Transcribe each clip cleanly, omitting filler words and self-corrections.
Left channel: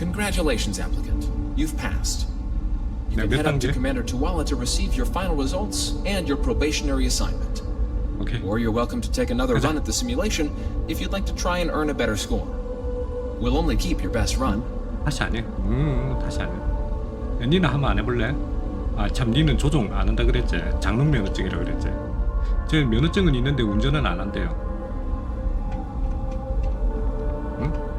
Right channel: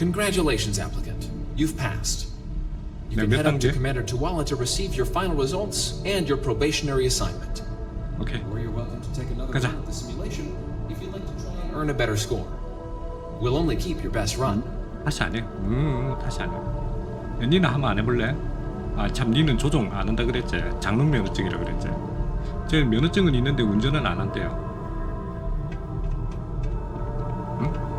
Congratulations, applicant. You've passed. You 네, can 몇 head up to 단계? Commander Tuwala to receive your final results and your probationary assignment. 오케이. Or you're welcome to take another 가자. run at the simulation if you'd like to try and earn a better score. We'll only keep your best run. 다시 안 해. 다시 안 해. 야, 니는 한번 안 해볼래? 아, 참, 니는 조종 안 한다 그랬지. 장롱 면허증이라 그랬지. 제 면허증은 있는데 운전은 안 한대요. 응?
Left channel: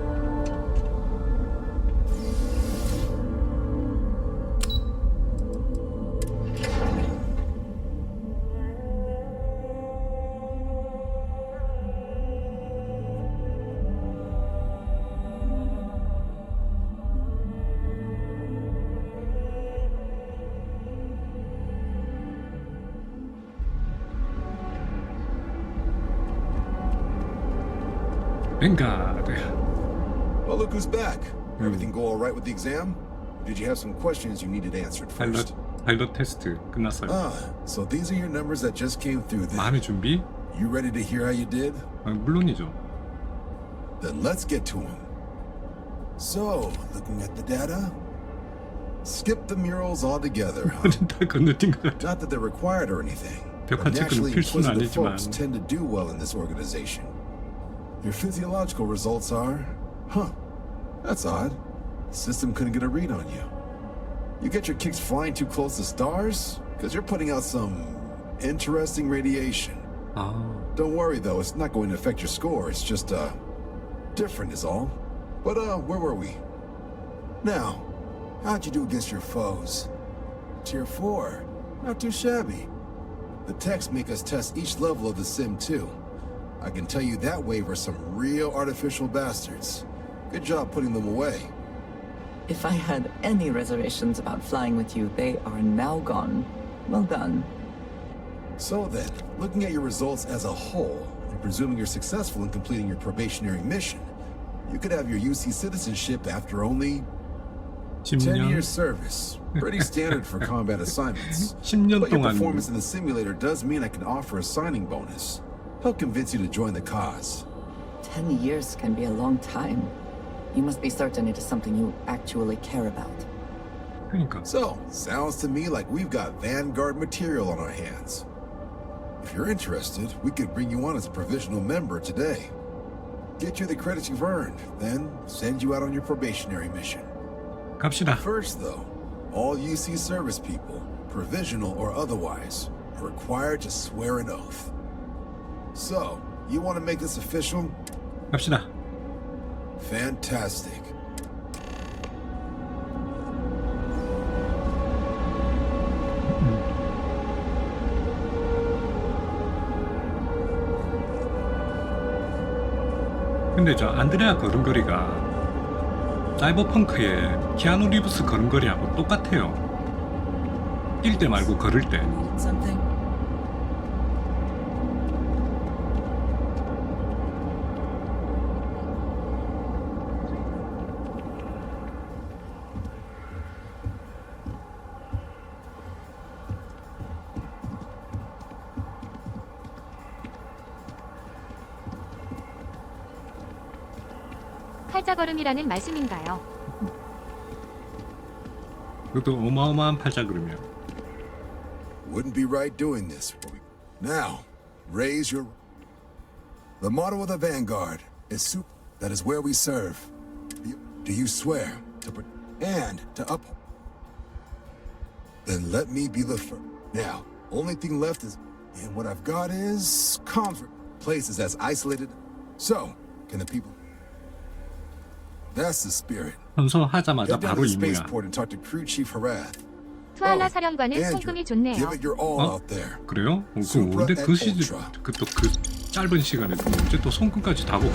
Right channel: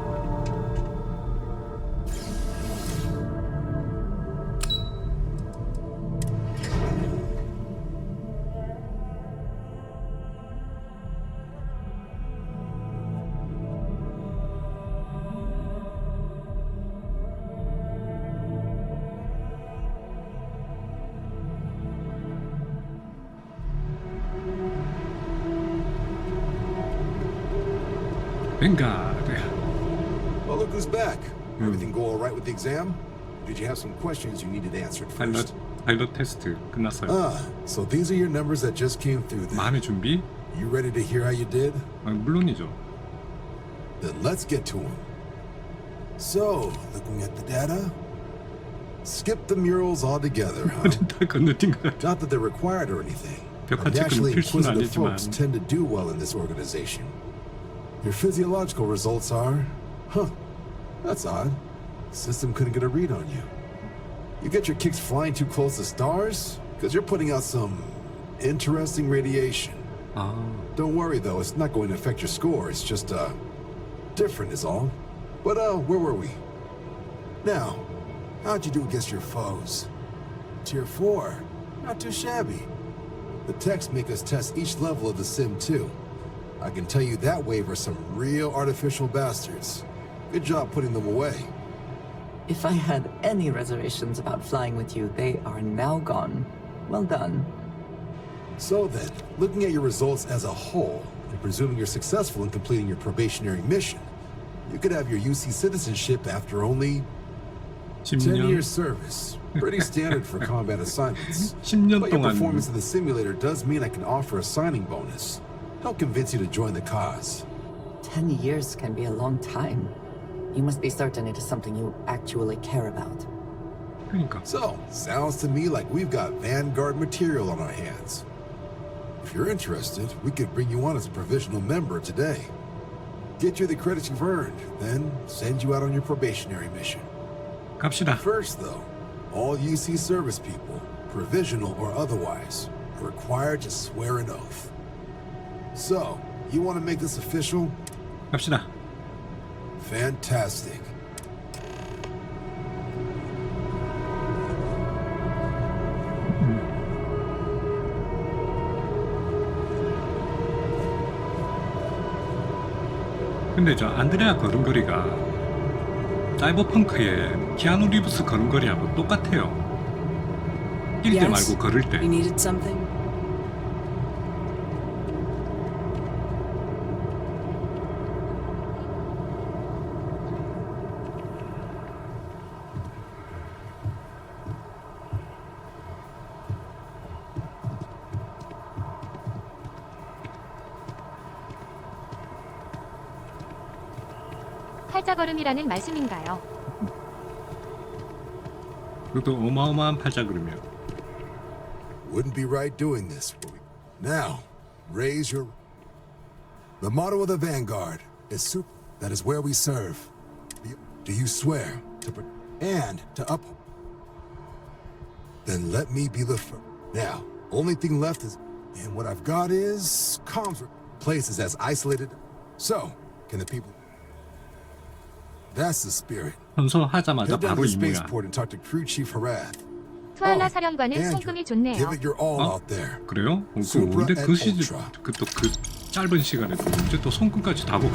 뱅가드. Well, look who's back. Everything go all right with the exam? Did you have some questions you needed answered first? 파일럿 테스트 끝났어요. So these are your numbers that just came through then. 마음의 준비? You ready to hear how you did? 아, 물론이죠. Then let's get to them. So, looking at the data, skip the murals altogether, huh? 다 건너뛴 것 같아. Not that they're required or anything. 벽화 but 체크는 naturally 필수는 inquisitive 아니지만. folks tend to do well in this organization. Your physiological results are, that's odd. System couldn't get a read on you. You get your kicks flying too close to stars? Because you're putting out some interesting radiation. 아, Don't worry though, it's not going to affect your score. It's just, different is all. But, where were we? Now, how'd you do against your foes? Tier 4. Not too shabby. The techs make us test each level of the sim too. I can tell you that wave are some real artificial bastards. Good job putting them away. If I had any reservations about flying with you, they are now gone. Well done. So then, looking at your results as a whole, and presuming you're successful in completing your probationary mission, you could have your UC citizenship after only 10 10년? years service. Pretty standard for combat assignments. 10년 But your 동안 performance in the simulator does mean I can offer a signing bonus. Help convince you to join the cause. 10 years can be a long time. You must be certain it is something you actually care about. 그러니까. So, sounds to me like we've got Vanguard material on our hands. If you're interested, we could bring you on as a provisional member today. Get you the credits you've earned, then send you out on your probationary mission. 갑시다. First, though, all UC service people, provisional or otherwise, are required to swear an oath. So, you want to make this official? 갑시다. Fantastic. 근데 저 안드레아 걸음걸이가 사이버펑크의 키아누 리브스 걸음걸이하고 똑같아요. 뛸 때 말고 걸을 때. You needed something? 팔자걸음이라는 말씀인가요? 그것도 어마어마한 팔자걸음이야. Wouldn't be right doing this. Now, raise your... The motto of the Vanguard is soup. That is where we serve. Do you swear to... and to up... Then let me be the first. Now, only thing left is... And what I've got is... comms... Places as isolated... So, can the people... That's the spirit. 선서하자마자 Get down 바로 to the 임무야. spaceport and talk to Crew Chief Harath. 투알라 사령관은 Andrew, 손금이 좋네요. give it your all 어? out there. 그래요? 그 Supra 근데 그 and 시즌 Ultra. 그 짧은 시간에 또 언제 또 손끝까지 다 보고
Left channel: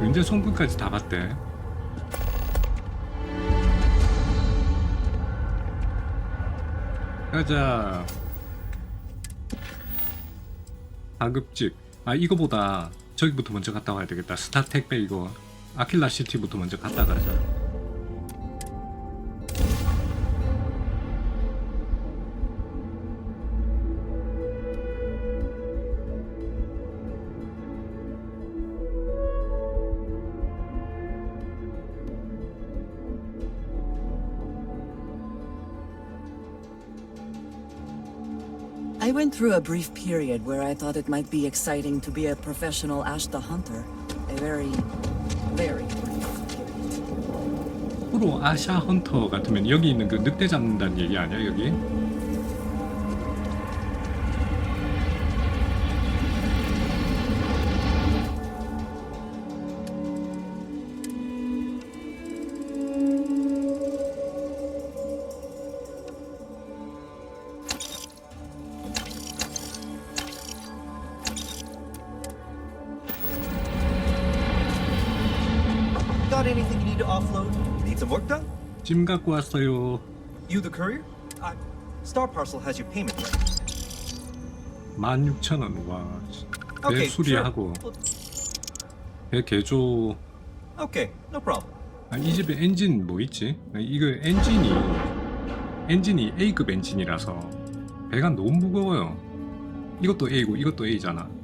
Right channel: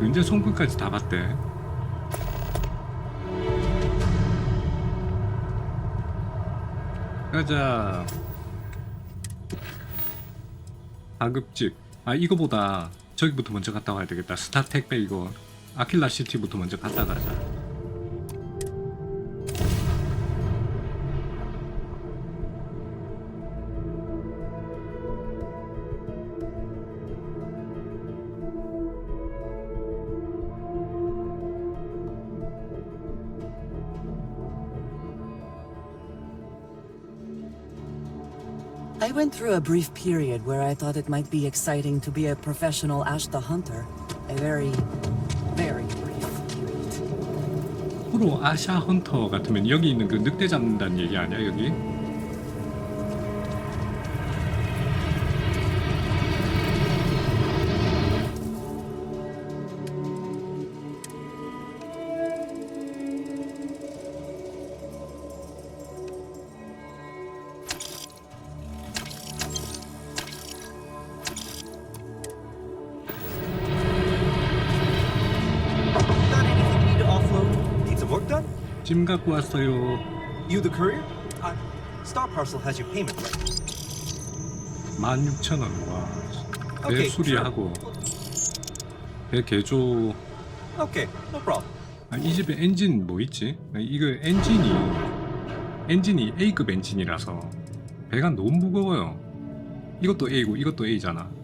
언제 손끝까지 다 봤대? 가자. 가급직. 아 이거보다 저기부터 먼저 갔다 와야 되겠다. 스타 택배 이거 아킬라 시티부터 먼저 갔다 가자. I went through a brief period where I thought it might be exciting to be a professional Ashta hunter. A very, very brief period. 프로 아샤 헌터 같으면 여기 있는 그 늑대 잡는다는 얘기 아니야 여기? Got anything you need to offload? Need some work done? 짐 갖고 왔어요. You the courier? Star Parcel has your payment ready. 16,000원. 와. 배 Okay, 수리하고 sure. 배 개조. Okay, no problem. 이 집에 엔진 뭐 있지? 이거 엔진이 A급 엔진이라서 배가 너무 무거워요. 이것도 A고 이것도 A잖아.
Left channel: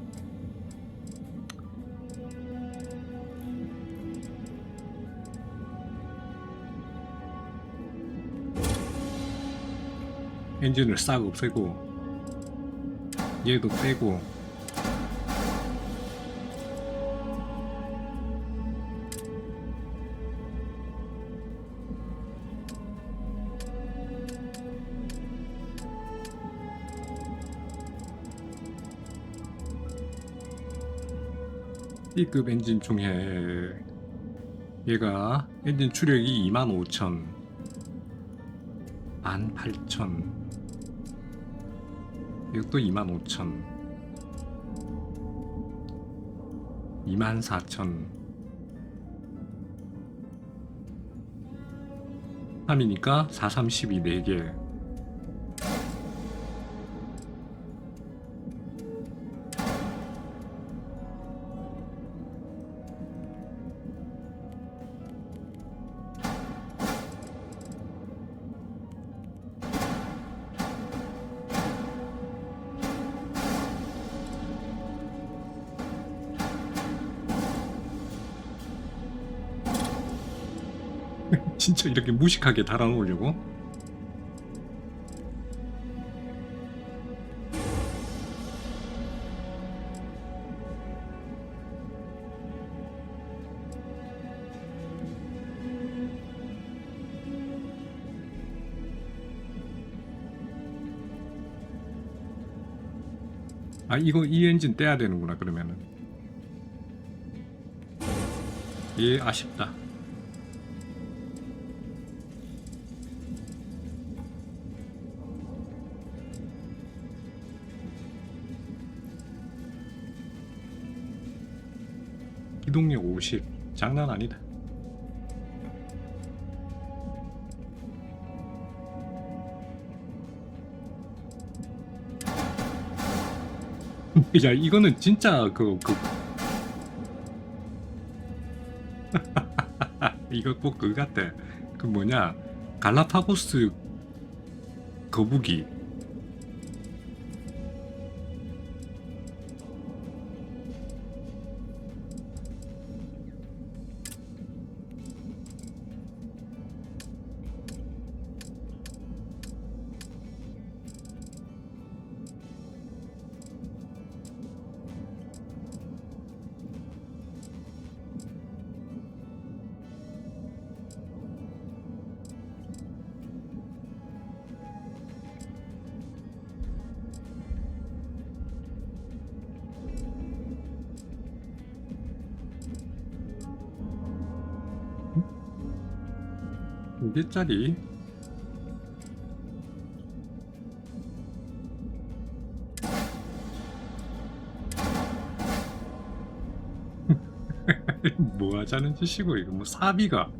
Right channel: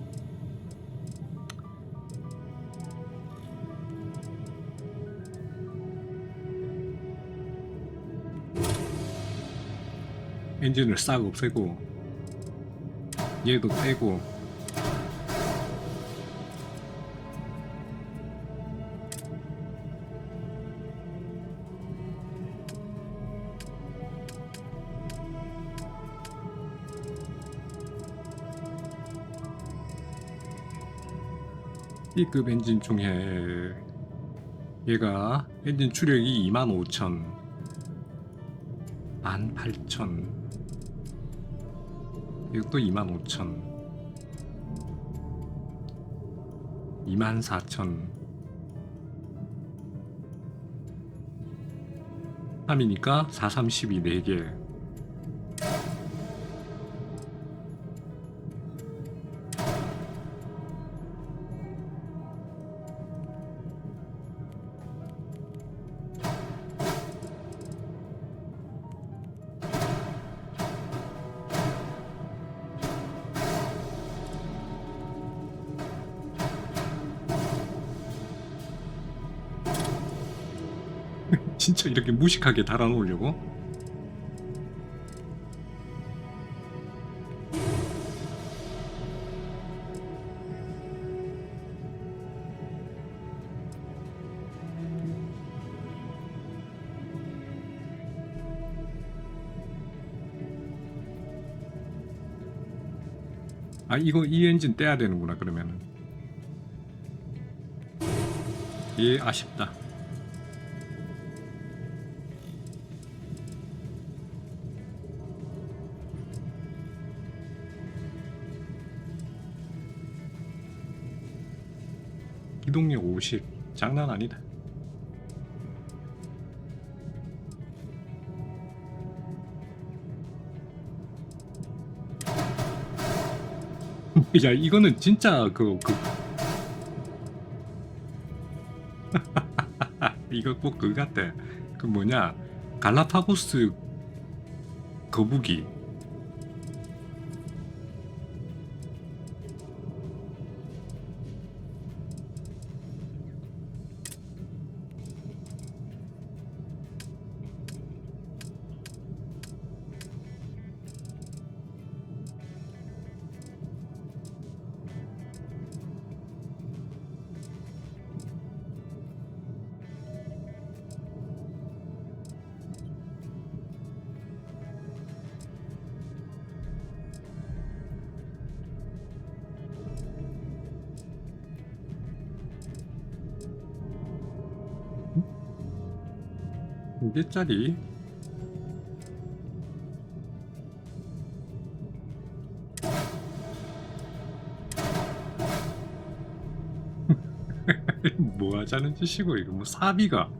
엔진을 싹 없애고 얘도 떼고 B급 엔진 중에 얘가 엔진 추력이 25,000 18,000 이것도 25,000 24,000 3이니까 432 4개 진짜 이렇게 무식하게 달아놓으려고? 이 엔진 떼야 되는구나 그러면은. 예, 아쉽다. 기동력 50 장난 아니다. 야 이거는 진짜 이거 꼭 그거 같아. 그 뭐냐 갈라파고스 거북이. 몇 개짜리? 뭐 하자는 짓이고 이거 뭐 사비가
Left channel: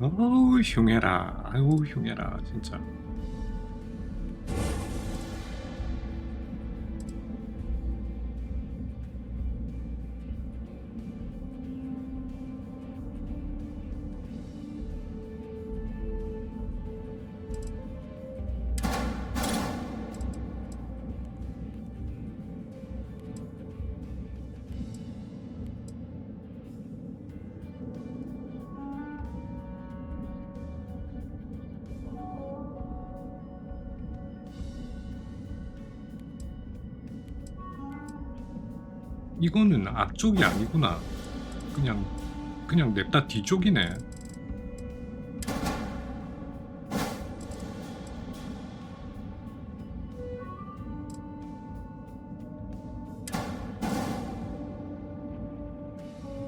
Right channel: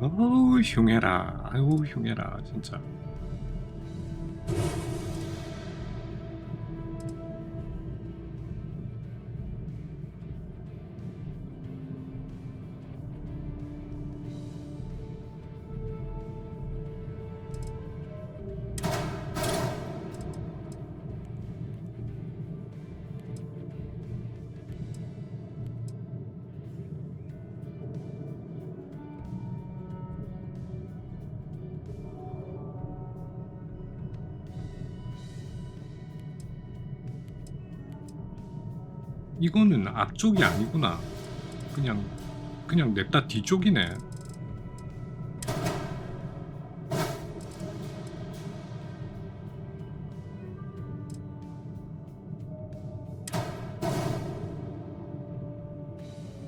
어우 흉해라. 아유 흉해라 진짜. 이거는 앞쪽이 아니구나. 그냥 냅다 뒤쪽이네.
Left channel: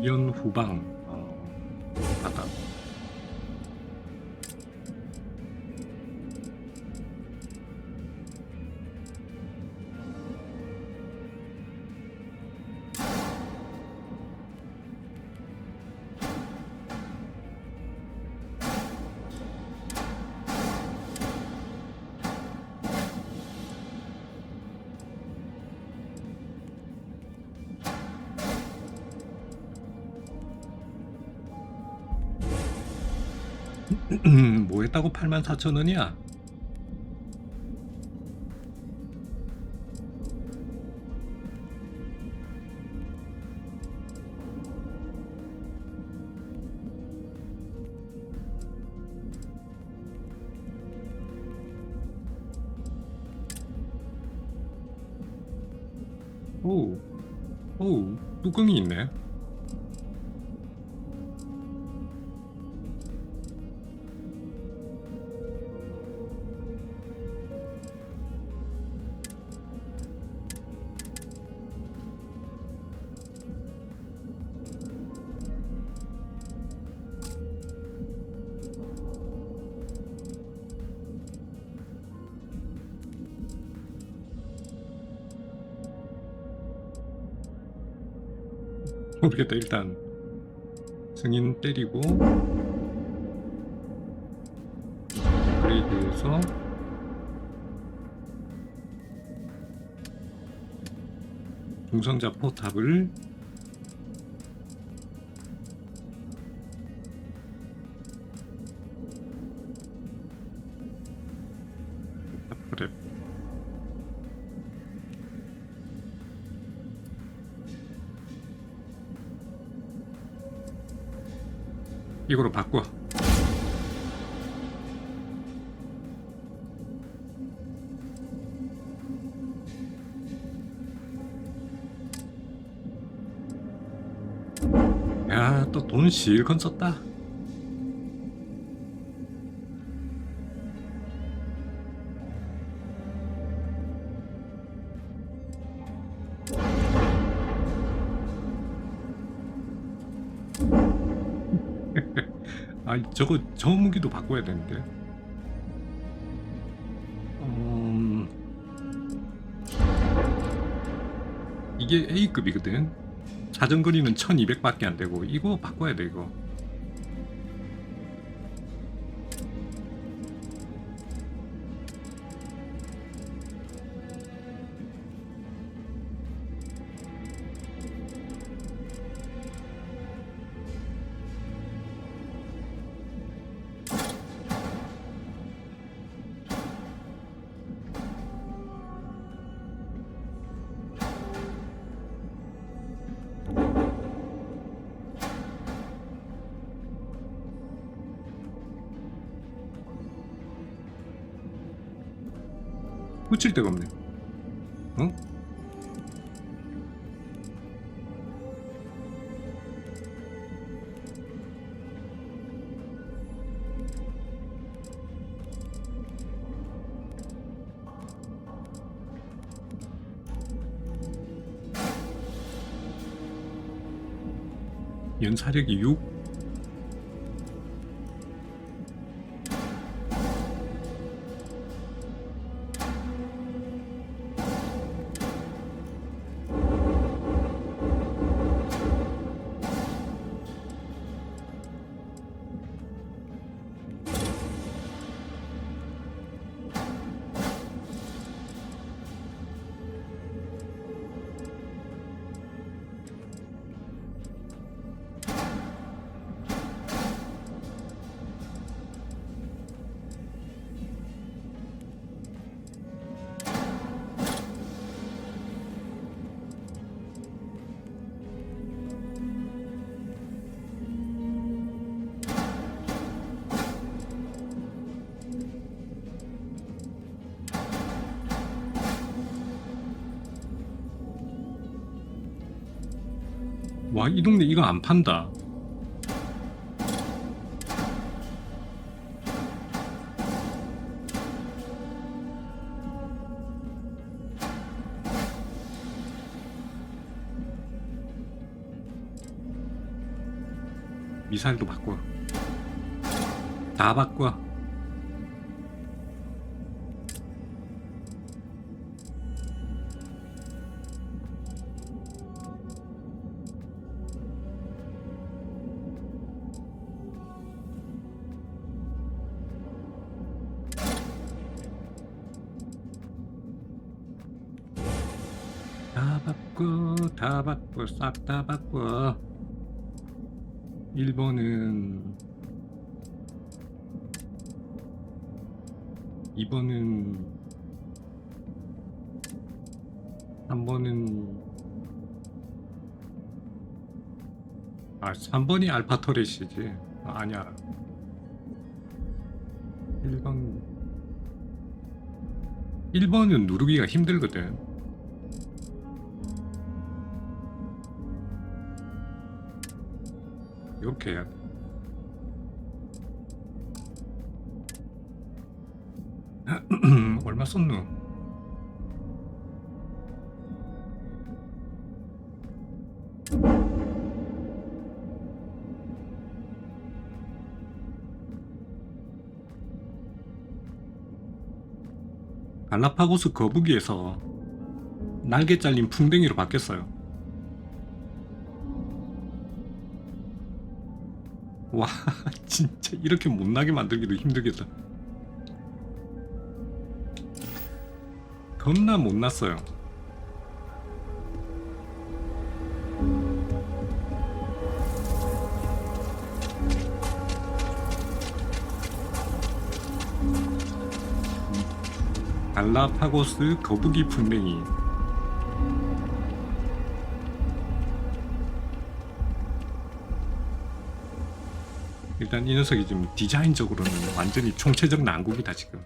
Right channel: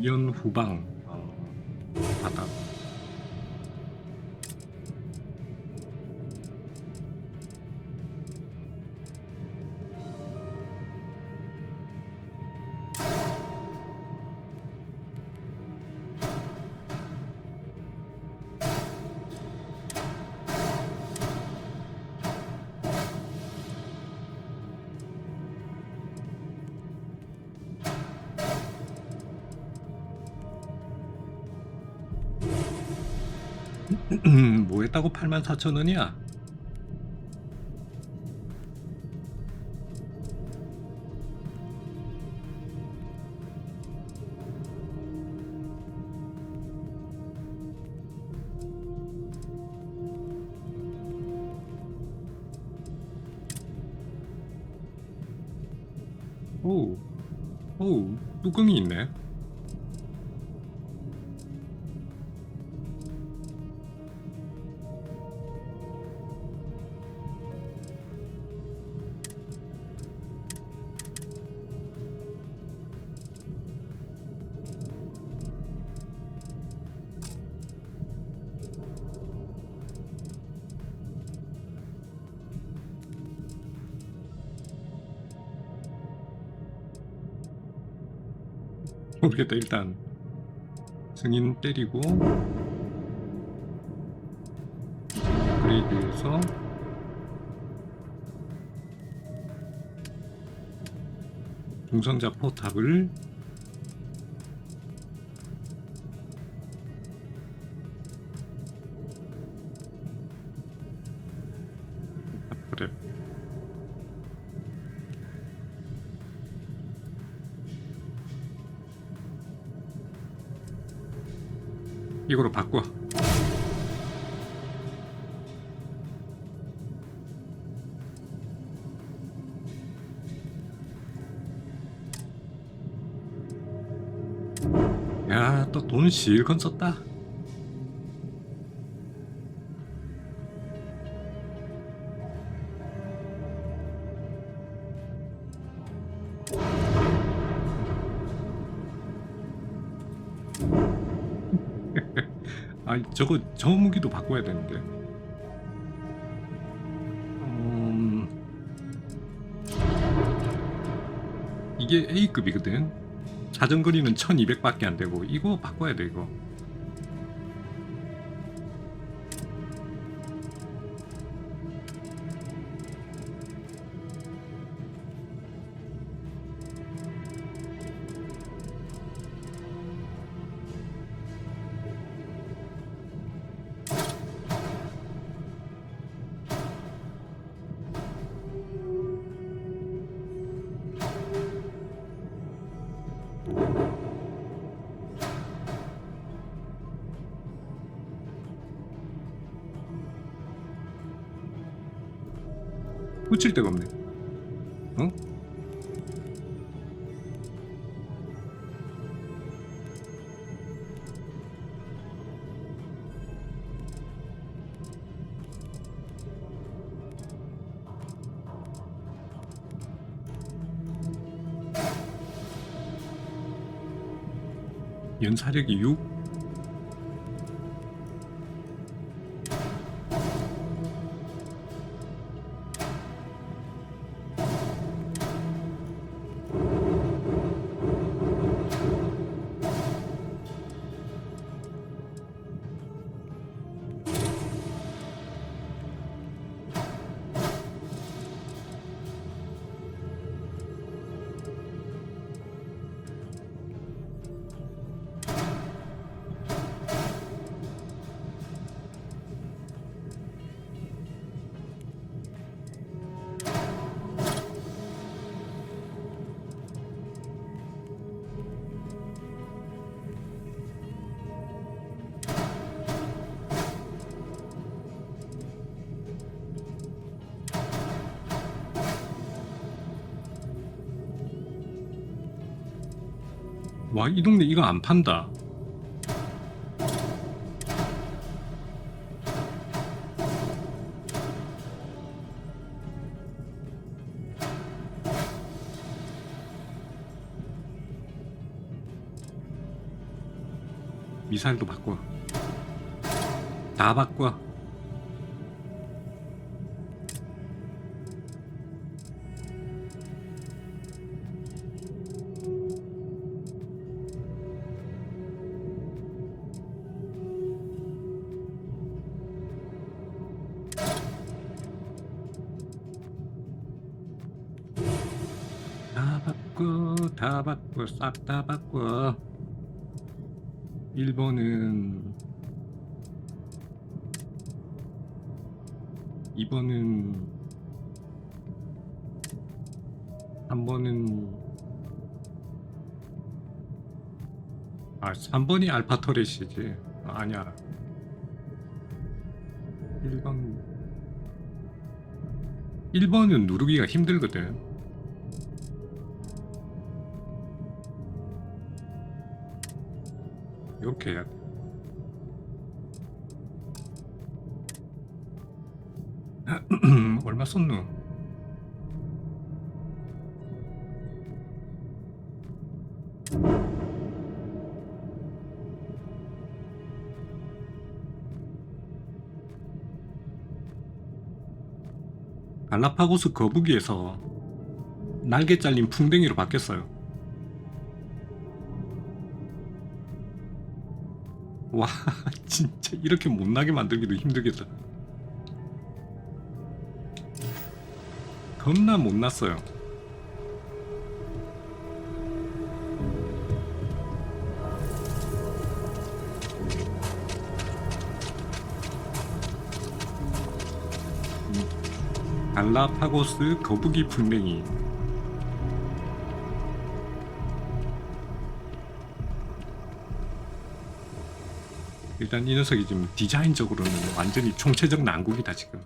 연 후방 바닥. 뭐 했다고 84,000원이야? 오, 뚜껑이 있네. 모르겠다. 일단 승인 때리고 업그레이드해서 중성자 포탑을 그래. 이거로 바꿔. 야, 또 돈 실컷 썼다. 아, 저 무기도 바꿔야 되는데. 이게 A급이거든. 자전거리는 1200밖에 안 되고 이거 바꿔야 돼 이거. 붙일 데가 없네. 어? 연사력이 6? 와, 이 동네 이거 안 판다. 미사일도 바꿔. 다 바꿔. 다 바꿔, 다 바꿔, 싹 다 바꿔. 1번은 2번은 3번은 3번이 알파 터렛이지. 아니야. 1번은 누르기가 힘들거든. 이렇게 해야 돼. 얼마 썼노? 갈라파고스 거북이에서 날개 잘린 풍뎅이로 바뀌었어요. 와, 진짜 이렇게 못나게 만들기도 힘들겠다. 겁나 못났어요. 갈라파고스 거북이 풍뎅이. 일단 이 녀석이 지금 디자인적으로는 완전히 총체적 난국이다. 지금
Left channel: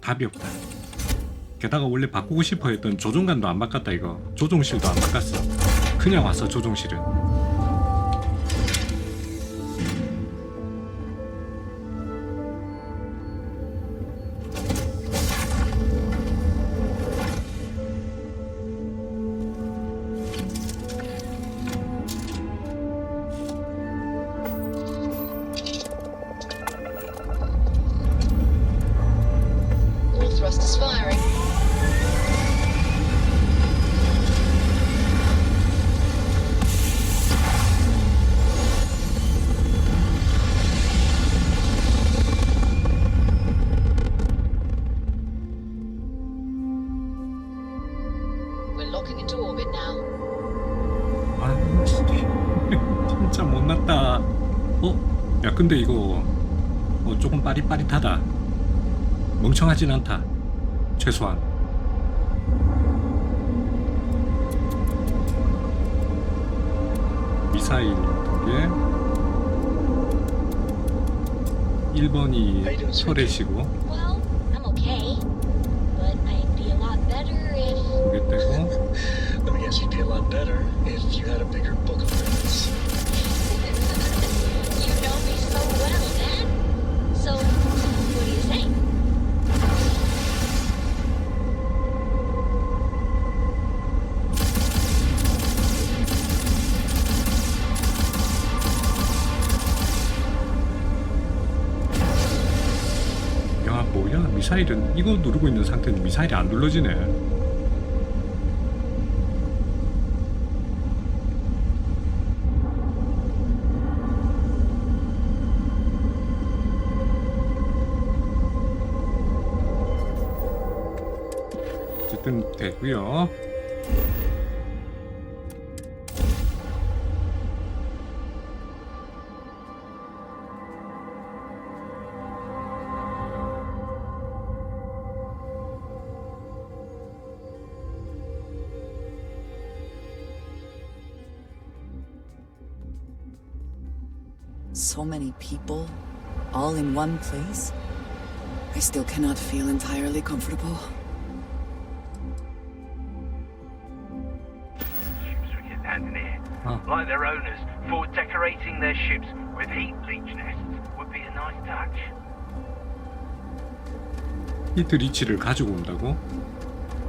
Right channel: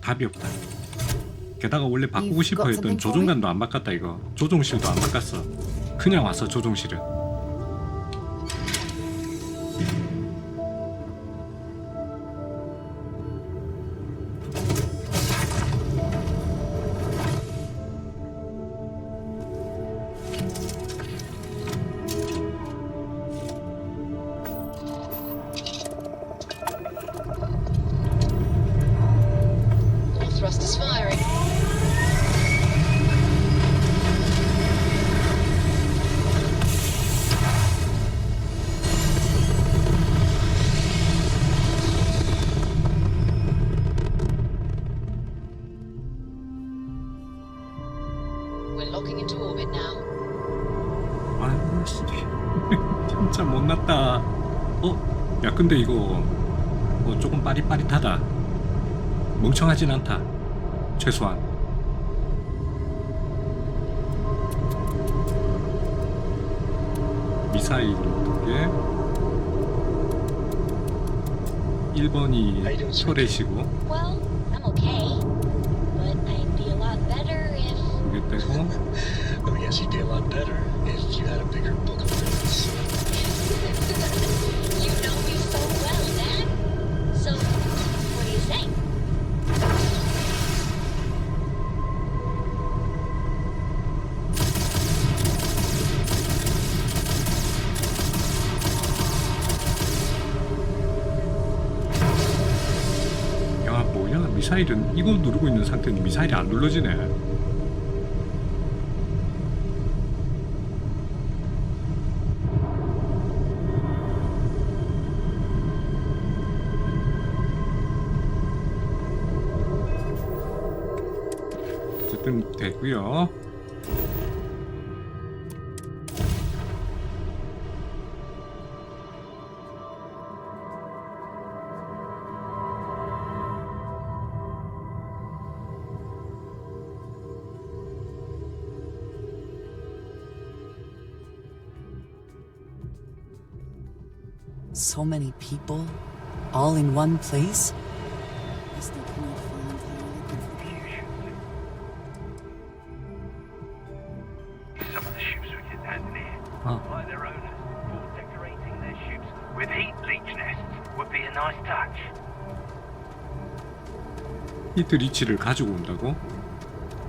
답이 없다. 게다가 원래 바꾸고 싶어 했던 조종관도 안 바꿨다. 이거 조종실도 안 바꿨어. 그냥 와서 조종실은. Thrust is firing. We're locking into orbit now. 아유 씨. 진짜 못났다. 야 근데 이거 조금 빠릿빠릿하다. 멍청하진 않다. 최소한. 미사일 2개. 1번이 터렛이고 Well, I'm okay, but I'd be a lot better if. 2개 떼고 Let me guess, you'd be a lot better if you had a bigger book of limits. You know me so well, Dad. So, what do you say? 야 뭐야 미사일은 이거 누르고 있는 상태는 미사일이 안 눌러지네. 어쨌든 되고요. So many people, all in one place. I still cannot feel entirely comfortable. Some of the ships are getting Anthony. like their owners, thought decorating their ships with heat leech nests would be a nice touch. 히트 리치를 가지고 온다고?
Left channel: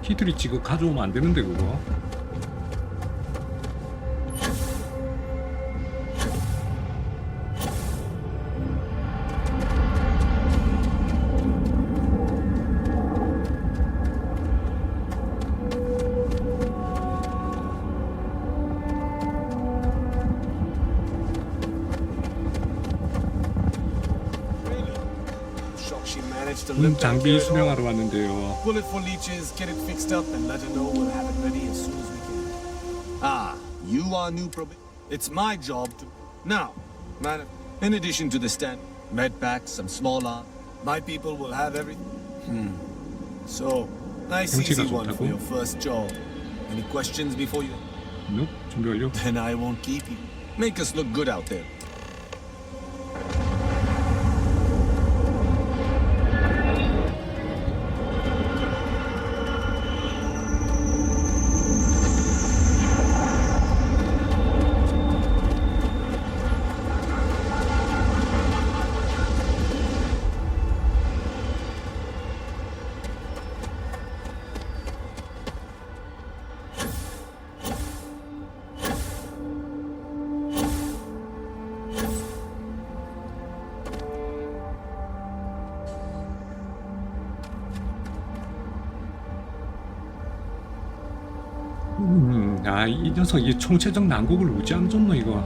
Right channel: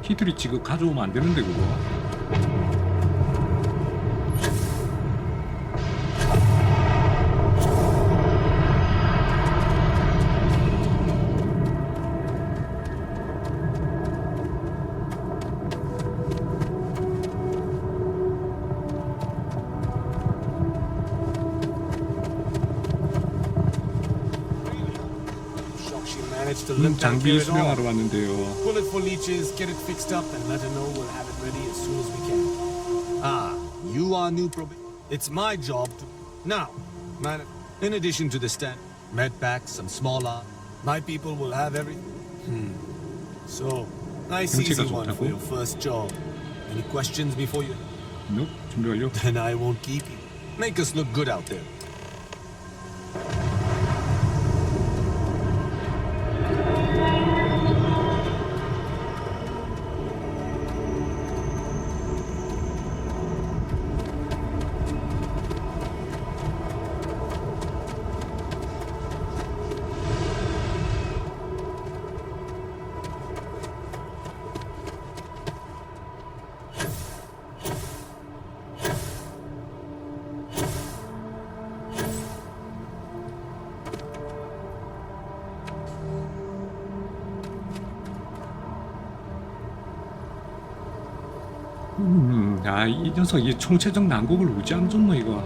히트 리치 그거 가져오면 안 되는데 그거. 장비 수령하러 왔는데요. Bullet for leeches, get it fixed up, and let her know we'll have it ready as soon as we can. Ah, you are new It's my job to. Now, man, in addition to the stand, med packs, some small arms, my people will have everything. So, nice easy one for your first job. Any questions before you? Nope, 준비 완료. Then I won't keep you. Make us look good out there. 이 녀석 이 총체적 난국을 우지함 줬노 이거.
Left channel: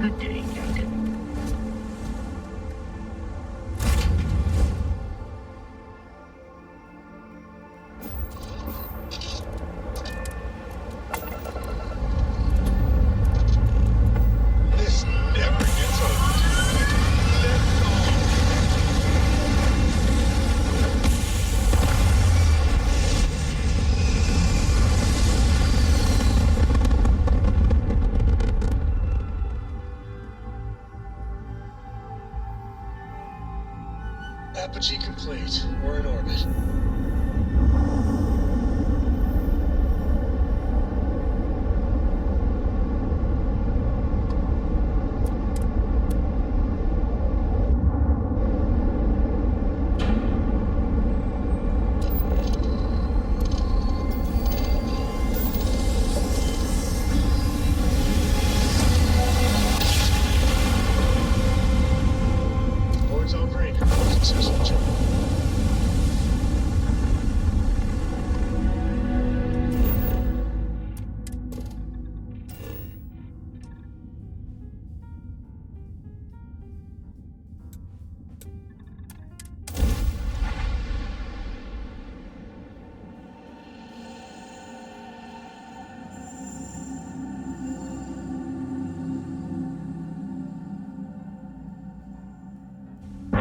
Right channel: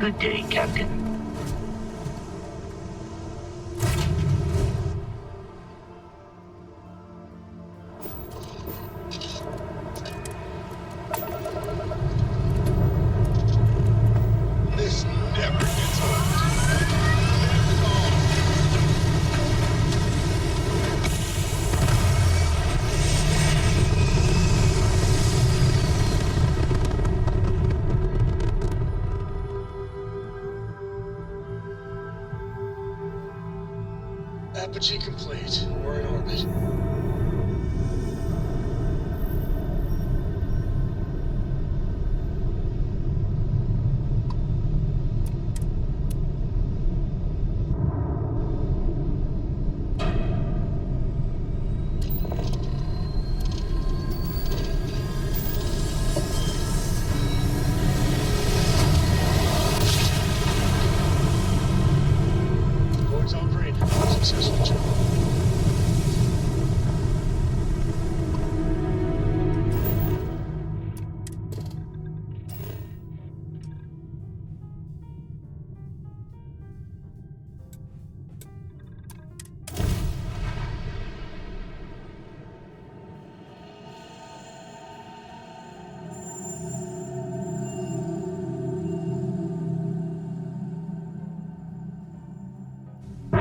Good day, Captain. This never gets old. Apogee complete. We're in orbit. Board's all green. Successful job.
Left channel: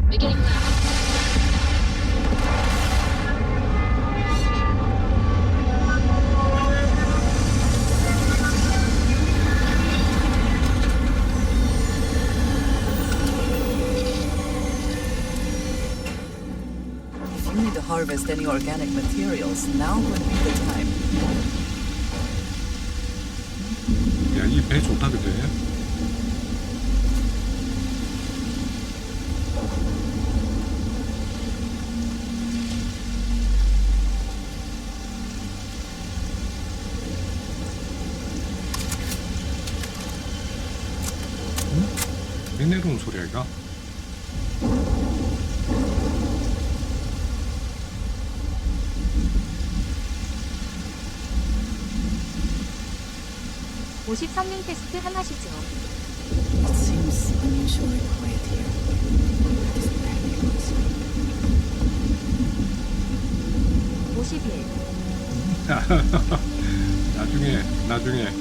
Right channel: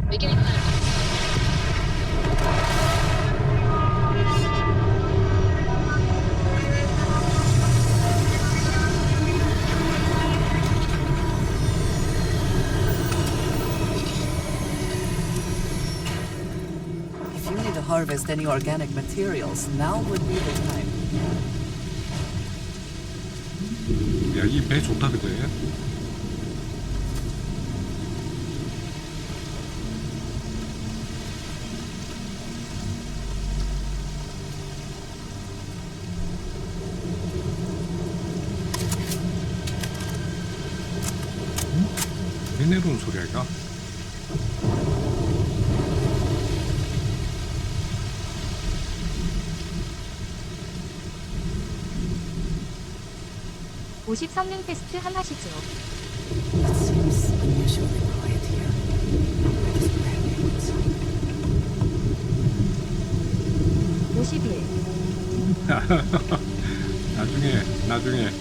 Beginning left. If you need to harvest any organic materials, now would be the time. 야, 이 배 좋다 그제? 왜 내려온 소리야 이거? 오십 성능 테스트 함 하시죠. It seems unusually quiet here. That is bad news. 51. 나중에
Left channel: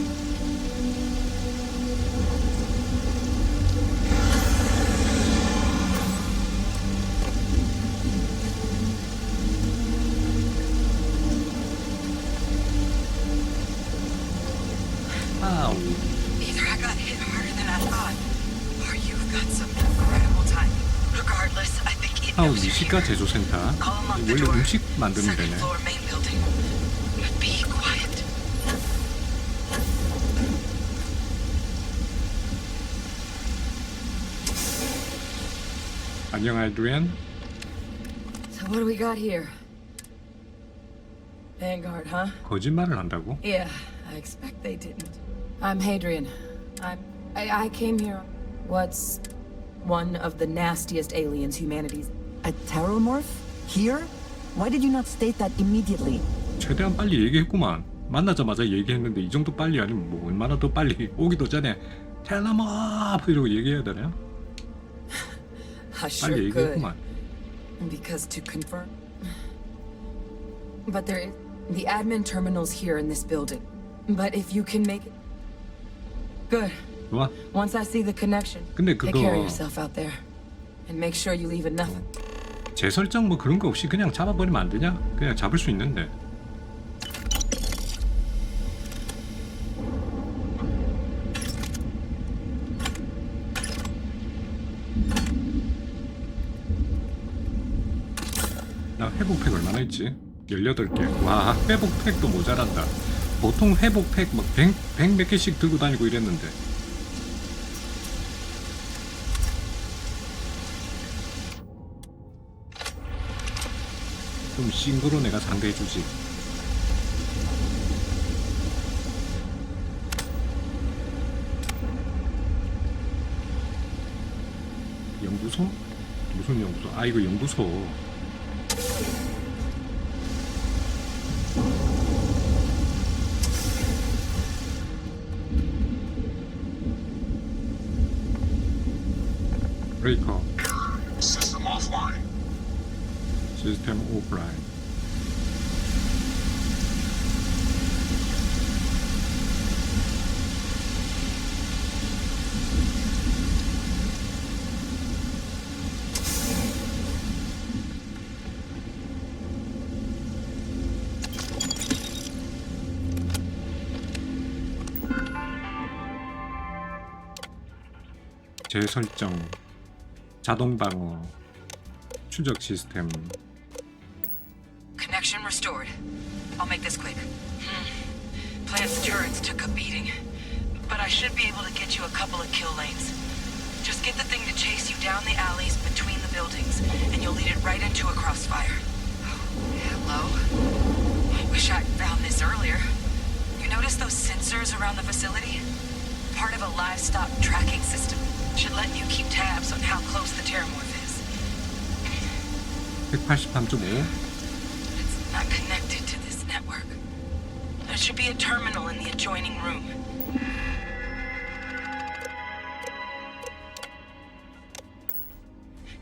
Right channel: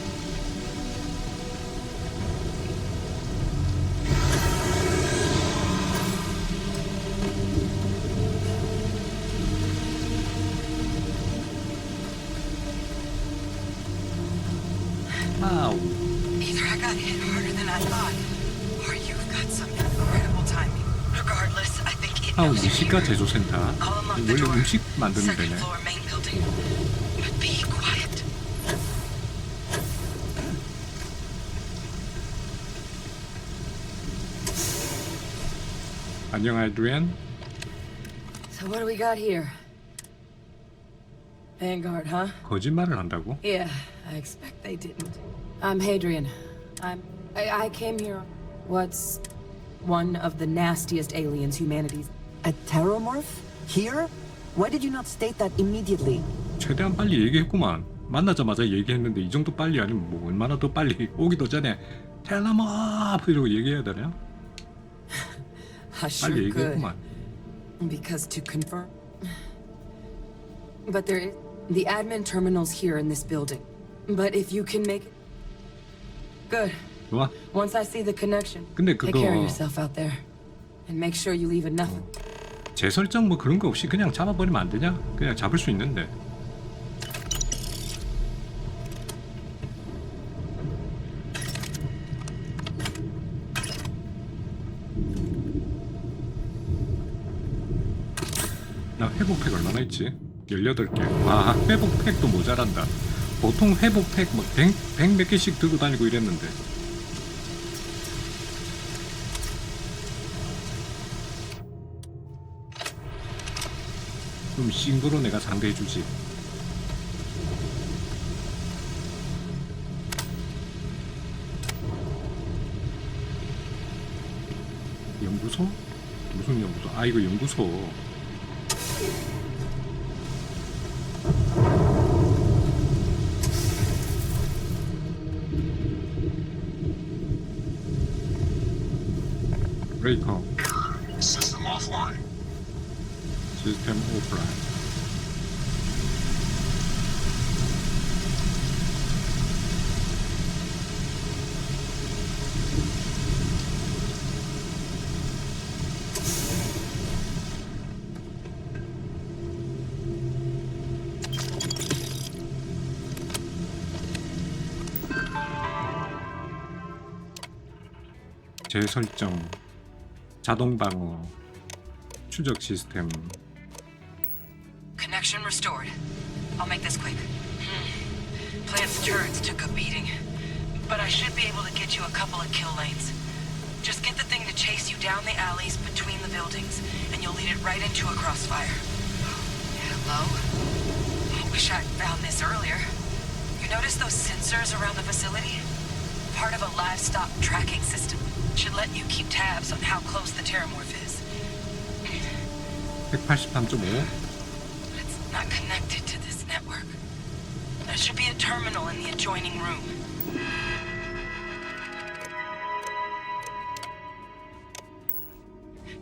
아우. Either I got hit harder than I thought, or you've got some incredible timing. Regardless, I think it 아우 knows you're 미식가 here. 제조센터. I'll unlock 원래 the door. 음식 만드는 Second 데네. floor, main building. But be quiet. 안녕 아이드리안. So what do we got here? Vanguard, huh? 거짓말을 한다고? Yeah, I expect they didn't. I'm Hadrian. I came here. What's one of the nastiest aliens humanity's... A terromorph? Here? Why did you not state that immediately? 최대한 빨리 얘기했구만. 만나자마자 얘기했는데 이 정도 빨리 아니면 뭐 얼마나 더 빨리 오기도 전에 텔레머프 이러고 얘기해야 되냐? I sure 빨리 could. 얘기했구만. Because to confirm... But there is... The admin terminal's here in this building. But if you can make it... Good. 좋아. Once I see the connection, 근데 take care of 그거 yourself out there. And make sure you leave enough... 재설정 뭐 그런 거 없이 그냥 잡아버리면 안 되냐? 그냥 잡을 수 있는데. 나 회복팩 얼마나 있지? 18개. 와, 회복팩도 모자란다. 보통 회복팩 막 100 몇 개씩 들고 다니고 이랬는데. 좀 싱거로 내가 상대해주지. 연구소? 무슨 연구소? 아, 이거 연구소. 브레이커. 시스템 오프라인. 재설정, 자동 방어, 추적 시스템. Connection restored. I'll make this quick. Plant's turrets took a beating, but I should be able to get you a couple of kill lanes. Just get the thing to chase you down the alleys between the buildings, and you'll lead it right into a crossfire. Hello? Wish I'd found this earlier. You notice those sensors around the facility? Part of a livestock tracking system. Should let you keep tabs on how close the terramorph is. 183.5. It's not connected to this network. There should be a terminal in the adjoining room.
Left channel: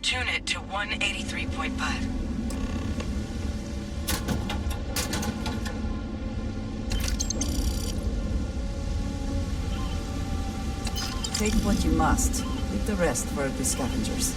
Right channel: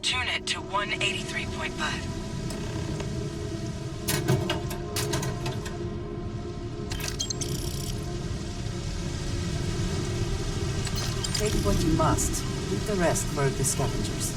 Tune it to 183.5. Take what you must. Leave the rest for the scavengers.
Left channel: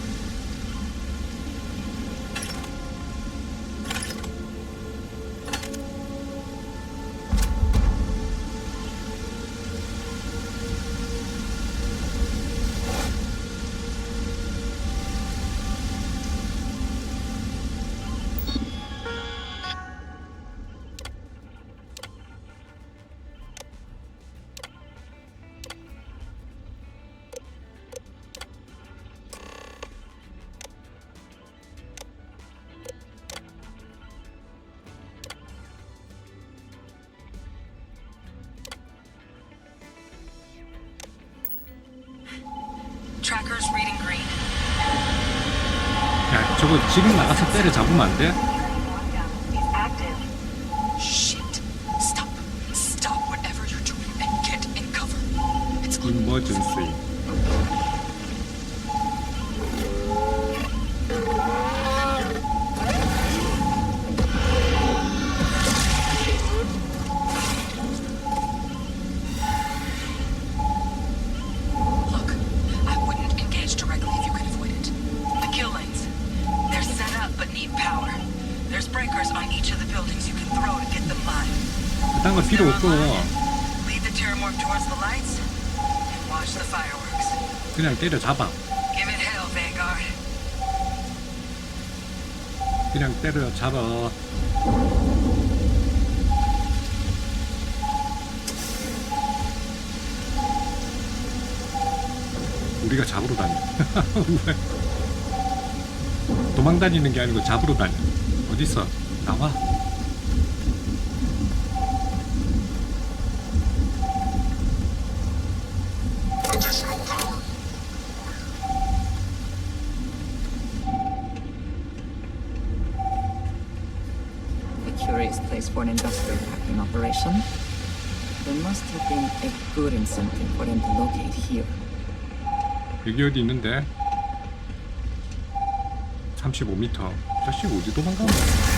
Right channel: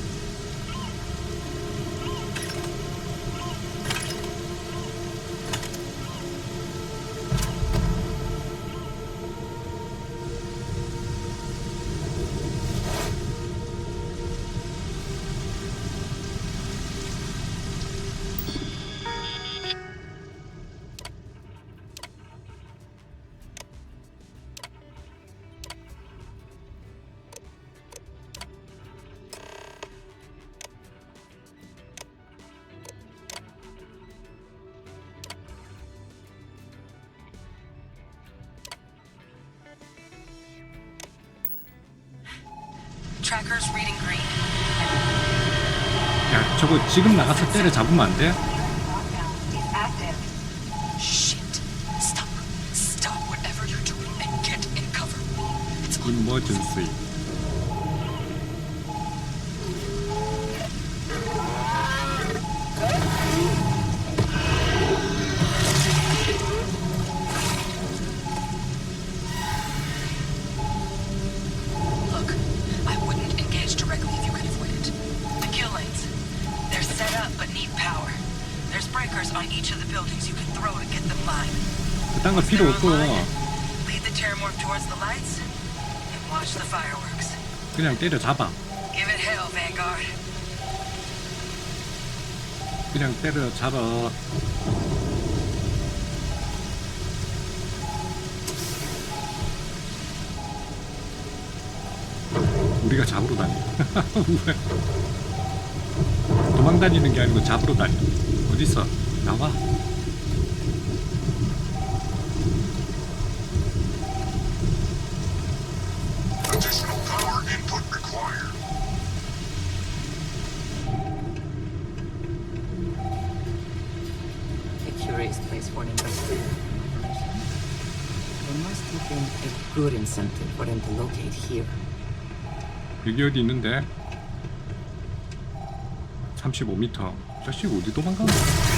Trackers reading green. 야, 저거 지금 나가서 때려 잡으면 안 돼? Shit. Stop. Stop whatever you're doing and get in cover. It's on. Emergency. Look, I wouldn't engage directly if you could avoid it. The kill lanes. They're set up but need power. There's breakers on each of the buildings you can throw to get them live. 그딴 거 필요 없고 Lead the terramorph towards the lights and watch the fireworks. 그냥 때려 잡아. Give it hell, Vanguard. 그냥 때려 잡아. 우리가 잡으러 다녀. 왜? 도망 다니는 게 아니고 잡으러 다녀. 어딨어? 나와. A curious place for an industrial hacking operation. There must have been a good incentive for them to locate here. 여기 어디 있는데? 35m. 자식 어디 도망가는 거야?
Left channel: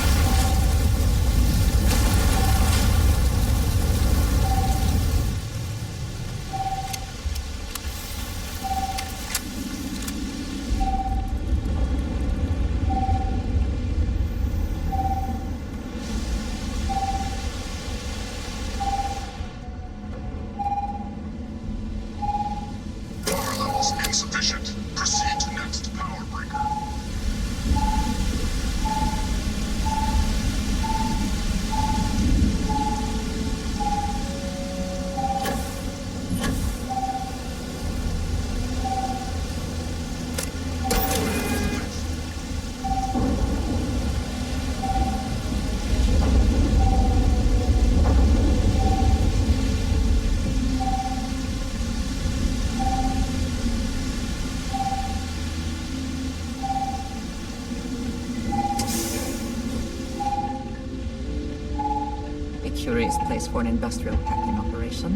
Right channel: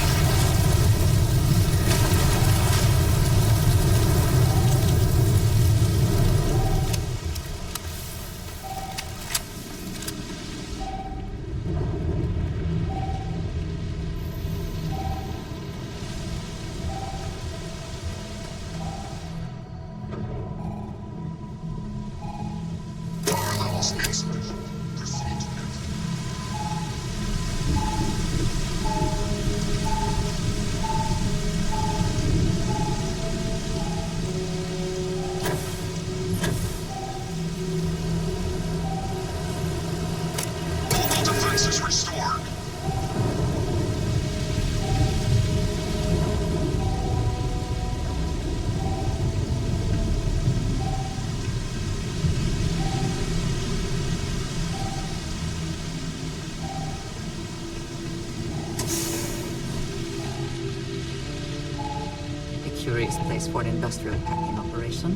Curious place for an industrial hacking operation.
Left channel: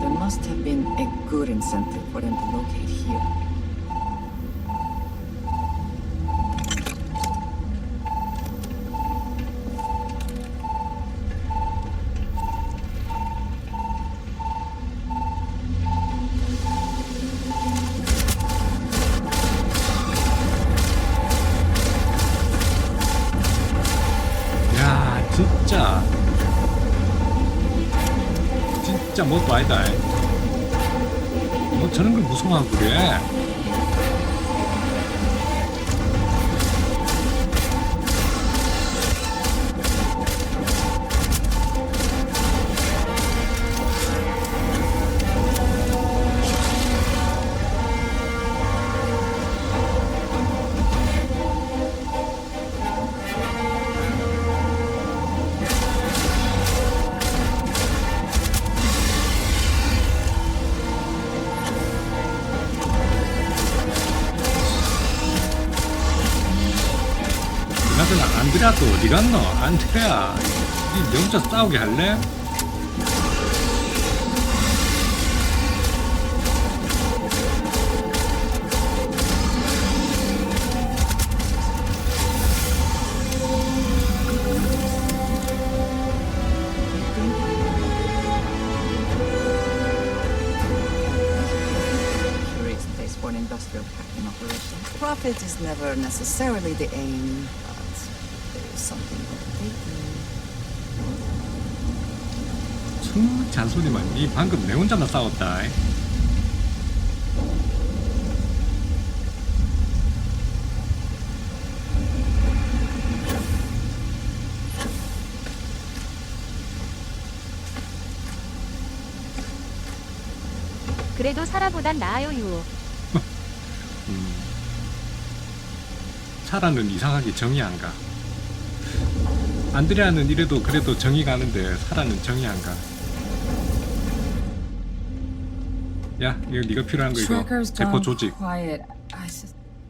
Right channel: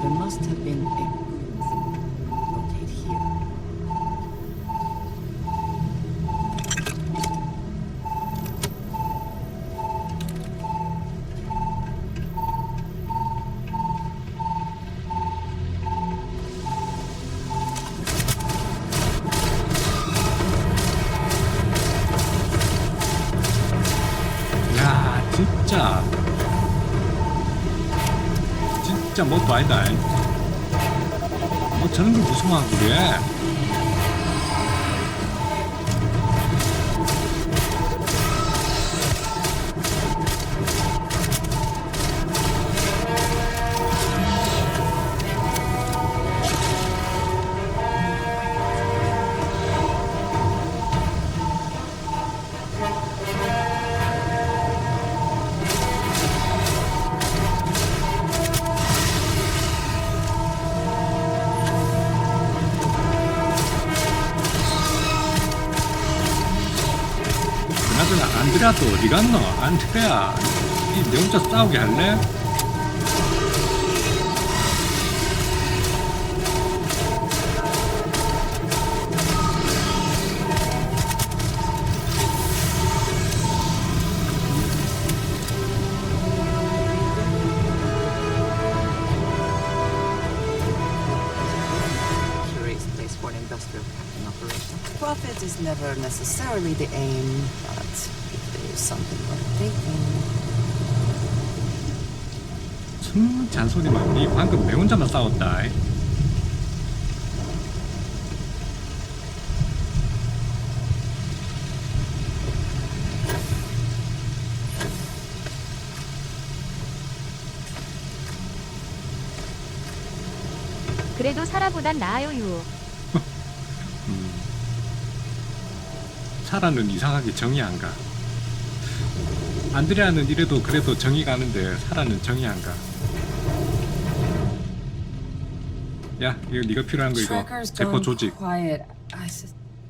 There must have been a good incentive for them to locate here. 야, 진짜 뭣도 아니다. 뭐 저런 걸 무서워하고 그래. 그나저나 안드레아 또 어디 갔노? 안드레아, 니 내 혼자 싸우게 할래? Profit is never necessarily the aim, but if there is something worth taking. 잔소리만. 니 방금 내 혼자만 싸웠다. 그래도 사라보단 나아요 유. 사라는 이상하게 정이 안 가. 안드레아는 이래도 그래도 정이 가는데 사라는 정이 안 가. 야, 이거 네가 필요한 거 이거. 제코 조직.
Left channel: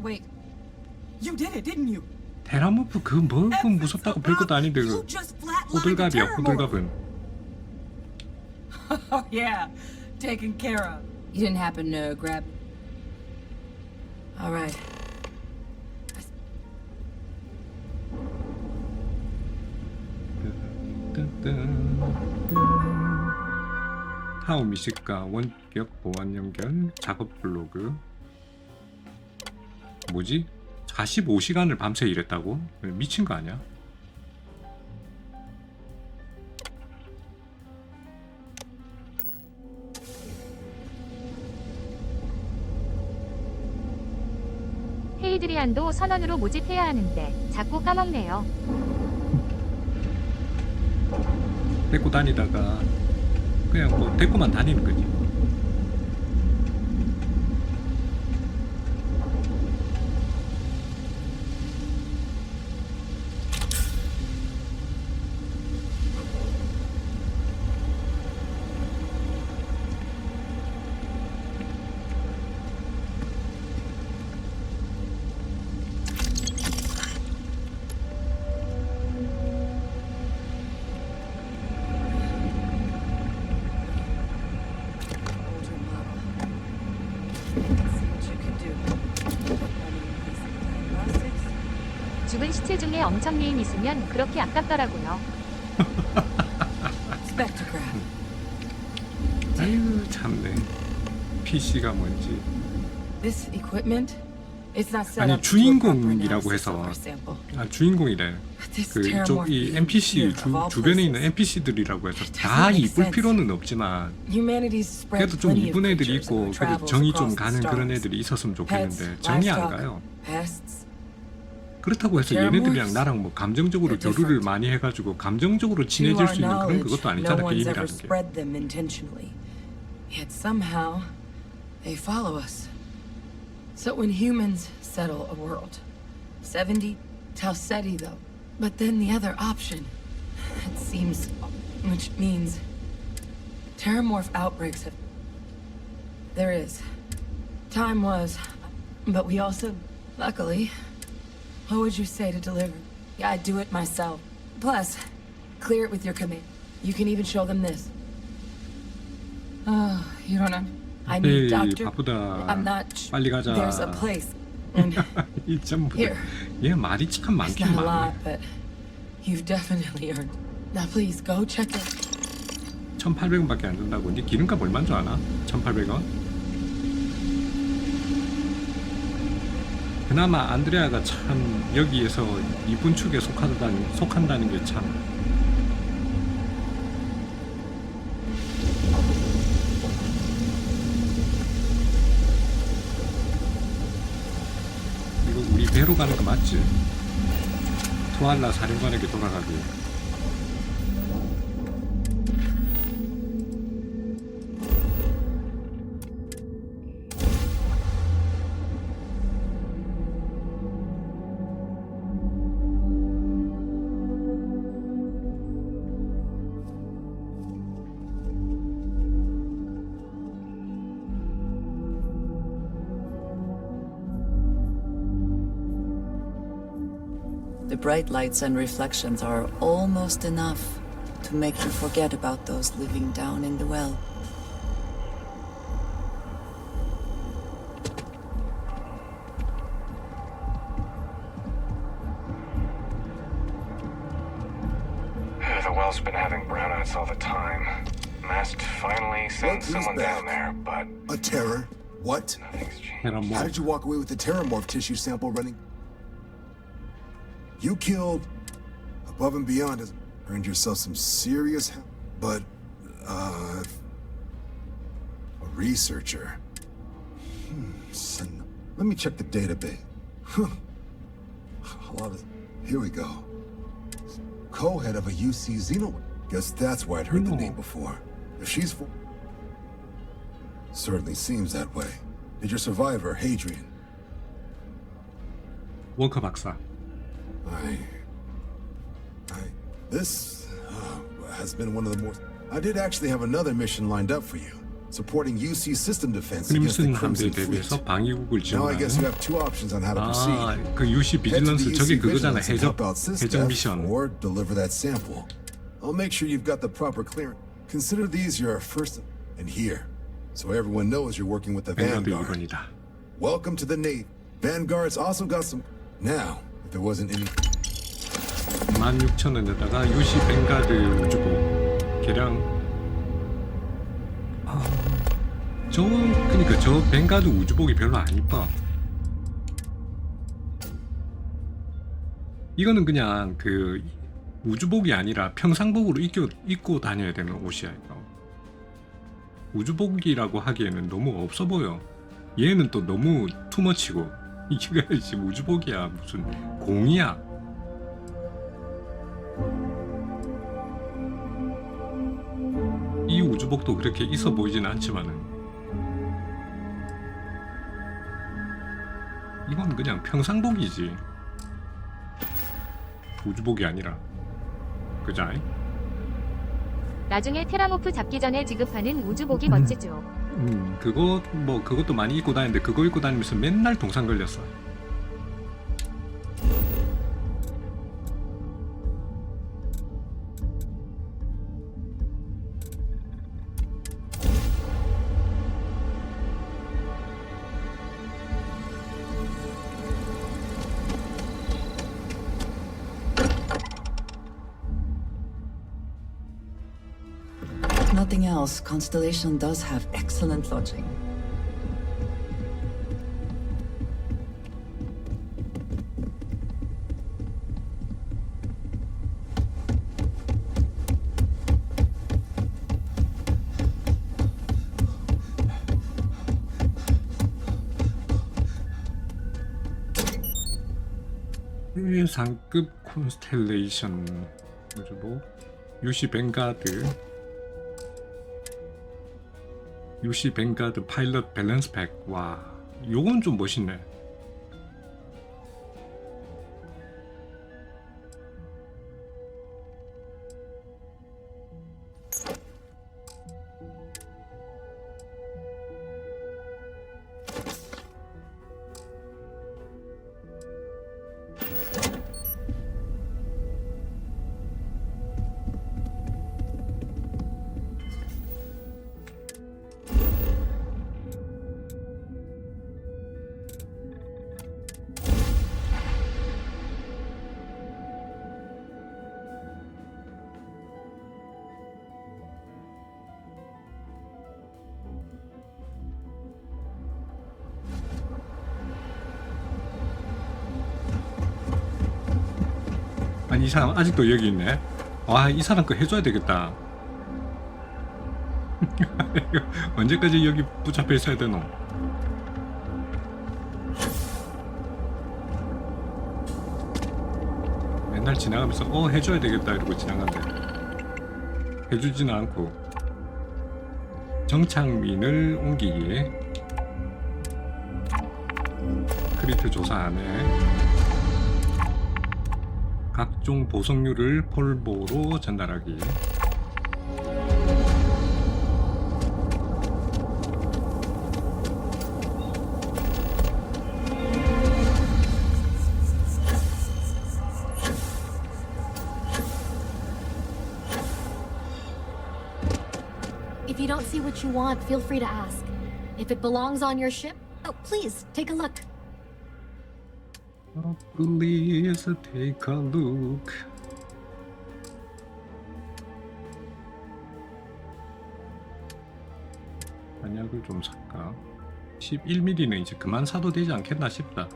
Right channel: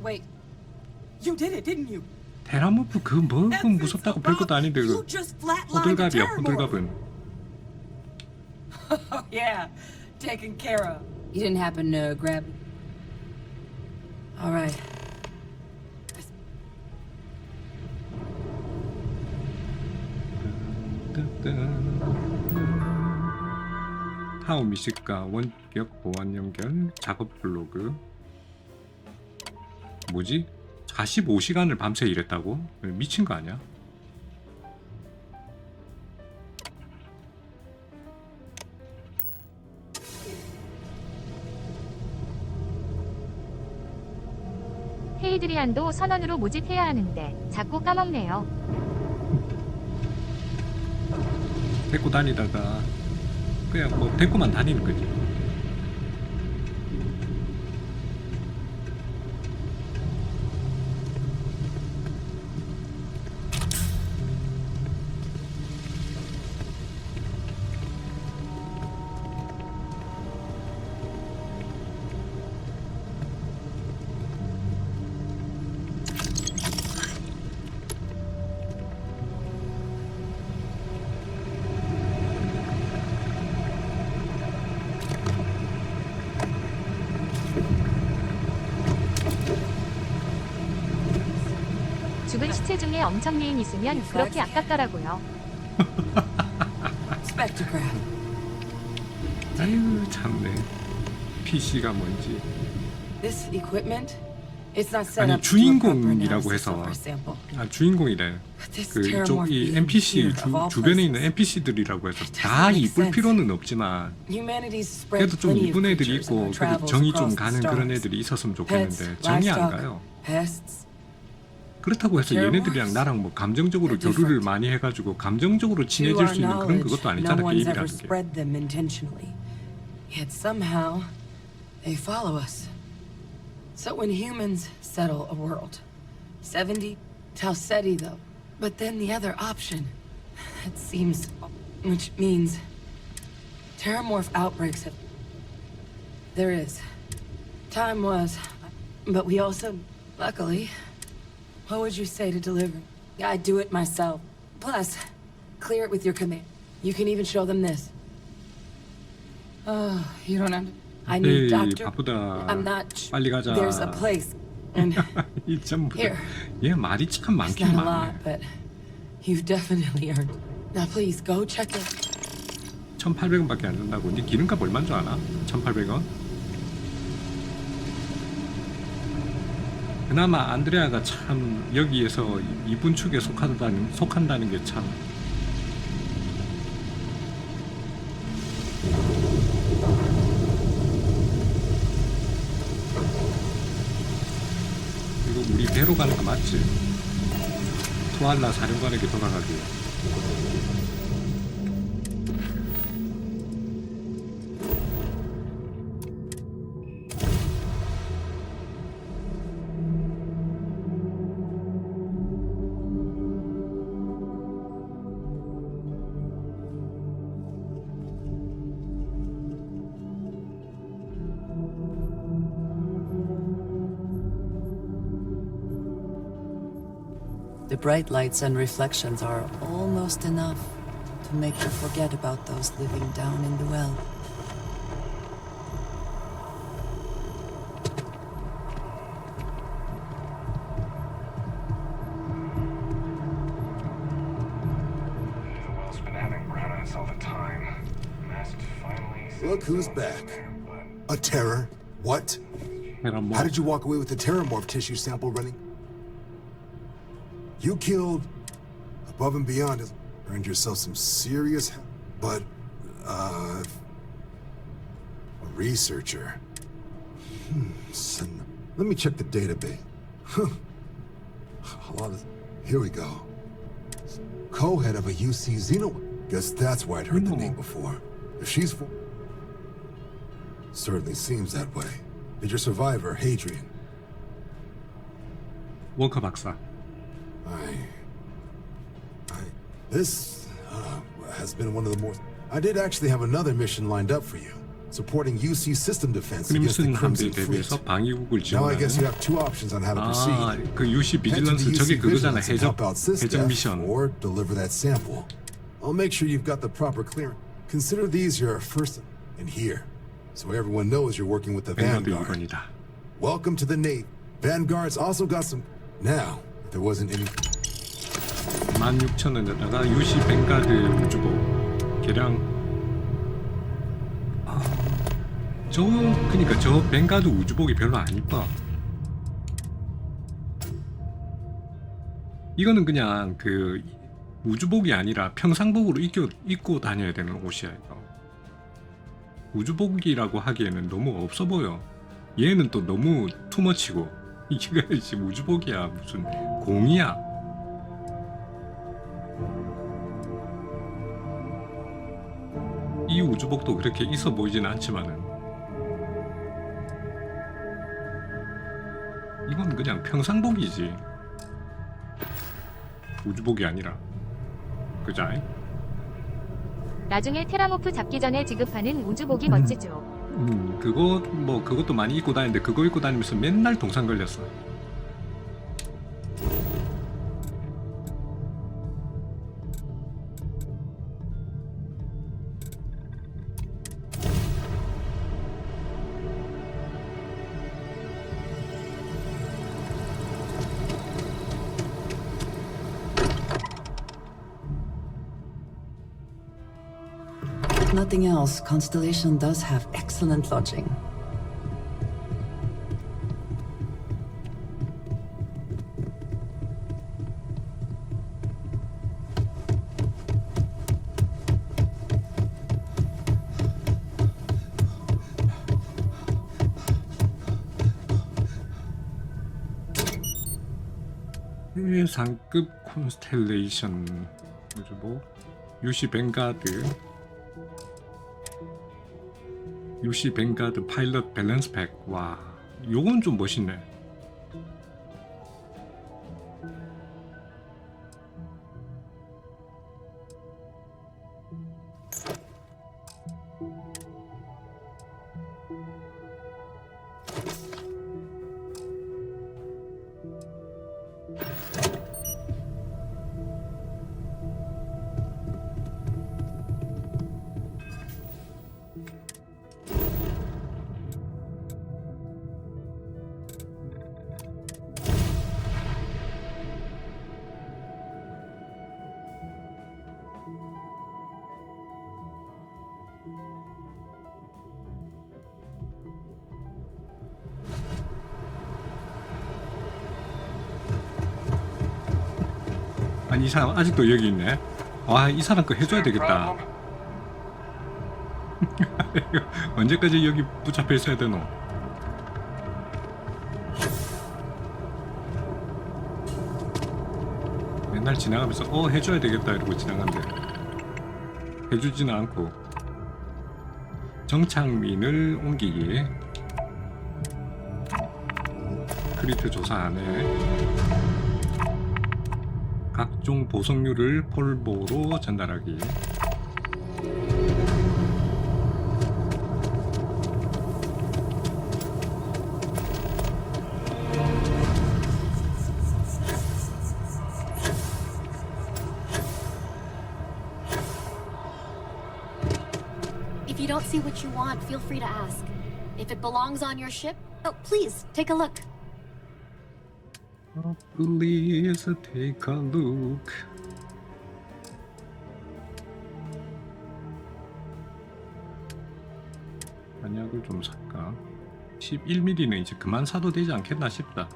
Wait, you did it, didn't you? 테라모프 그 뭐 무섭다고 별것도 아닌데 그 호들갑이야 호들갑은. Yeah, taken care of. You didn't happen to grab. All right. 타워 미식가 원격 보안 연결 작업 블로그. 뭐지? 45시간을 밤새 일했다고? 미친 거 아니야? 헤이드리안도 선원으로 모집해야 하는데 자꾸 까먹네요. 데리고 다니다가 그냥 뭐 데리고만 다니는 거지. 죽은 시체 중에 엄청 리인 있으면 그렇게 아깝더라고요. Spectrograph. 아유 참네. PC가 뭔지. This equipment, it's not set 아니 up to do a proper 주인공이라고 analysis of 해서 our sample. 아 주인공이래. This 그 이쪽 이 terramorph NPC here of all 주변에 있는 places. NPC들이라고 해서 It 다 doesn't make 이쁠 sense. 필요는 없지만 Humanity's spread 그래도 좀 plenty of 이쁜 애들이 creatures in 있고 our 그래도 travels 정이 across 좀 the 가는 그런 stars. 애들이 있었으면 좋겠는데 Pets, 정이 안 livestock, 가요. pests. 그렇다고 해서 얘네들이랑 나랑 뭐 감정적으로 They're 교류를 different. 많이 해가지고 감정적으로 To 친해질 our 수 있는 그런 knowledge, 그것도 no 아니잖아 one's ever 게임이라는 게. spread them intentionally. Yet somehow they follow us. So when humans settle a world, 70 Tauseti though. But then the other option, it seems, which means terramorph outbreaks have. There is. Time was, but we also, luckily, what would you say to deliver? I'd do it myself. Plus, clear it with your command. You can even show them this. Oh, you don't understand. I 에이 need doctor. 바쁘다. I'm not. 빨리 가자. There's a place. And 이 전부 here. 얘 말이 참 It's 많긴 not a 많네. lot, but you've definitely earned. Now please go check it. 1,800원밖에 안 준다고. 네 기름값 얼마인 줄 아나? 1,800원? 그나마 안드레아가 참 여기에서 이분 축에 속한다는 게 참. 이거 우리 배로 가는 거 맞지? 투알라 사령관에게 돌아가기. The bright lights and reflections are almost enough to make you forget about those living down in the well. The well's been having brownouts all the time. Mast finally sent Look who's someone back. down there, but A terror? What? nothing's changed. 테라모. How did you walk away with the terramorph tissue sample running? You killed above and beyond. Earned yourself some serious help. But, a researcher. Let me check the database. A lot of. Here we go. Co-head of a UC Xeno. Guess that's why I'd heard the name before. If she's certainly seems that way. Did your survivor, Hadrian? 워커 박사. This has been one of the more. I did actually have another mission lined up for you, supporting UC system defense against the 크림슨 함대에 Crimson Fleet. 대비해서 방위국을 Now I guess you 지원하는. have two options on how to 아, proceed. 그 UC 비질런스 저게 그거잖아. 해적 해적 미션. or deliver that sample. I'll make sure you've got the proper clearance. Consider these your first and here, so everyone knows you're working with the 뱅가드 Vanguard. 2번이다. Welcome to the Navy. Vanguard's also got some. Now, if there wasn't any. 16,000원에다가 UC 뱅가드 우주복 개량. 그니까 저 뱅가드 우주복이 별로 안 이뻐. 이거는 그냥 그 우주복이 아니라 평상복으로 입고 다녀야 되는 옷이야 이거. 우주복이라고 하기에는 너무 없어 보여. 얘는 또 너무 투머치고. 이게 지금 우주복이야 무슨 공이야. 이 우주복도 그렇게 있어 보이지는 않지만은 이건 그냥 평상복이지. 우주복이 아니라. 그자이? 나중에 테라모프 잡기 전에 지급하는 우주복이 멋지죠. 그것도 많이 입고 다니는데 그거 입고 다니면서 맨날 동상 걸렸어. nothing else, Constellation does have excellent lodging. 최상급 콘스텔레이션 뭐 유시 뱅가드 파일럿 밸런스 팩. 와, 요건 좀 멋있네. 아니, 이 사람 아직도 여기 있네. 와, 이 사람 거 해줘야 되겠다. 언제까지 여기 붙잡혀 있어야 되노? 맨날 지나가면서 해줘야 되겠다 이러고 지나간대. 해주지는 않고. 정착민을 옮기기. 크리트 조사하네. 각종 보석류를 폴보로 전달하기. If you don't see what you want, feel free to ask. If it belongs on your ship, oh, please, take a look. Please take a look. 한약을 좀 살까? 11mm는 이제 그만 사도 되지 않겠나 싶다.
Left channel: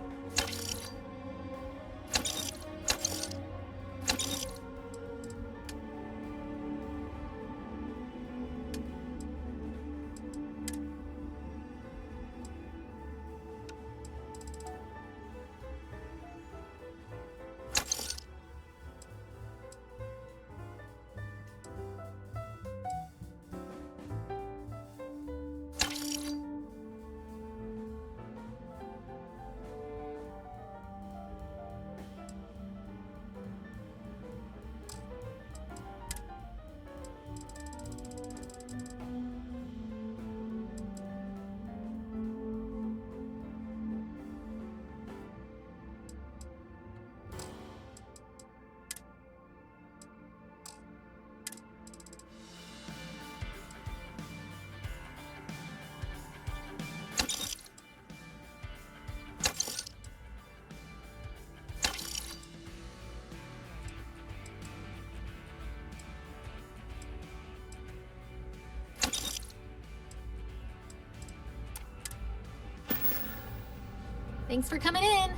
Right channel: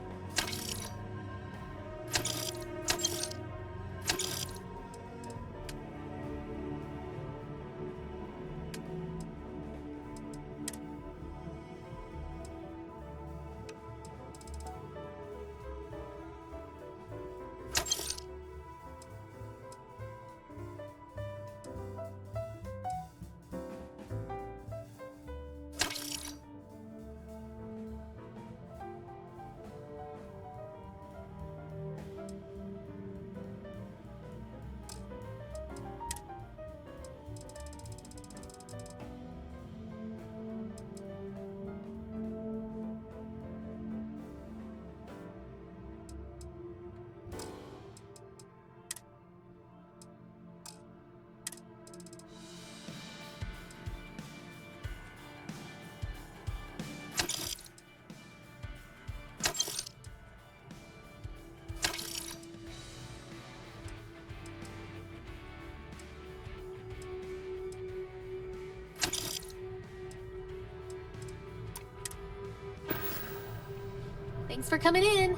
Thanks for coming in.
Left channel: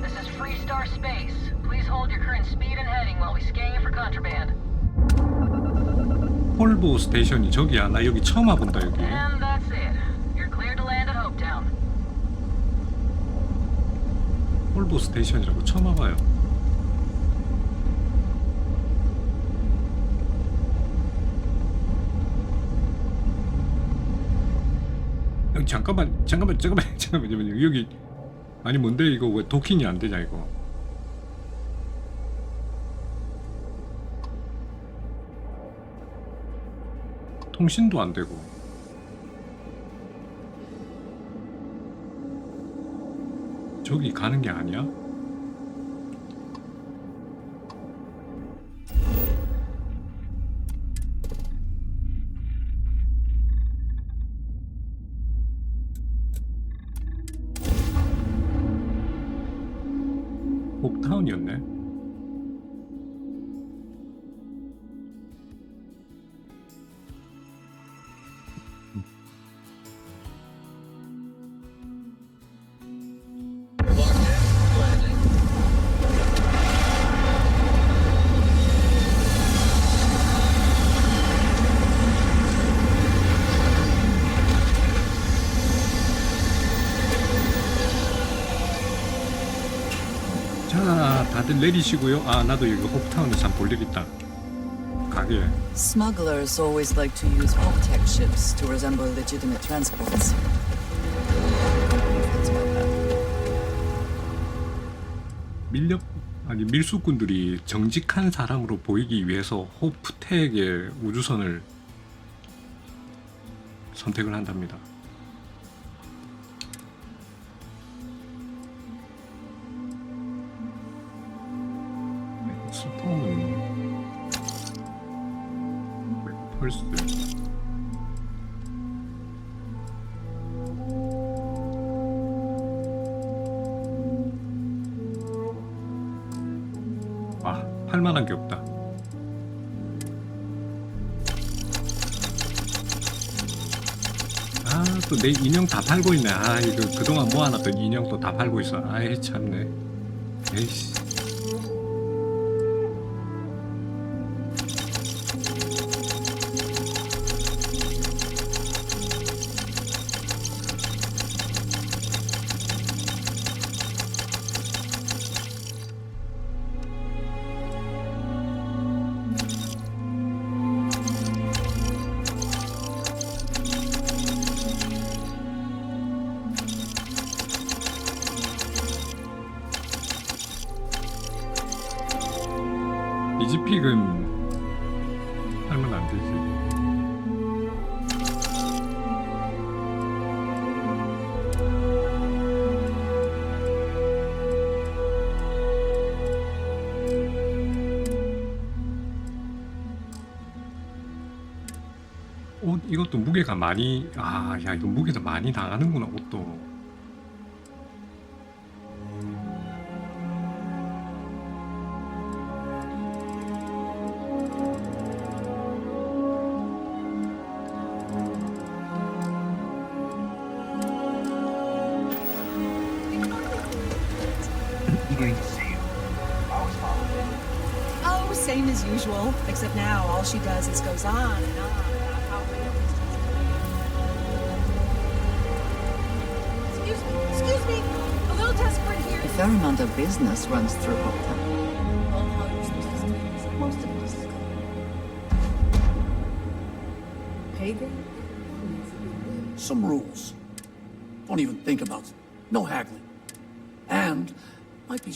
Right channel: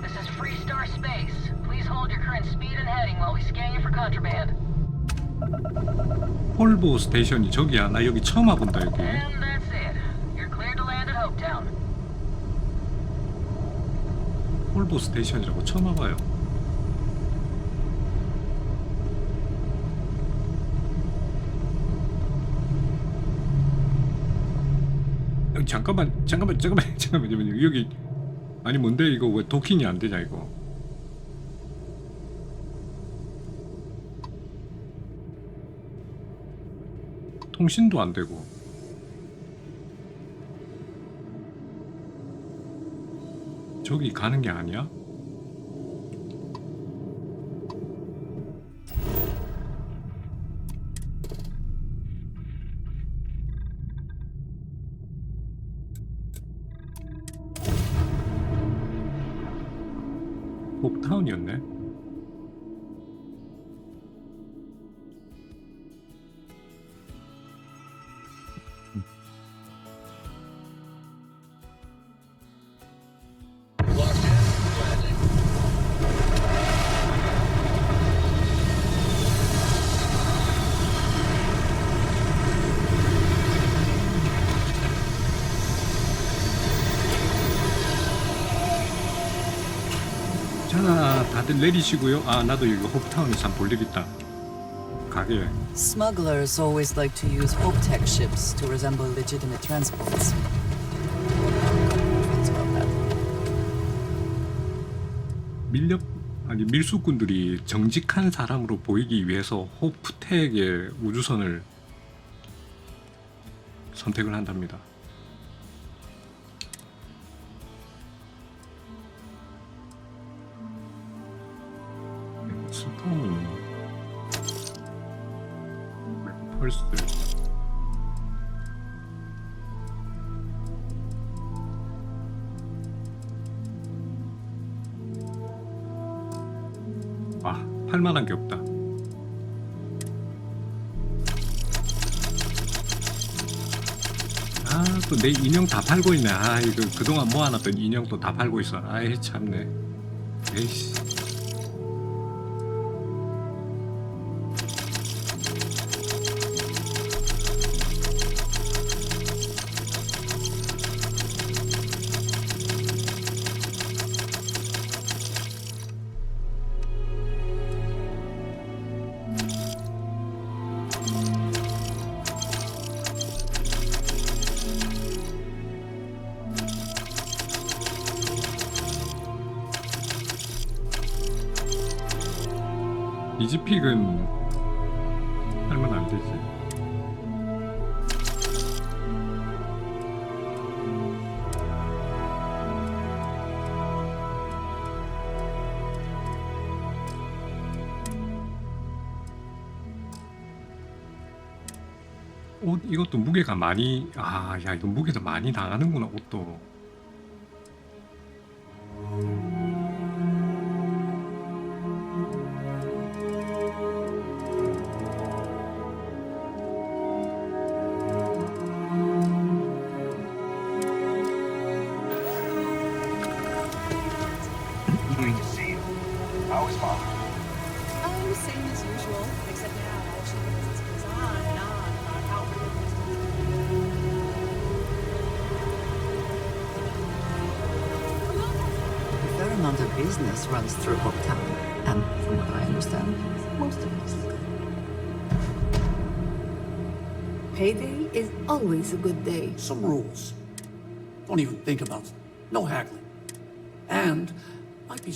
This is Freestar Space. Please hold your current speed and heading while we scan you for contraband. 폴보 스테이션이 저기야. 나 여기 처음 와본다 여기. And that's it. You're cleared to land at Hopetown. 폴보 스테이션이라고 처음 와봐요. 잠깐만 여기 아니 뭔데 이거 왜 도킹이 안 되냐 이거. 통신도 안 되고. 저기 가는 게 아니야? 홉타운이었네. Locked in. Landing. 자, 다들 내리시고요. 아, 나도 여기 홉타운에서 볼 일 있다. 가게. Smugglers always like to use Hope-Tech ships to resemble legitimate transports. 밀수꾼들이 정직한 사람으로 보이기 위해서 호프텍의 우주선을 선택을 한답니다. 스톰은 펄스. 아, 팔만한 게 없다. 아, 또 내 인형 다 팔고 있네. 아, 이거 그동안 모아놨던 인형 또 다 팔고 있어. 아이, 참네. 에이씨. 이지픽은 하면 안 되지. 옷 이것도 무게가 많이 야 이거 무게도 많이 나가는구나 옷도. Oh, same as usual. Except now all she does is goes on and on about how Excuse me. A little desperate here. A fair amount of business runs through Hopetown, and I understand most of us. Payday is always a good day. Some rules. Don't even think about it. No haggling. And might be.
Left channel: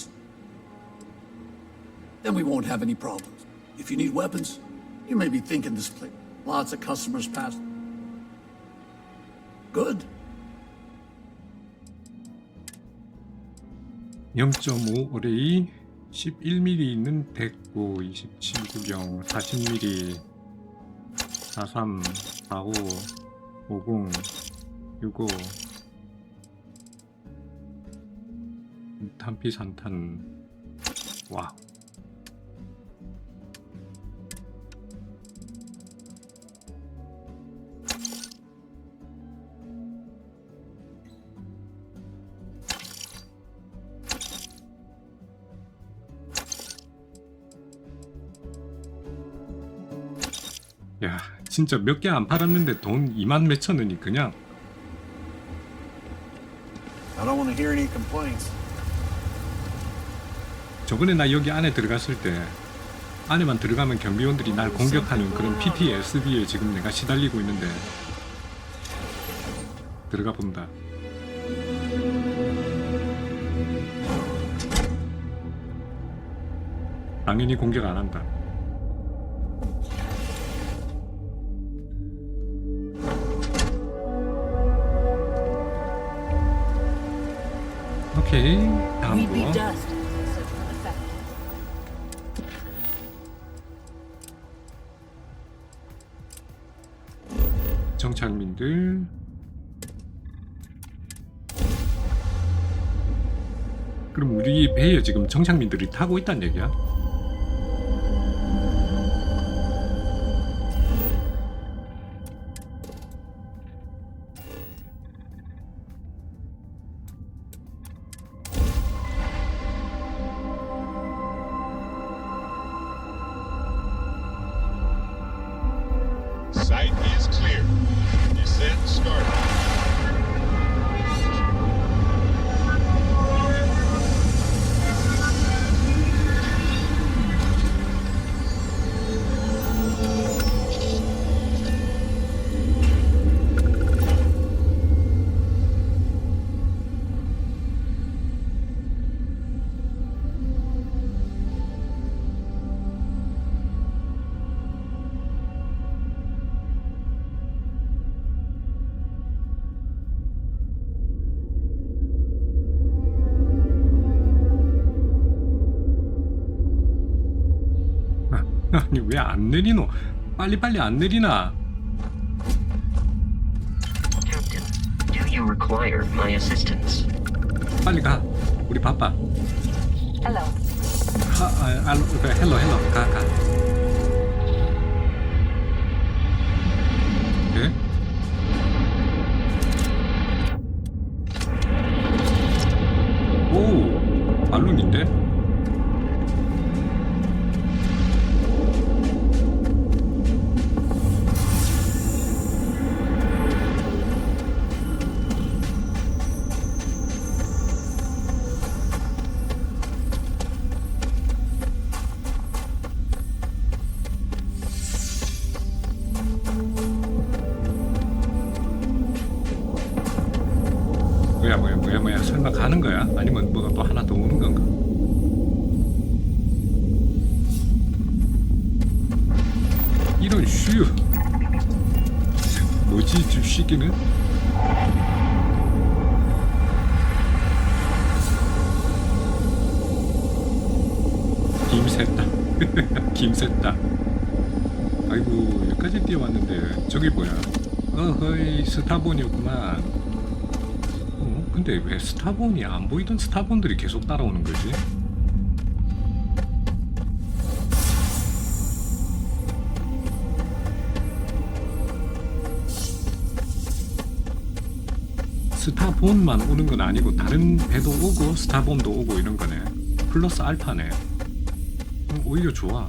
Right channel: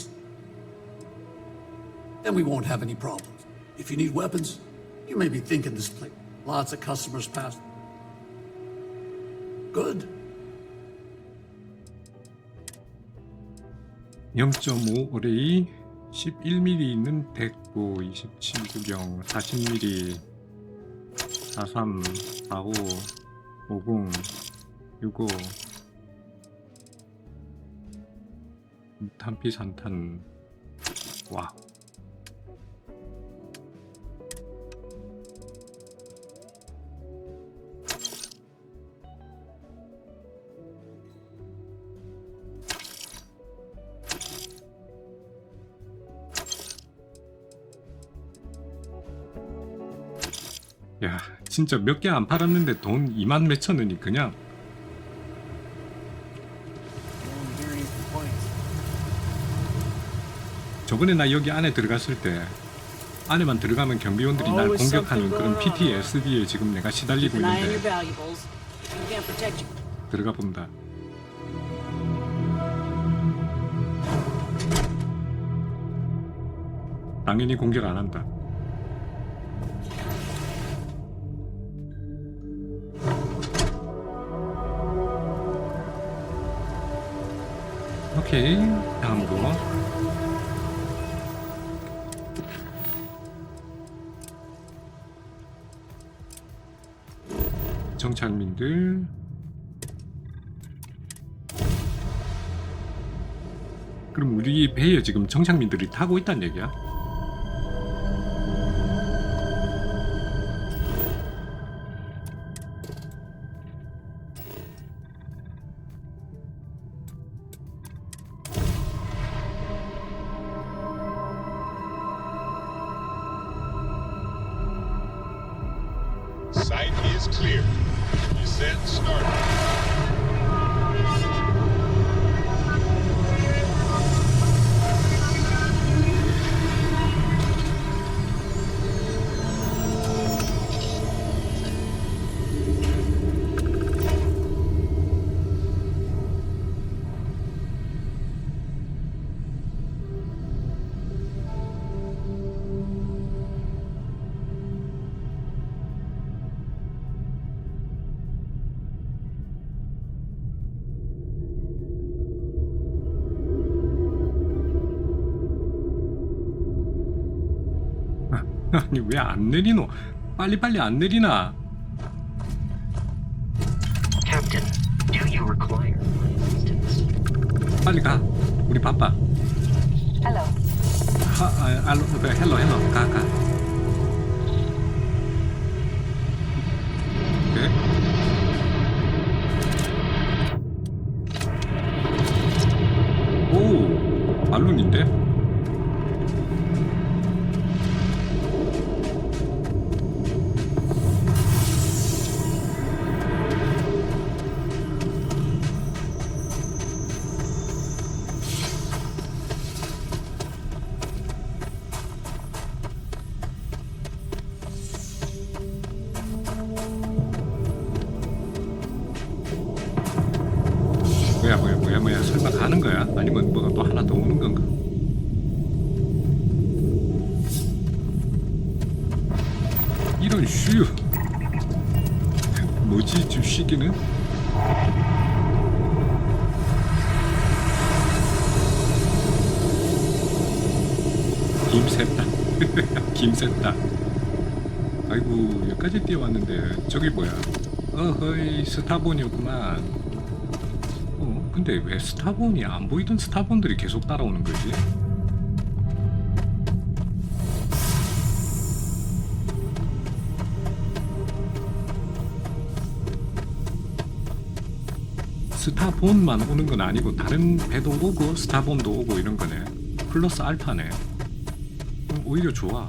Then we won't have any problems. If you need weapons, you may be thinking this place. Lots of customers pass. Good. 0.5 어레이 11mm 있는 대구 27 구경 40mm 43 45 50 65 탄피 산탄. 와우. 야, 진짜 몇 개 안 팔았는데 돈 2만 몇천 원이 그냥. I don't want to hear any complaints. 저번에 나 여기 안에 들어갔을 때 안에만 들어가면 경비원들이 날 공격하는 그런 PTSD에 지금 내가 시달리고 있는데 들어가 본다. 당연히 공격 안 한다. 오케이, 다음 거. 정착민들. 그럼 우리 배에 지금 정착민들이 타고 있단 얘기야? Sight is clear. Descent started. 아니 왜 안 내리노? 빨리빨리 안 내리나? Captain, do you require my assistance? 빨리 가. 우리 바빠. Hello. 헬로 가. 오케이. 오, 발룬인데? 뭐야 설마 가는 거야? 아니면 뭐가 또 하나 더 오는 건가? 이런 슈 뭐지 저 시기는? 김샜다 김샜다. 아이고 여기까지 뛰어왔는데 저기 뭐야? 어허이 스타본이었구만. 근데 왜 스타본이 안 보이던 스타본들이 계속 따라오는 거지? 스타본만 오는 건 아니고 다른 배도 오고 스타본도 오고 이런 거네. 플러스 알파네. 오히려 좋아.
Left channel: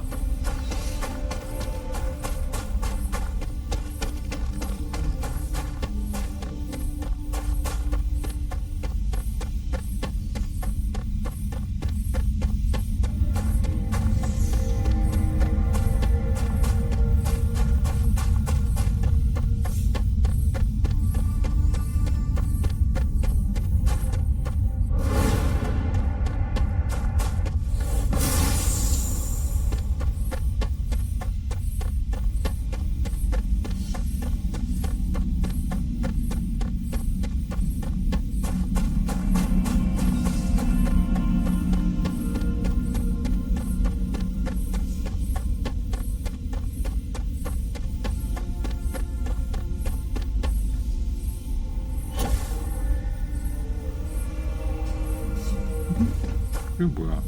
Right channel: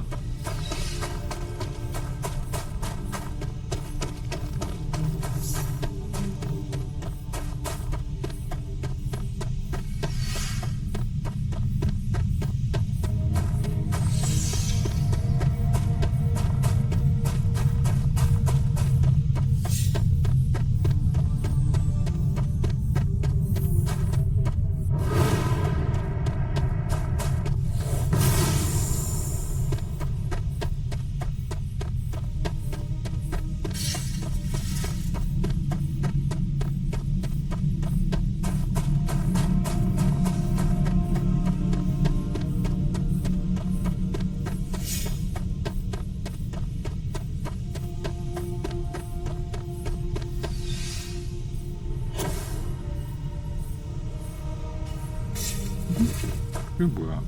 이게 뭐야?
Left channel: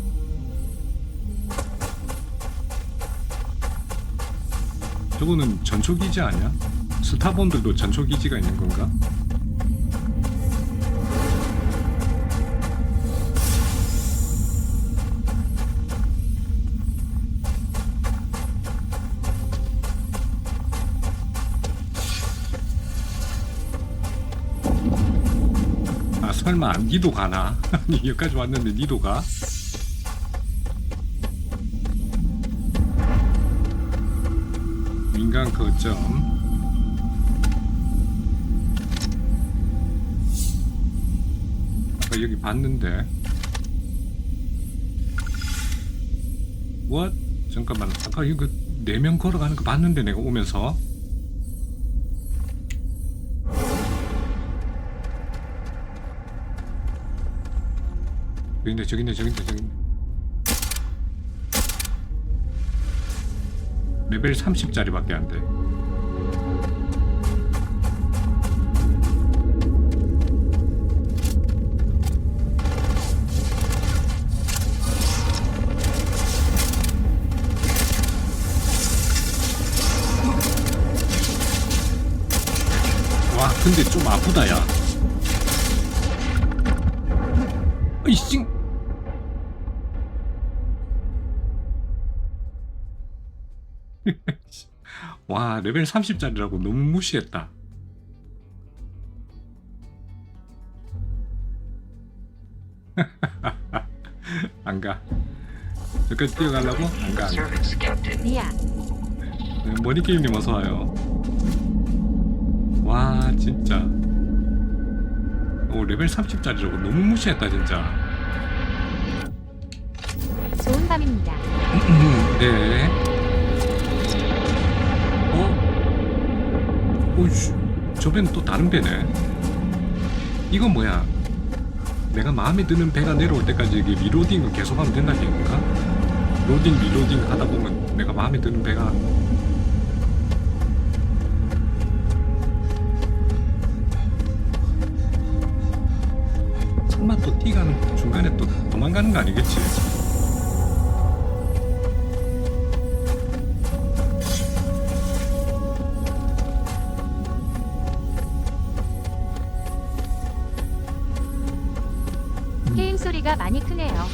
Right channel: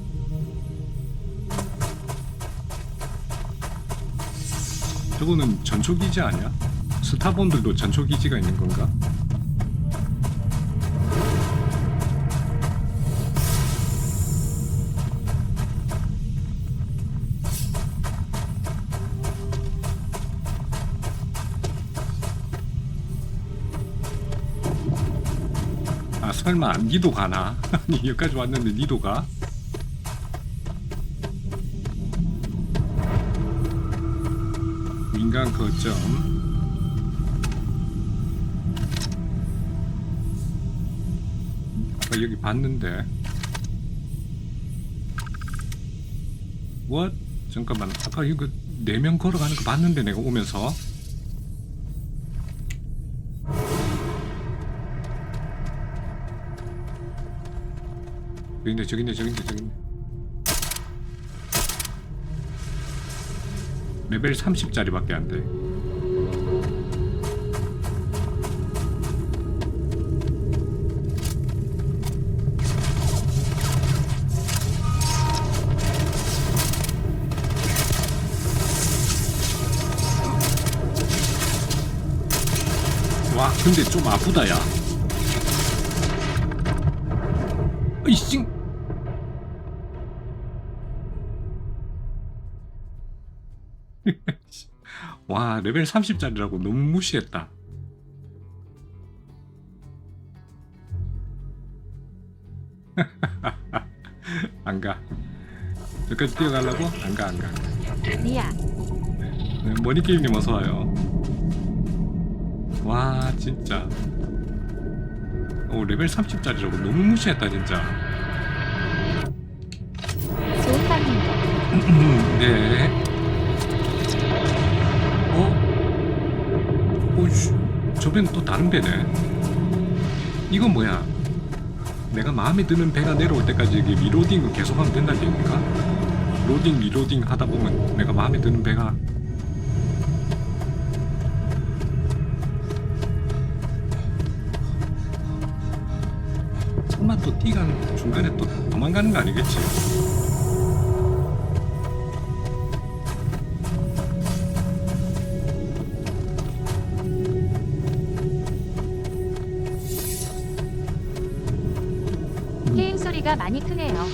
저거는 전초기지 아니야? 스타본들도 전초기지가 있는 건가? 아 설마 니도 가나? 아니 여기까지 왔는데 니도 가? 민간 거점. 아까 여기 봤는데. What? 잠깐만. 아까 이거 4명 걸어가는 거 봤는데 내가 오면서. 저긴데. 레벨 30짜리밖에 안 돼. 와 근데 좀 아프다 야. 이씨. 와 레벨 30짜리라고 너무 무시했다. 안가. 저까지 뛰어가려고? 안가 안가. 리아. 네, 머니게임님 어서와요. 와 진짜 레벨 30짜리라고 너무 무시했다 진짜. 좋은 밤입니다. 네. 오이씨, 저 배는 또 다른 배네. 이건 뭐야? 내가 마음에 드는 배가 내려올 때까지 이게 리로딩을 계속하면 된다는 얘기인가? 로딩 리로딩 하다 보면 내가 마음에 드는 배가 설마 또 뛰가는 중간에 또 도망가는 거 아니겠지? 게임 소리가 많이 크네요.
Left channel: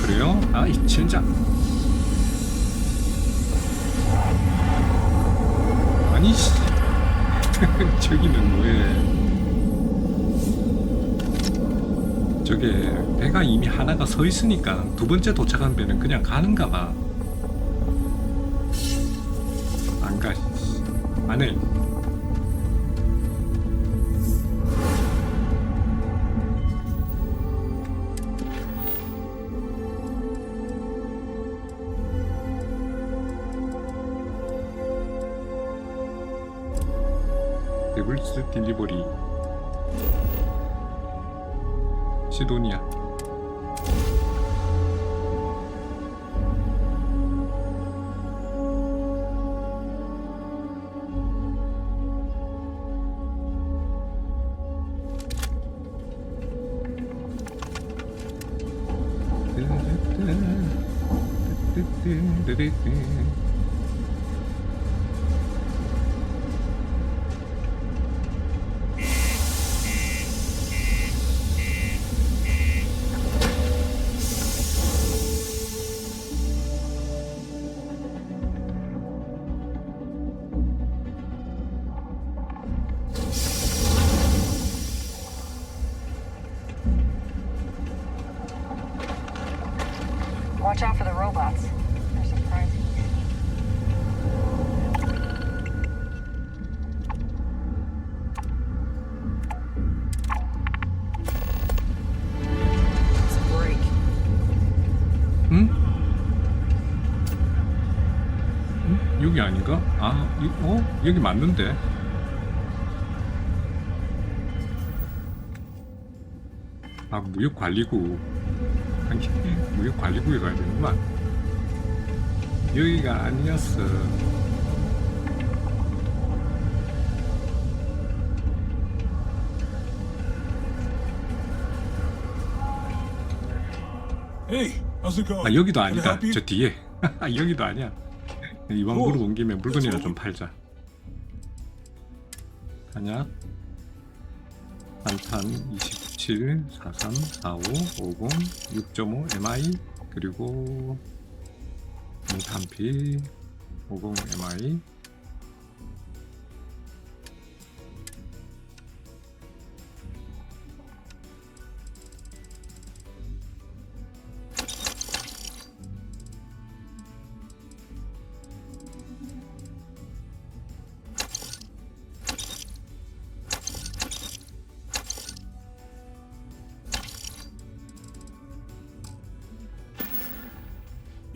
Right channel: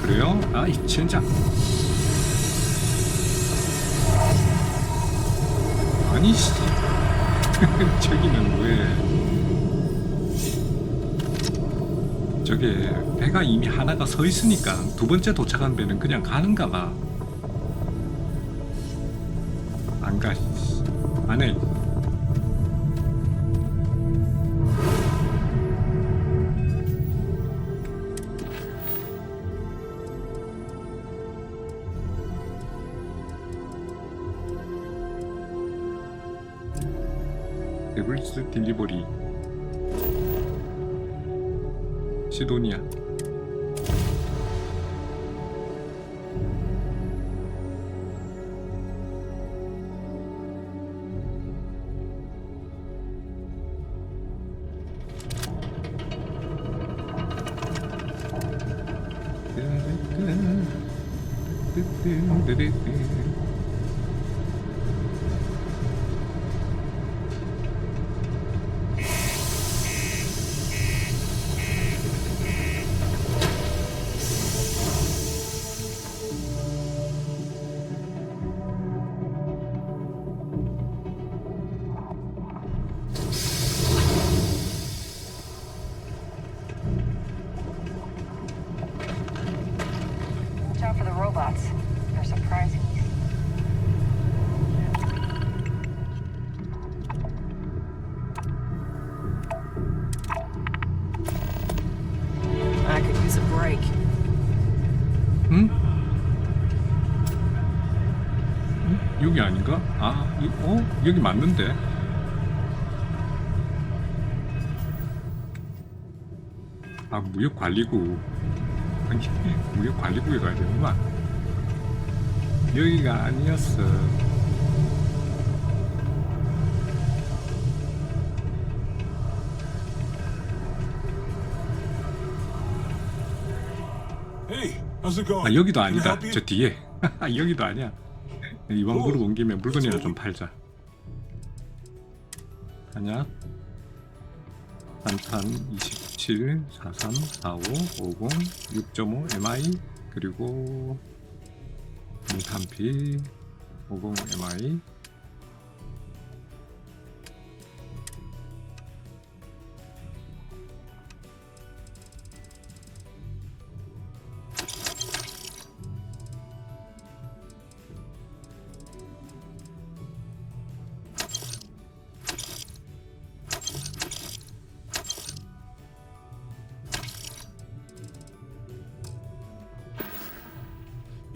그래요? 아이 진짜. 아니 씨. 저기는 왜 저게 배가 이미 하나가 서 있으니까 두 번째 도착한 배는 그냥 가는가 봐. 안 가. 안 해. 데블스 딜리버리 시도니아. Watch out for the robots. They're surprising. I could use a break. 응? 응? 여기 아닌가? 아, 여기 맞는데? 아, 무역관리구. 아니, 무역관리구에 가야 되는구만. 여기가 아니었어. 아, 여기도 아니다. 저 뒤에. 여기도 아니야. 이왕 물어본 김에 물건이나 좀 팔자. 탄약 단탄 27, 43, 45, 50, 6.5 MI 그리고 몽탄피 50 MI.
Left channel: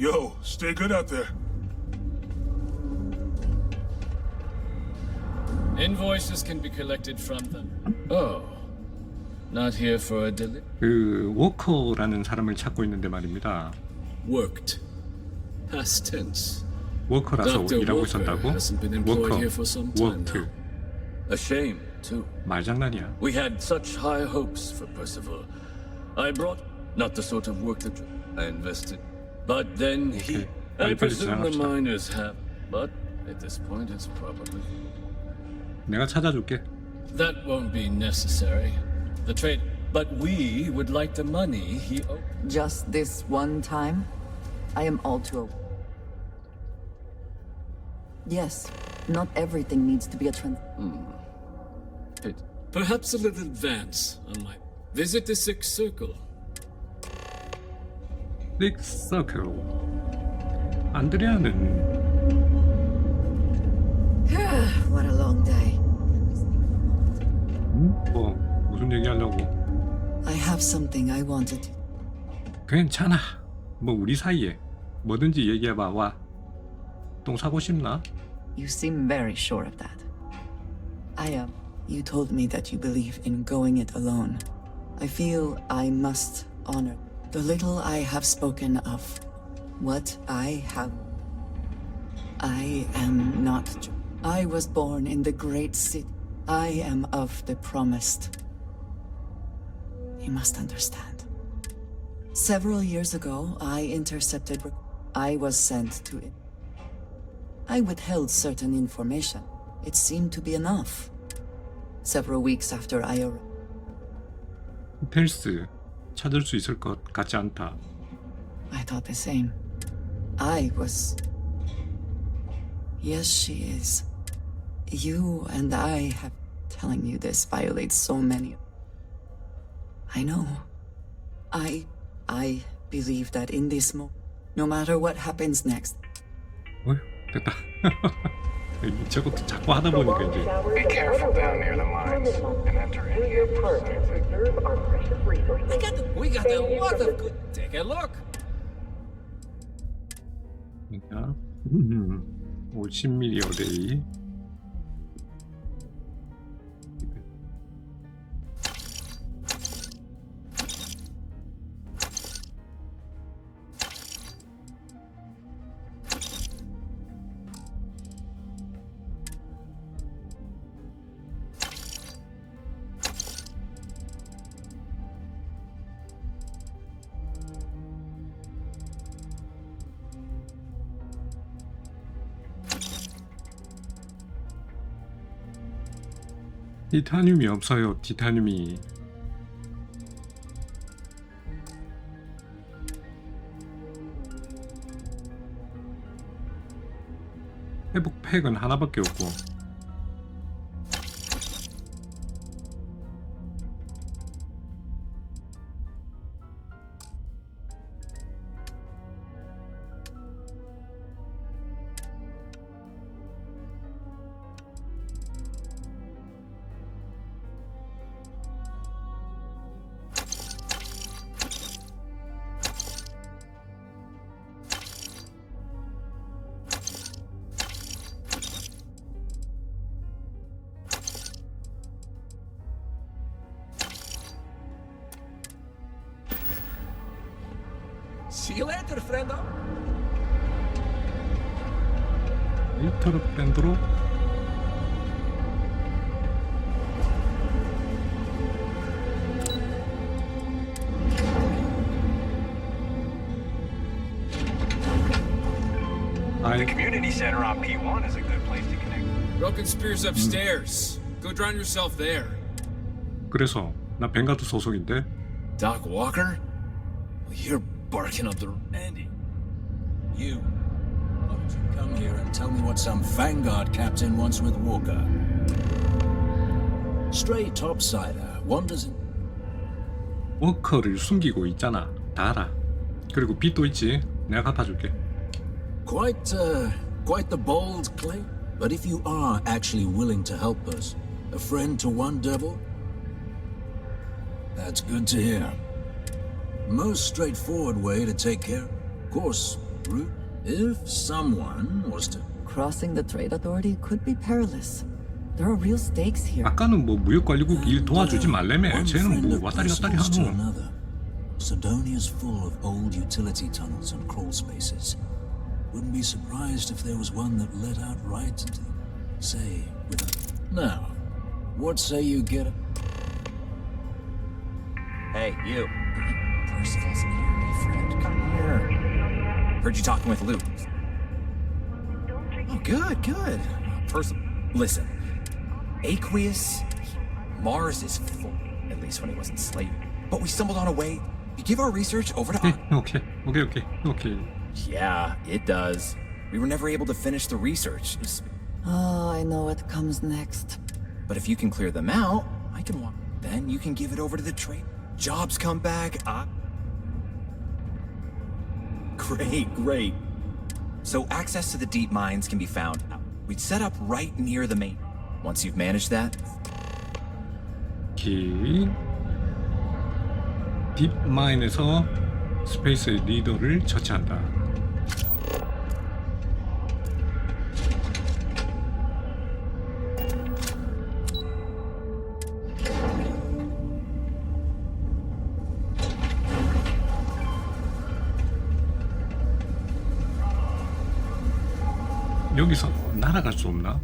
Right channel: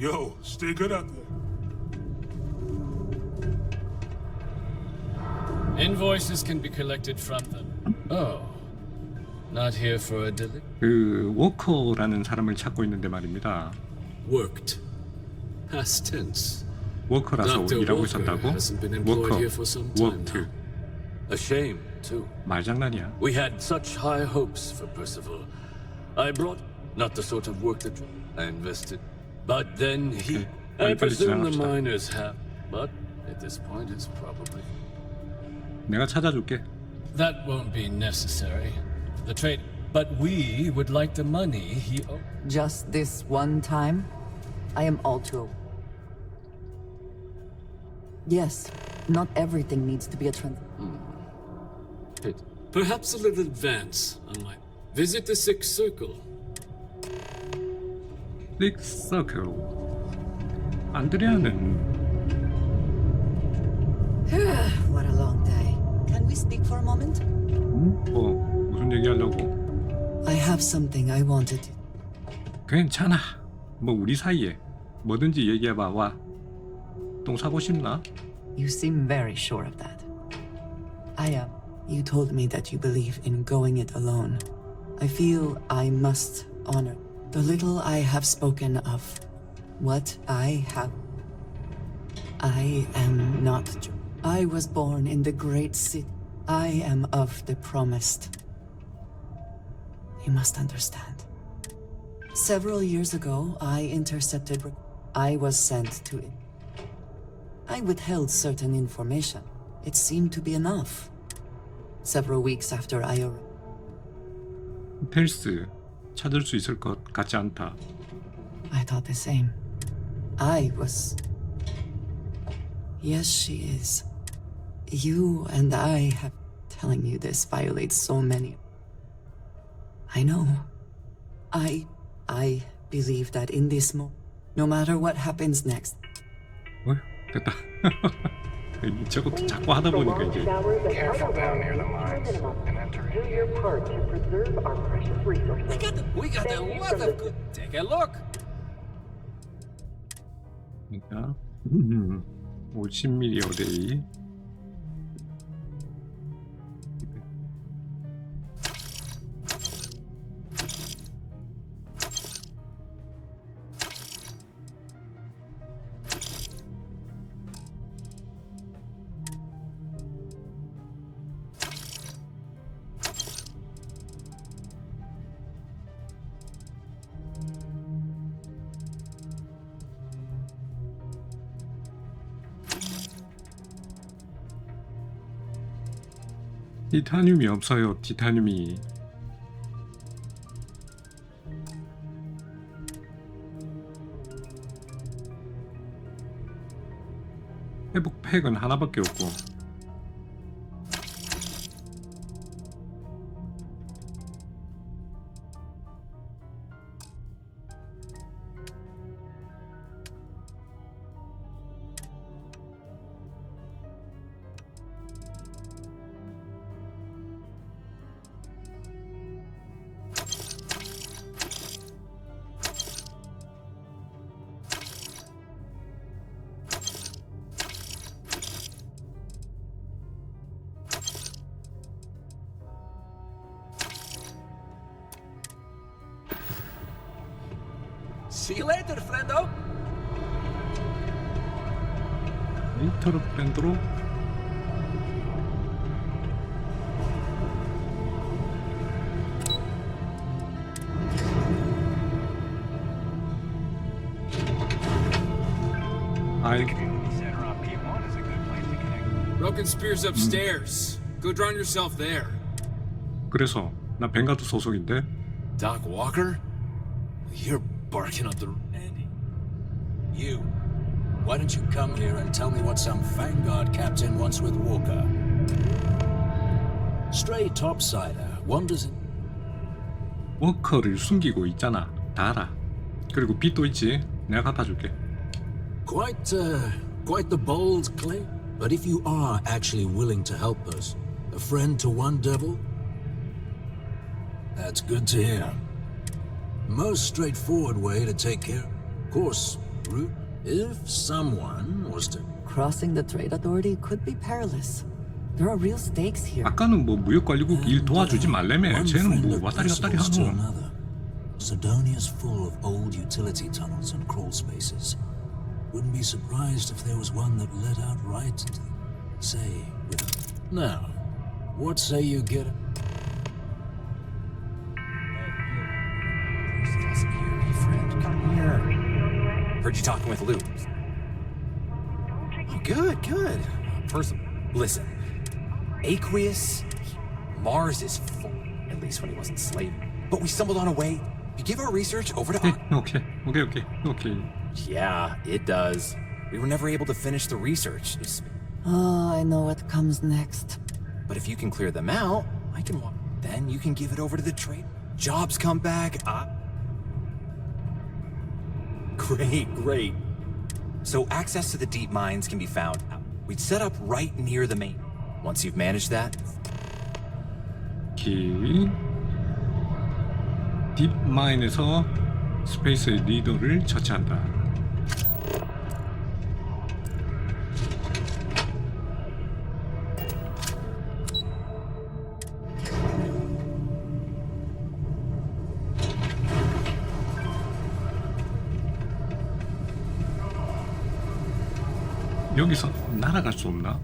Yo, stay good out there. Invoices can be collected from them. Oh, not here for a delivery. 그 워커라는 사람을 찾고 있는데 말입니다. Worked. Past tense. 워커라서 일하고 있었다고? 워커, 워크드. A shame, too. 말장난이야. We had such high hopes for Percival. I brought not the sort of work that I invested. But then he. I presume the miners have. But at this point, it's probably. 내가 찾아줄게. That won't be necessary. The trade... But we would like the money he owed. Just this one time? I am all too... Yes, not everything needs to be a trend. Perhaps a little advance on my visit the Sixth Circle. Sixth Circle. 안드레아는 What a long day. Can we speak for a moment? 뭐 무슨 얘기하려고? I have something I wanted to... 괜찮아. 뭐 우리 사이에 뭐든지 얘기해봐. 와. 똥 사고 싶나? You seem very sure of that. I am. You told me that you believe in going it alone. I feel I must honor the little I have spoken of. What I have. I am not. I was born in the great city. I am of the promised. You must understand. Several years ago, I intercepted. I was sent to it. I withheld certain information. It seemed to be enough. Several weeks after I arrived. 펠스 찾을 수 있을 것 같지 않다. I thought the same. I was... Yes, she is. You and I have... Telling you this violates so many... I know. I believe that in this moment, no matter what happens next... 어휴, 됐다. 저것도 자꾸 하다 보니까 이제... Be careful down near the mines and enter in. We got a lot of good. Take a look. 그러니까 50mm 어데이. 티타늄이 없어요. 티타늄이. 회복팩은 하나밖에 없고. See you later, friendo. 레이터로 프렌드로. The community center on P1 is a good place to connect. Broken Spear's upstairs. Go drown yourself there. 그래서 나 벵가드 소속인데. Doc Walker? You're barking up the... Andy, you. Why don't you come here and tell me what some Vanguard captain wants with Walker? Stray topsider wanders in... 워커를 숨기고 있잖아. 다 알아. 그리고 빚도 있지. 내가 갚아줄게. Quite the bold claim. But if you are actually willing to help us, a friend to one devil, that's good to hear. Most straightforward way to take care. Of course, root. If someone was to... Crossing the trade authority could be perilous. There are real stakes here. 아까는 뭐 무역관리국 일 도와주지 말래매. 쟤는 뭐 왔다리 갔다리 하노. Sedonia's full of old utility tunnels and crawl spaces. Wouldn't be surprised if there was one that led out right into, say, with a... Now, what say you get a... Hey, you. Percival's eerie friend, come here. Heard you talking with Lou. Oh, good. Percival, listen. Aqueous, Mars is full, at least when he wasn't slaving. But we stumbled on a way. You give our research over to... Okay. Yeah, it does. We were never able to finish the research. Oh, I know what comes next. But if you can clear them out, I can walk. Then you can give it over to the trade. Jobs come back. Great. So access to the deep mines can be found. We'd set up right near the main. Once you've managed that. 오케이. 딥마인에서 스페이스 리더를 처치한다. 여기서 날아갈 수 없나?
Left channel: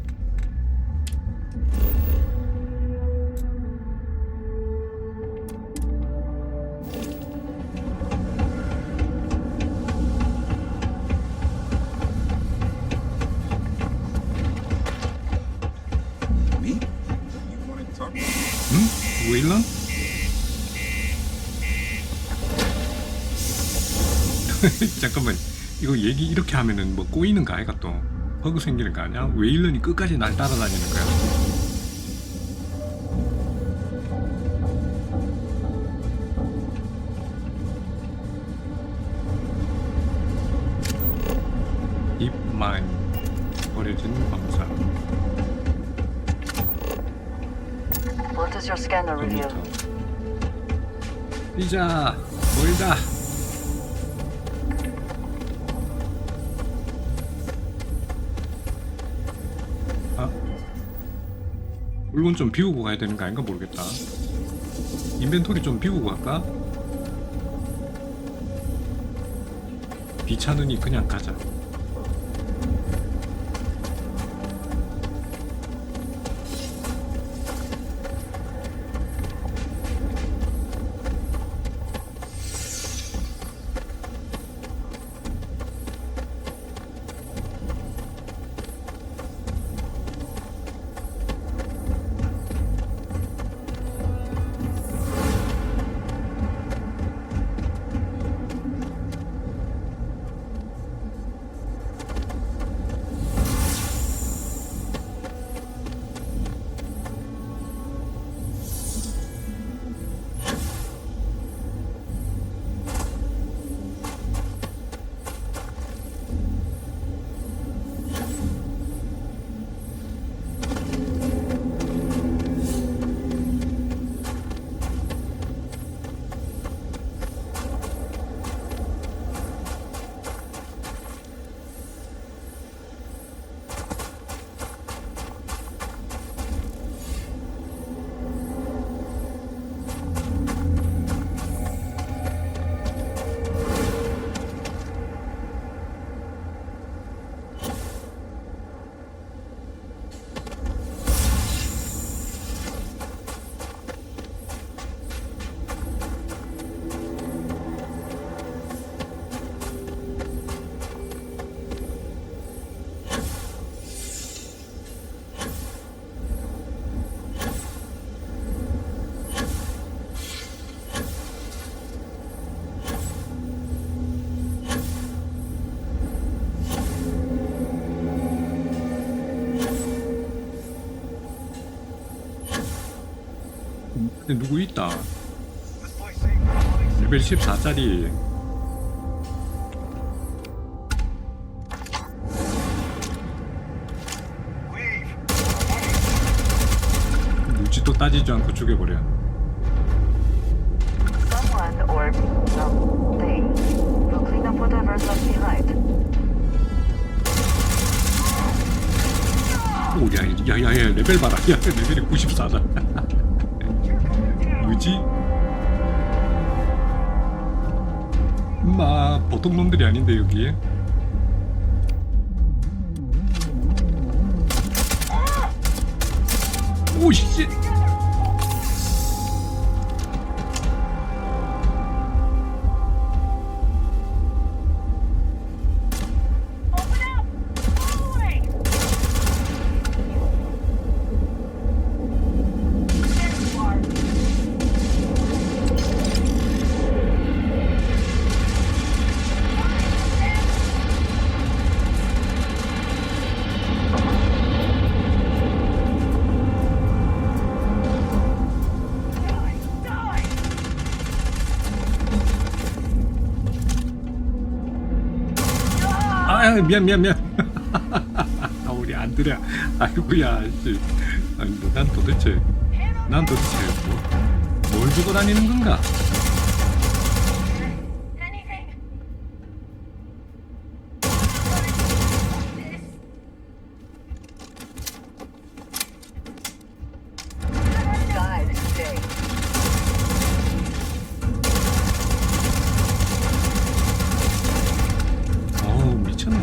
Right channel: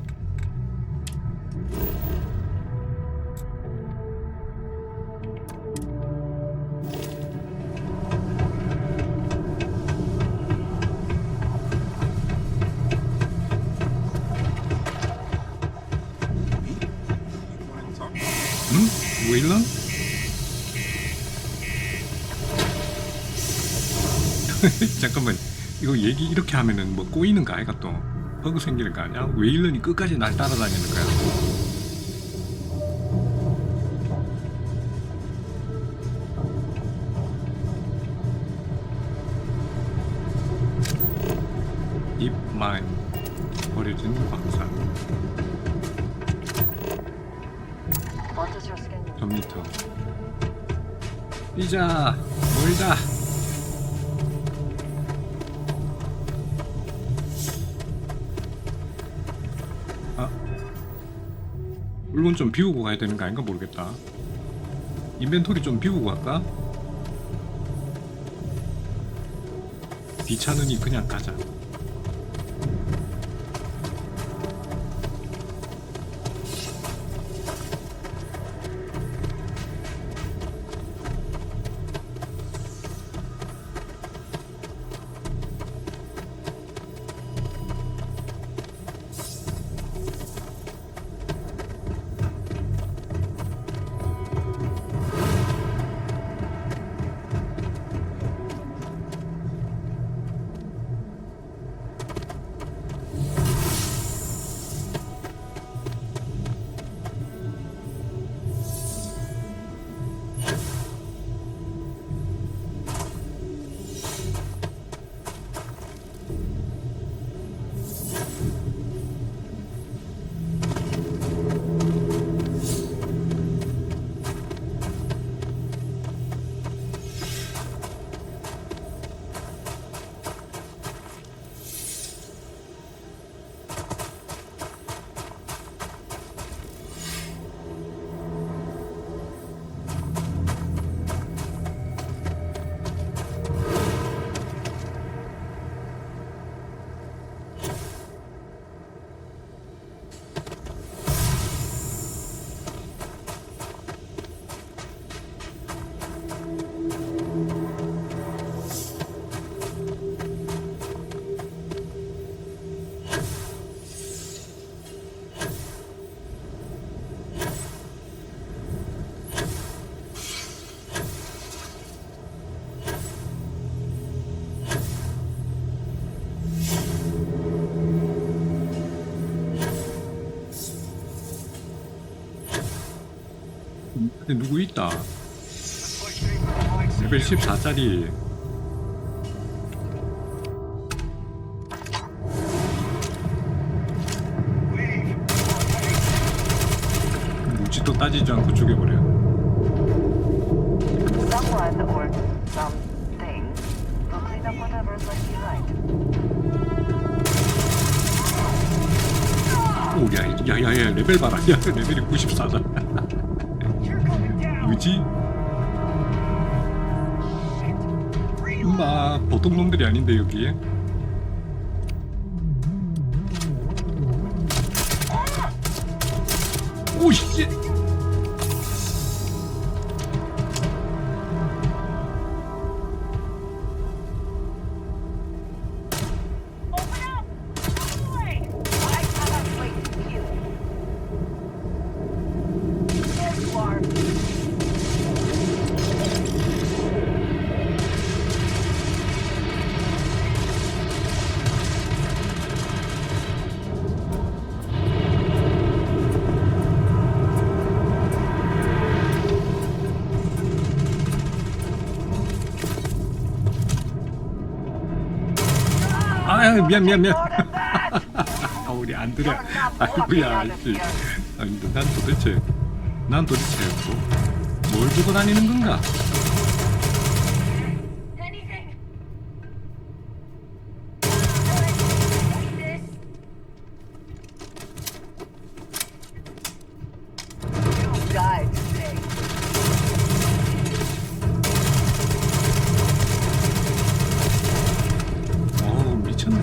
웨일런? 잠깐만, 이거 얘기 이렇게 하면은 뭐 꼬이는 거 아이가 또 버그 생기는 거 아니야? 웨일런이 끝까지 날 따라다니는 거야. 딥마인, 버려진 광산. 컴퓨터. 뛰자. 멀다. 물건 좀 비우고 가야 되는 거 아닌가 모르겠다. 인벤토리 좀 비우고 갈까? 귀찮으니 그냥 가자. 근데 누구 있다. 레벨 14짜리. 묻지도 따지지 않고 죽여버려. Someone or something will clean up whatever's left behind. 오, 야, 레벨 봐라. 야, 레벨이 94다. 뭐지? 임마, 보통 놈들이 아닌데 여기. 오, 씨. 아, 미안. 아, 우리 안드레. 아이고야, 씨. 아니, 난 도대체 뭘 보고 다니는 건가? 어우, 미쳤네.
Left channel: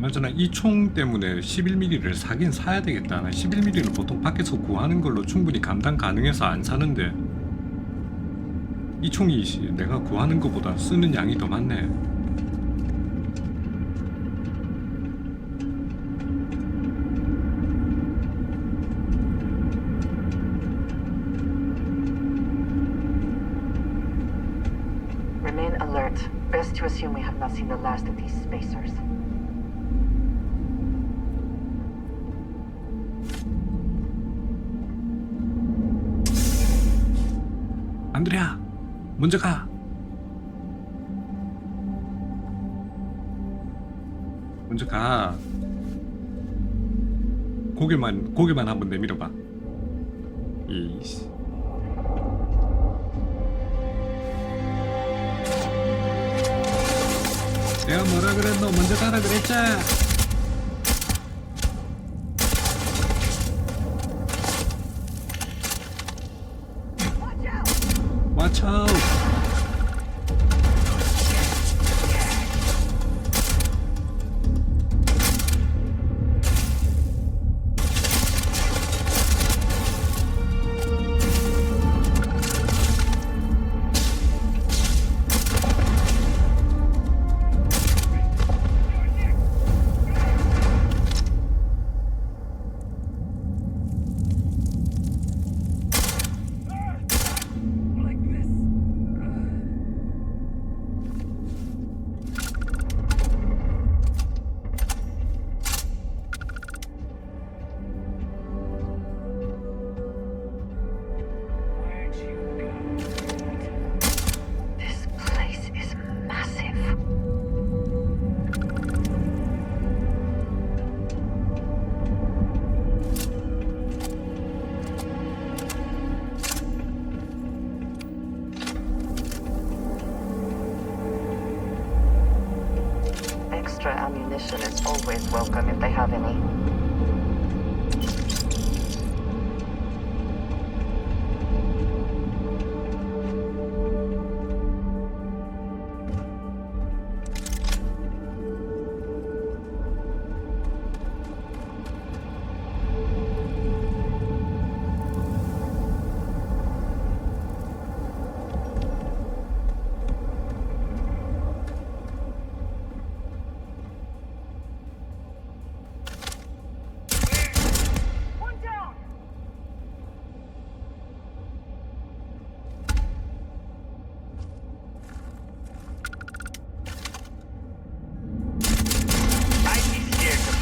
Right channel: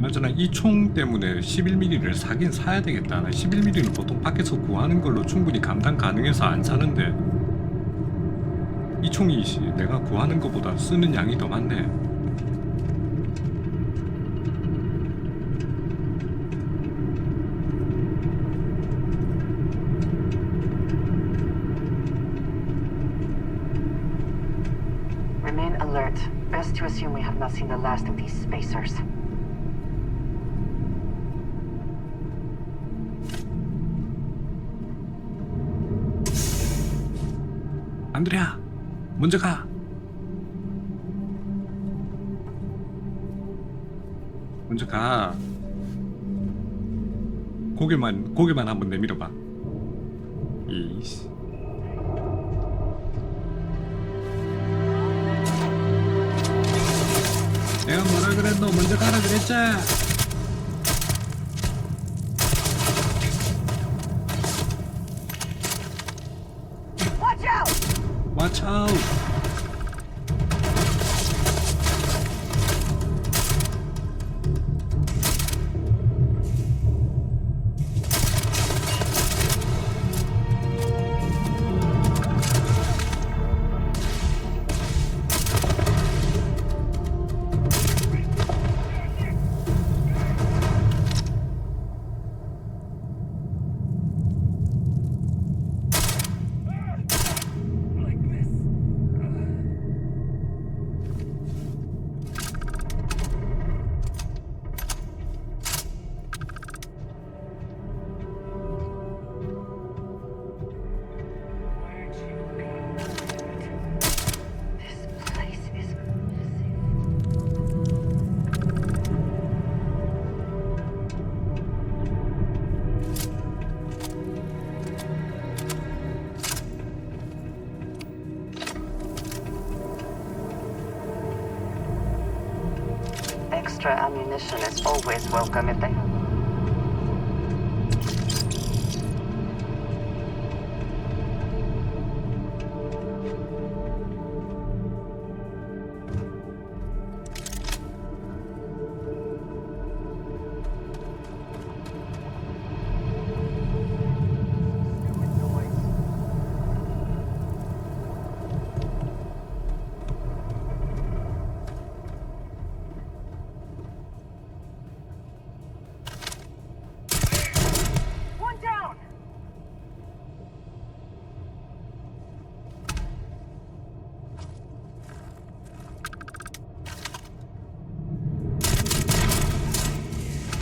맞잖아. 이 총 때문에 11mm를 사긴 사야 되겠다. 나 11mm는 보통 밖에서 구하는 걸로 충분히 감당 가능해서 안 사는데 이 총이 내가 구하는 것보다 쓰는 양이 더 많네. Remain alert. Best to assume we have not seen the last of these spacers. 안드레야, 먼저 가. 먼저 가. 고개만 한번 내밀어봐. 이씨. 내가 뭐라 그랬노? 먼저 가라 그랬지? Watch out! Extra ammunition is always welcome if they have any.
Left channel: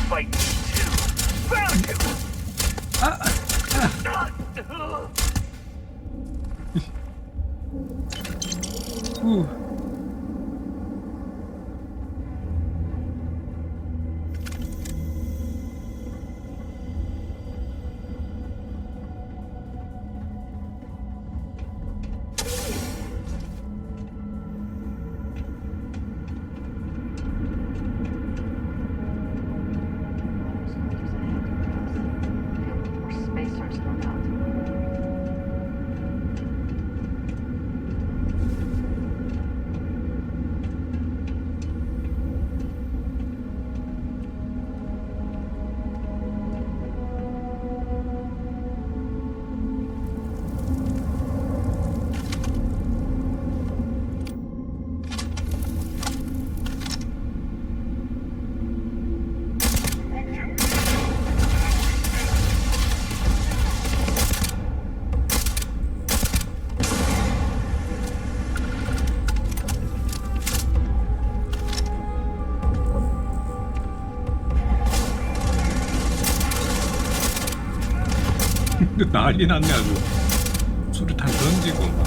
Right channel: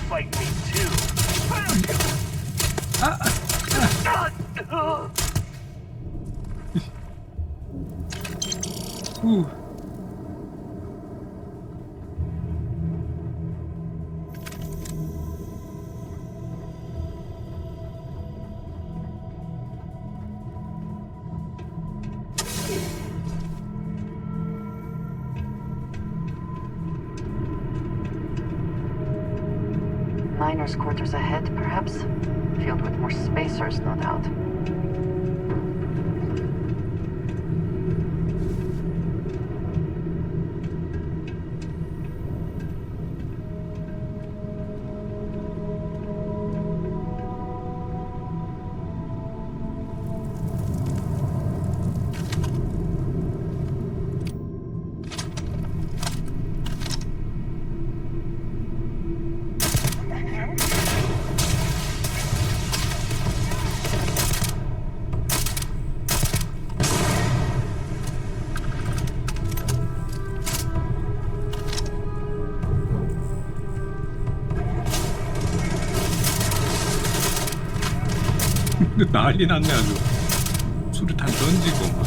Fight me too. Found you. miners' quarters ahead, perhaps? Filled with more spacers, no doubt. 난리 났네 아주. 수류탄 던지고 막.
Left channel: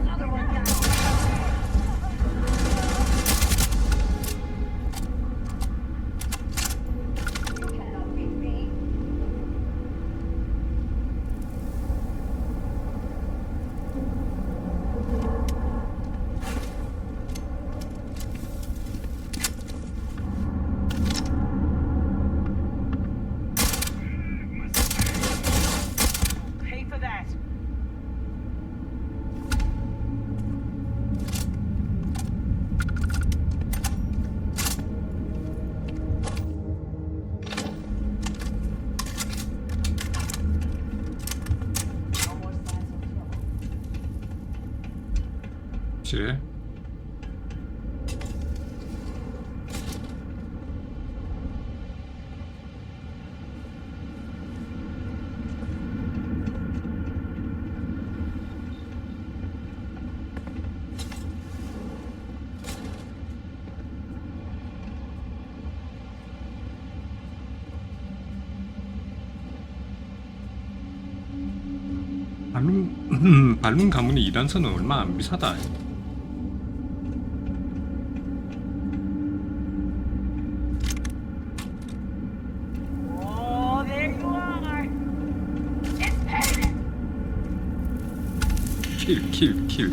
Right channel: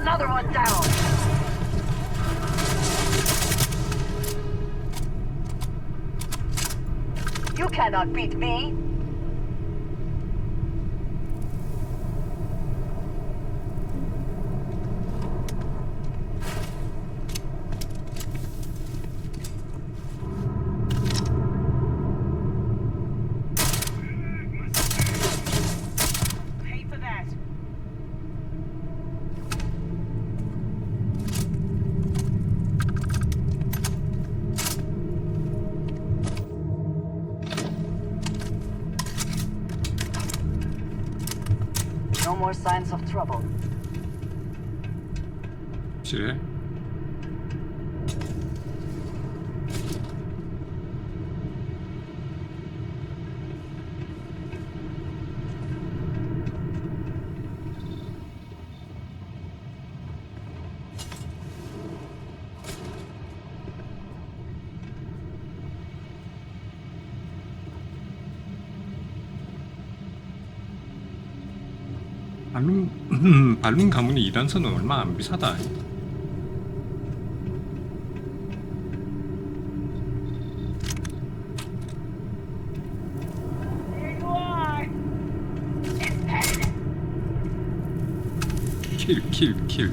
Another one down. You cannot beat me. Pay for that. No more signs of trouble. 그래? 발룬 가문이 2단선은 얼마 안 비싸다. Oh, there you are. It's paid. 킬.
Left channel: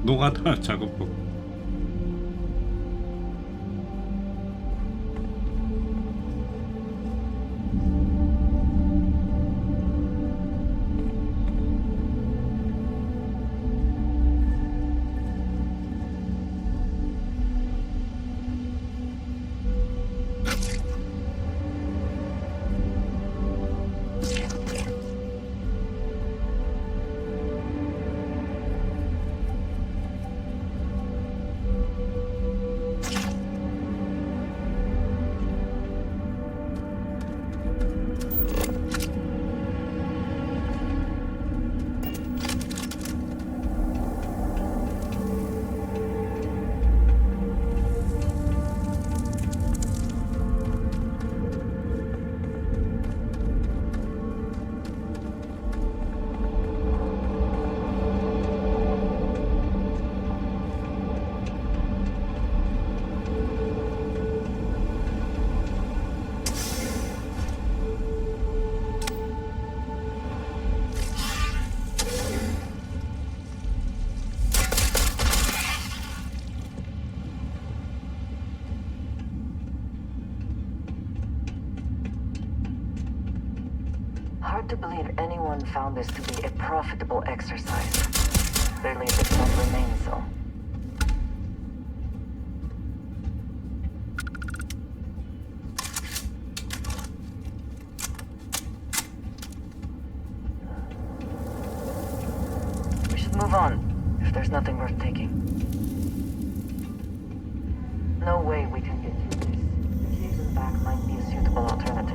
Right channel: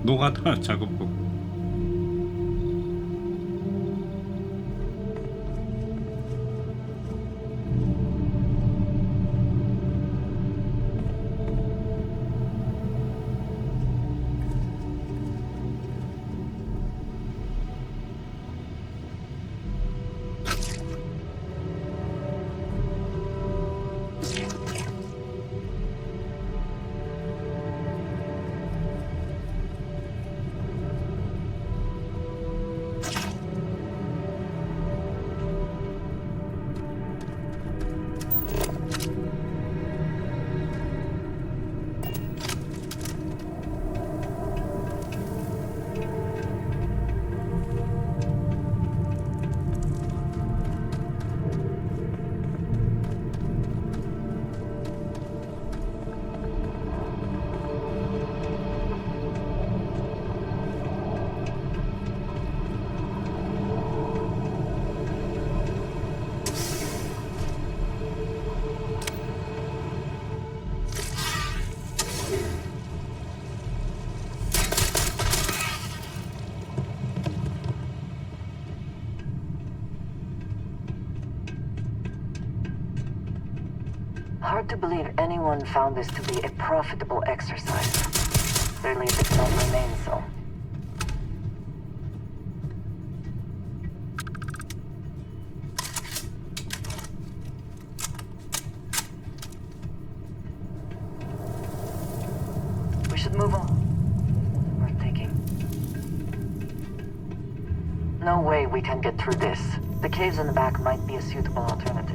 노가다 작업복. Hard to believe anyone found this to be a profitable exercise. Clearly it did not remain so. We should move on, if there's nothing worth taking. No way we can get through this. The caves in the back might be a suitable alternative.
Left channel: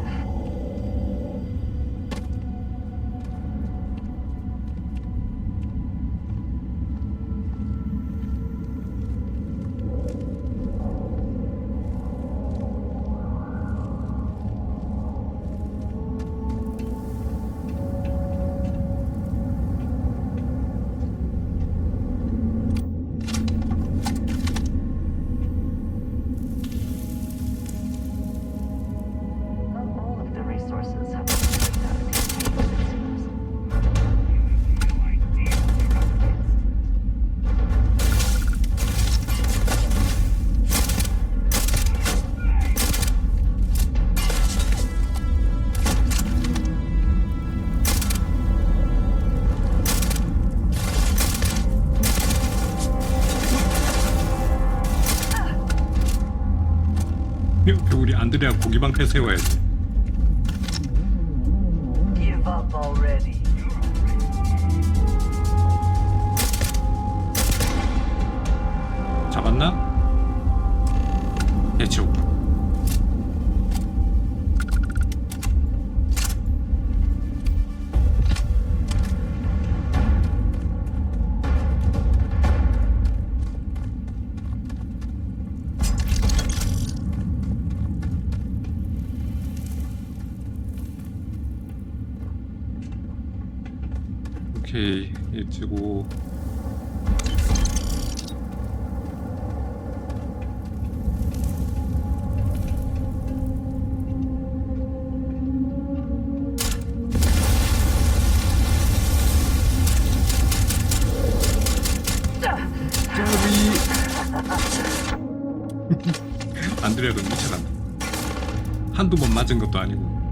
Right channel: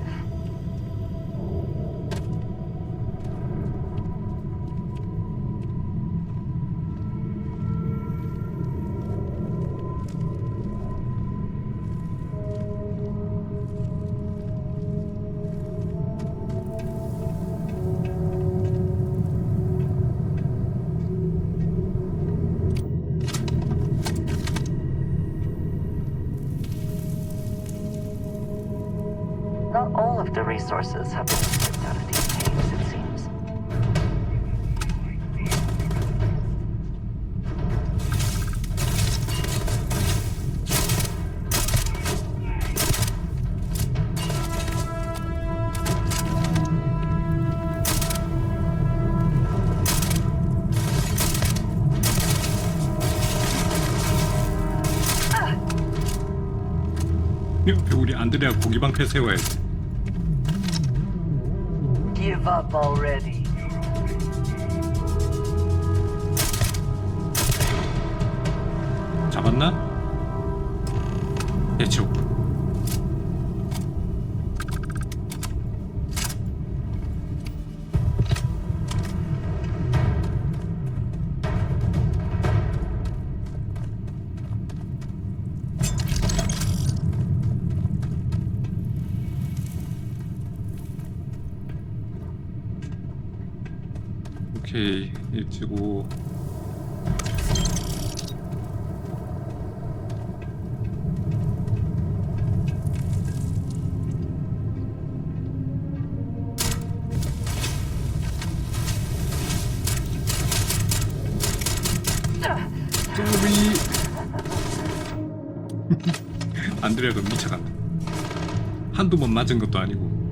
Not all of the resources have been stripped out of these caves, it seems. 옆에 우리 안드레아 고기방패 세워야지. Give up already. 잡았나? 해치워. 오케이, 일찍고 짜리. 안드레아도 미쳐간다. 한두 번 맞은 것도 아니고.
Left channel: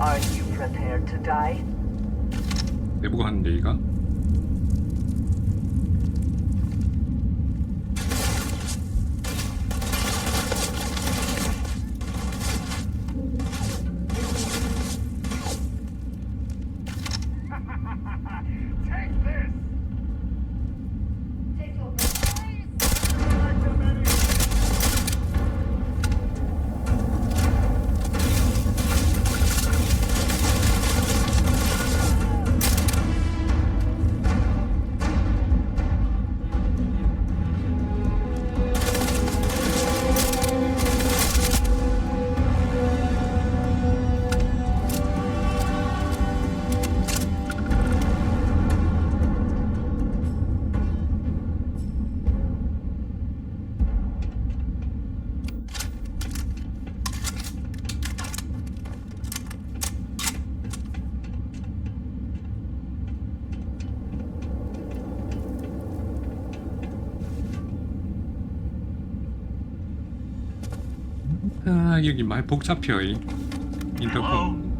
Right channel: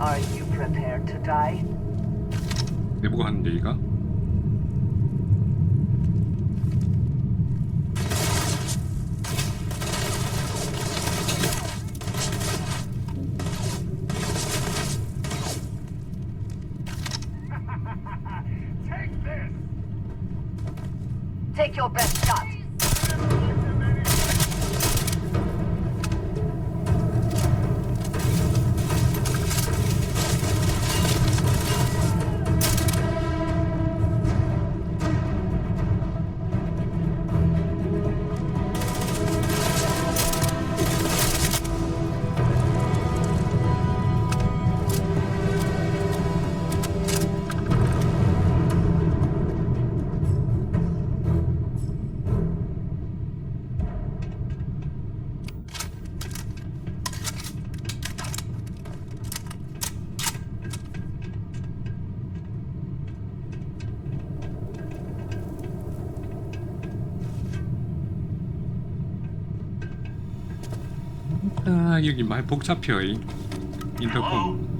Are you prepared to die? 내보고 하는 얘기가? Take your best shot. 아, 여기 많이 복잡해요. 이 인터컴.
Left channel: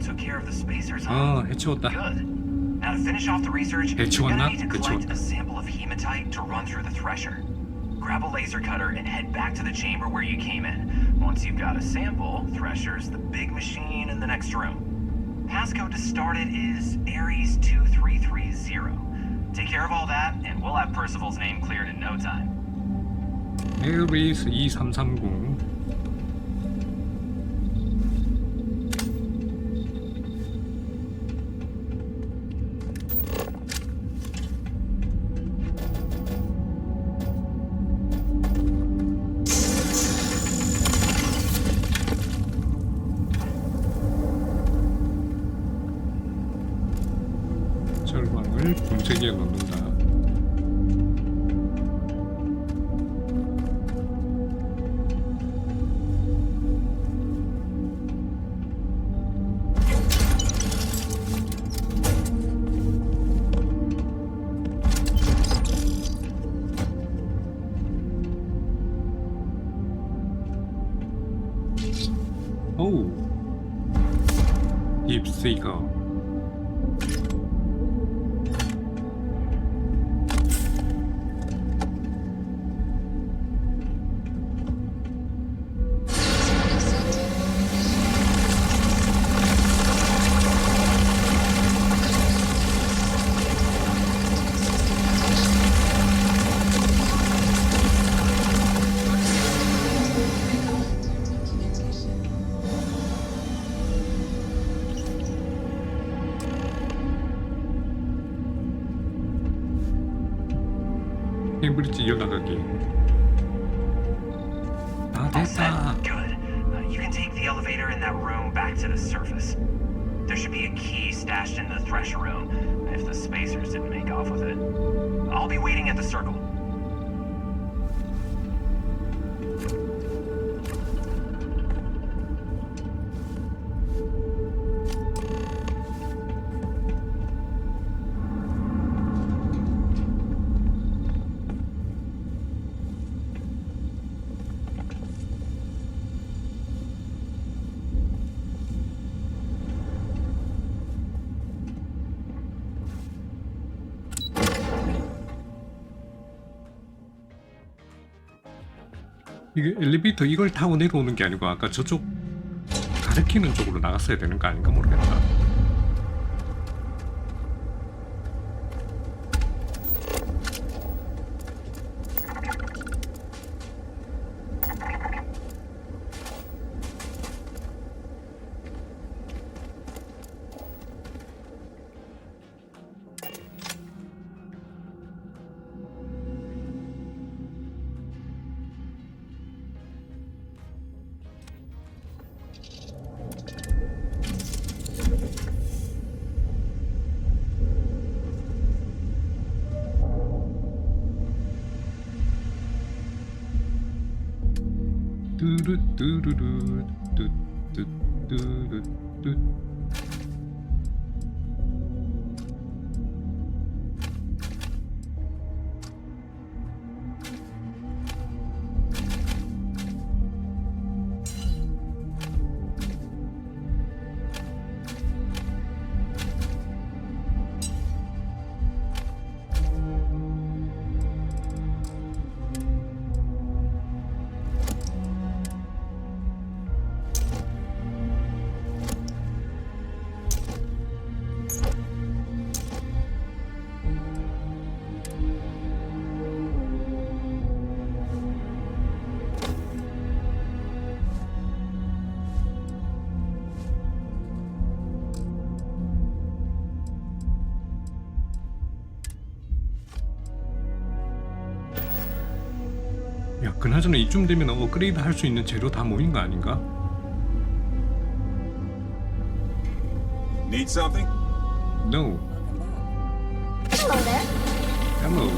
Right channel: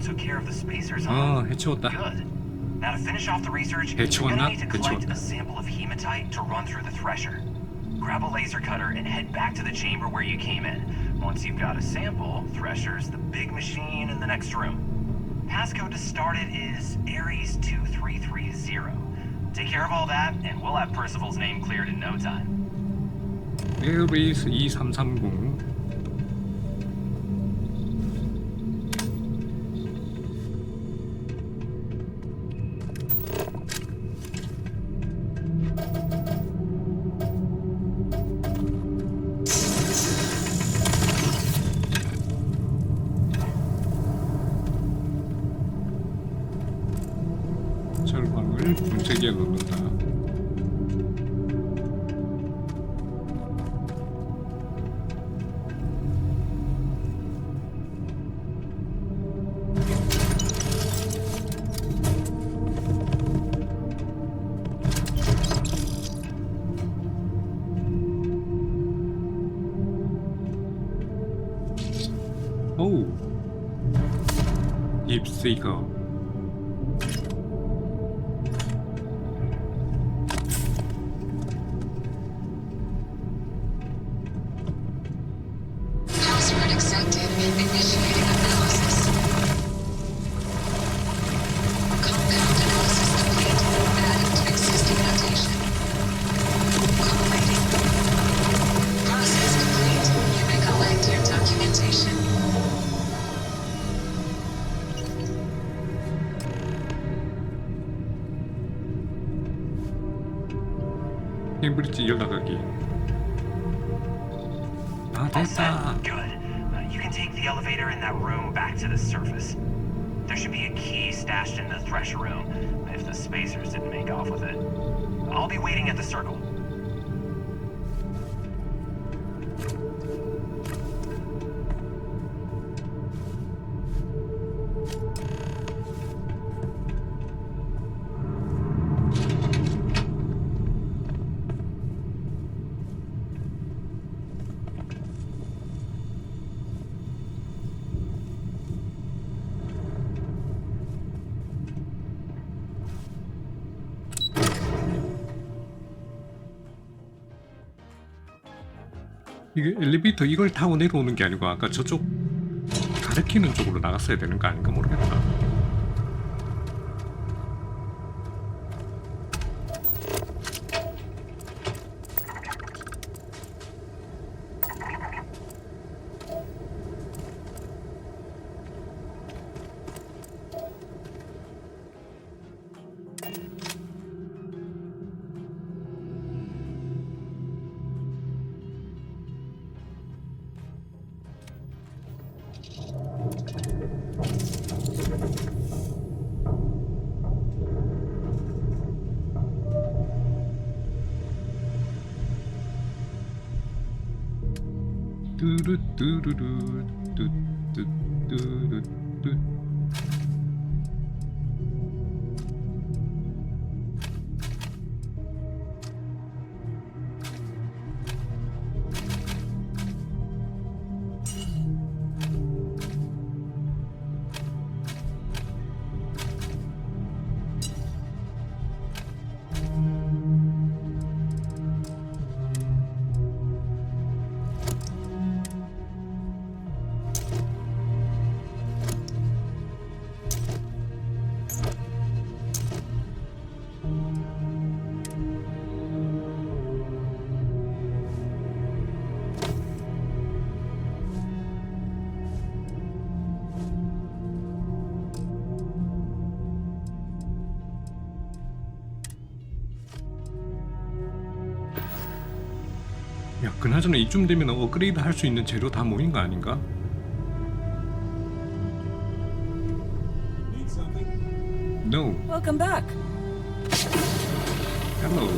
Took care of the spacers, 아, huh? 해치웠다. Good. Now to finish off the research, you're 해치웠나? gonna need to collect 해치웠다. a sample of hematite to run through the thresher. Grab a laser cutter and head back to the chamber where you came in. Once you've got a sample, thresher's the big machine in the next room. Passcode to start it is Ares 2330. Take care of all that, and we'll have Percival's name cleared in no time. 에어베이스 2330. 철광을 분쇄기에 넣는다. 오우. 딥시커. 캠브리지 연락하기. 아, 됐다. Good. You can take the elevator in that room back to the surface. There should be a key stashed in the thresher room if the spacers didn't make off with it. I'll be waiting at the circle. 이게 엘리베이터 이걸 타고 내려오는 게 아니고 아까 저쪽 가리키는 쪽으로 나갔어야 되는 거 아닌가 모르겠다. 뚜루뚜루루 뚜뚜뚜루뚜. 야, 그나저나 이쯤 되면 업그레이드 할 수 있는 재료 다 모인 거 아닌가? Need something? No. Welcome back. Hello.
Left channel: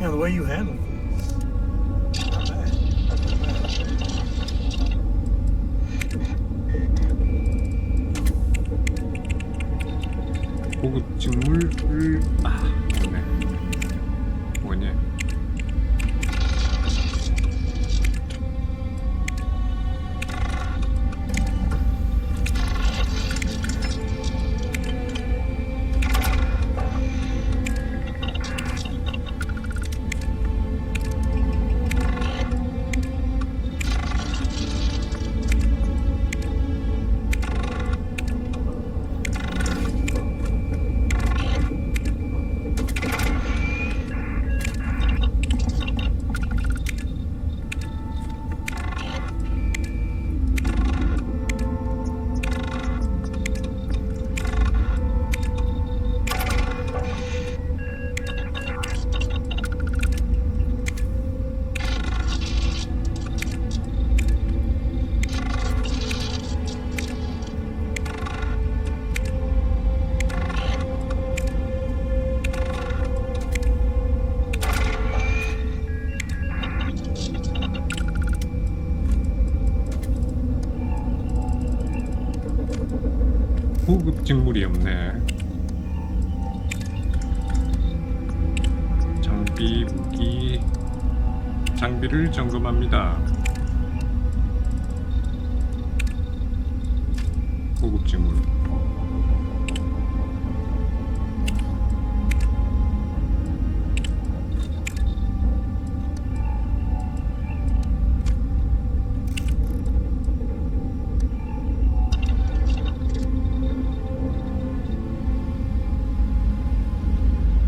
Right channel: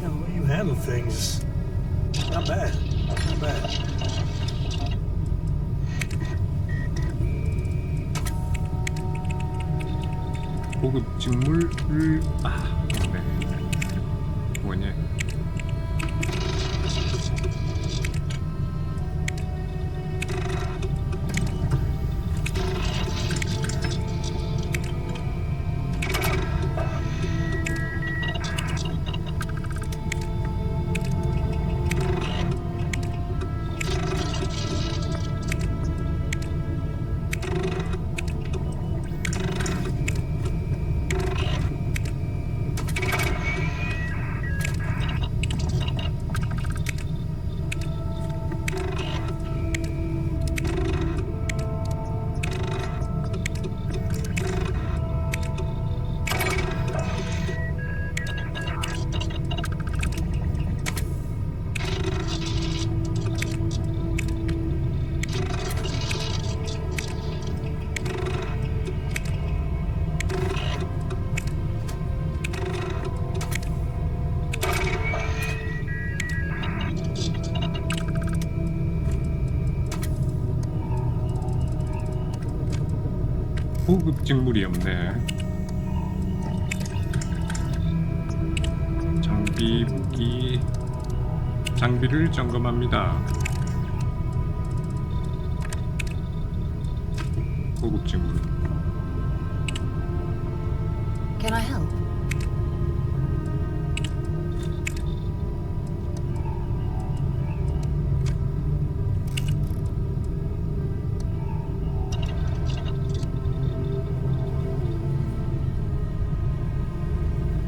Yeah, the way you handle things, not bad. Not bad. 고급 직물을 없네. 뭐냐? 고급 직물이 없네. 장비, 무기, 장비를 점검합니다. 고급지물. Can I help?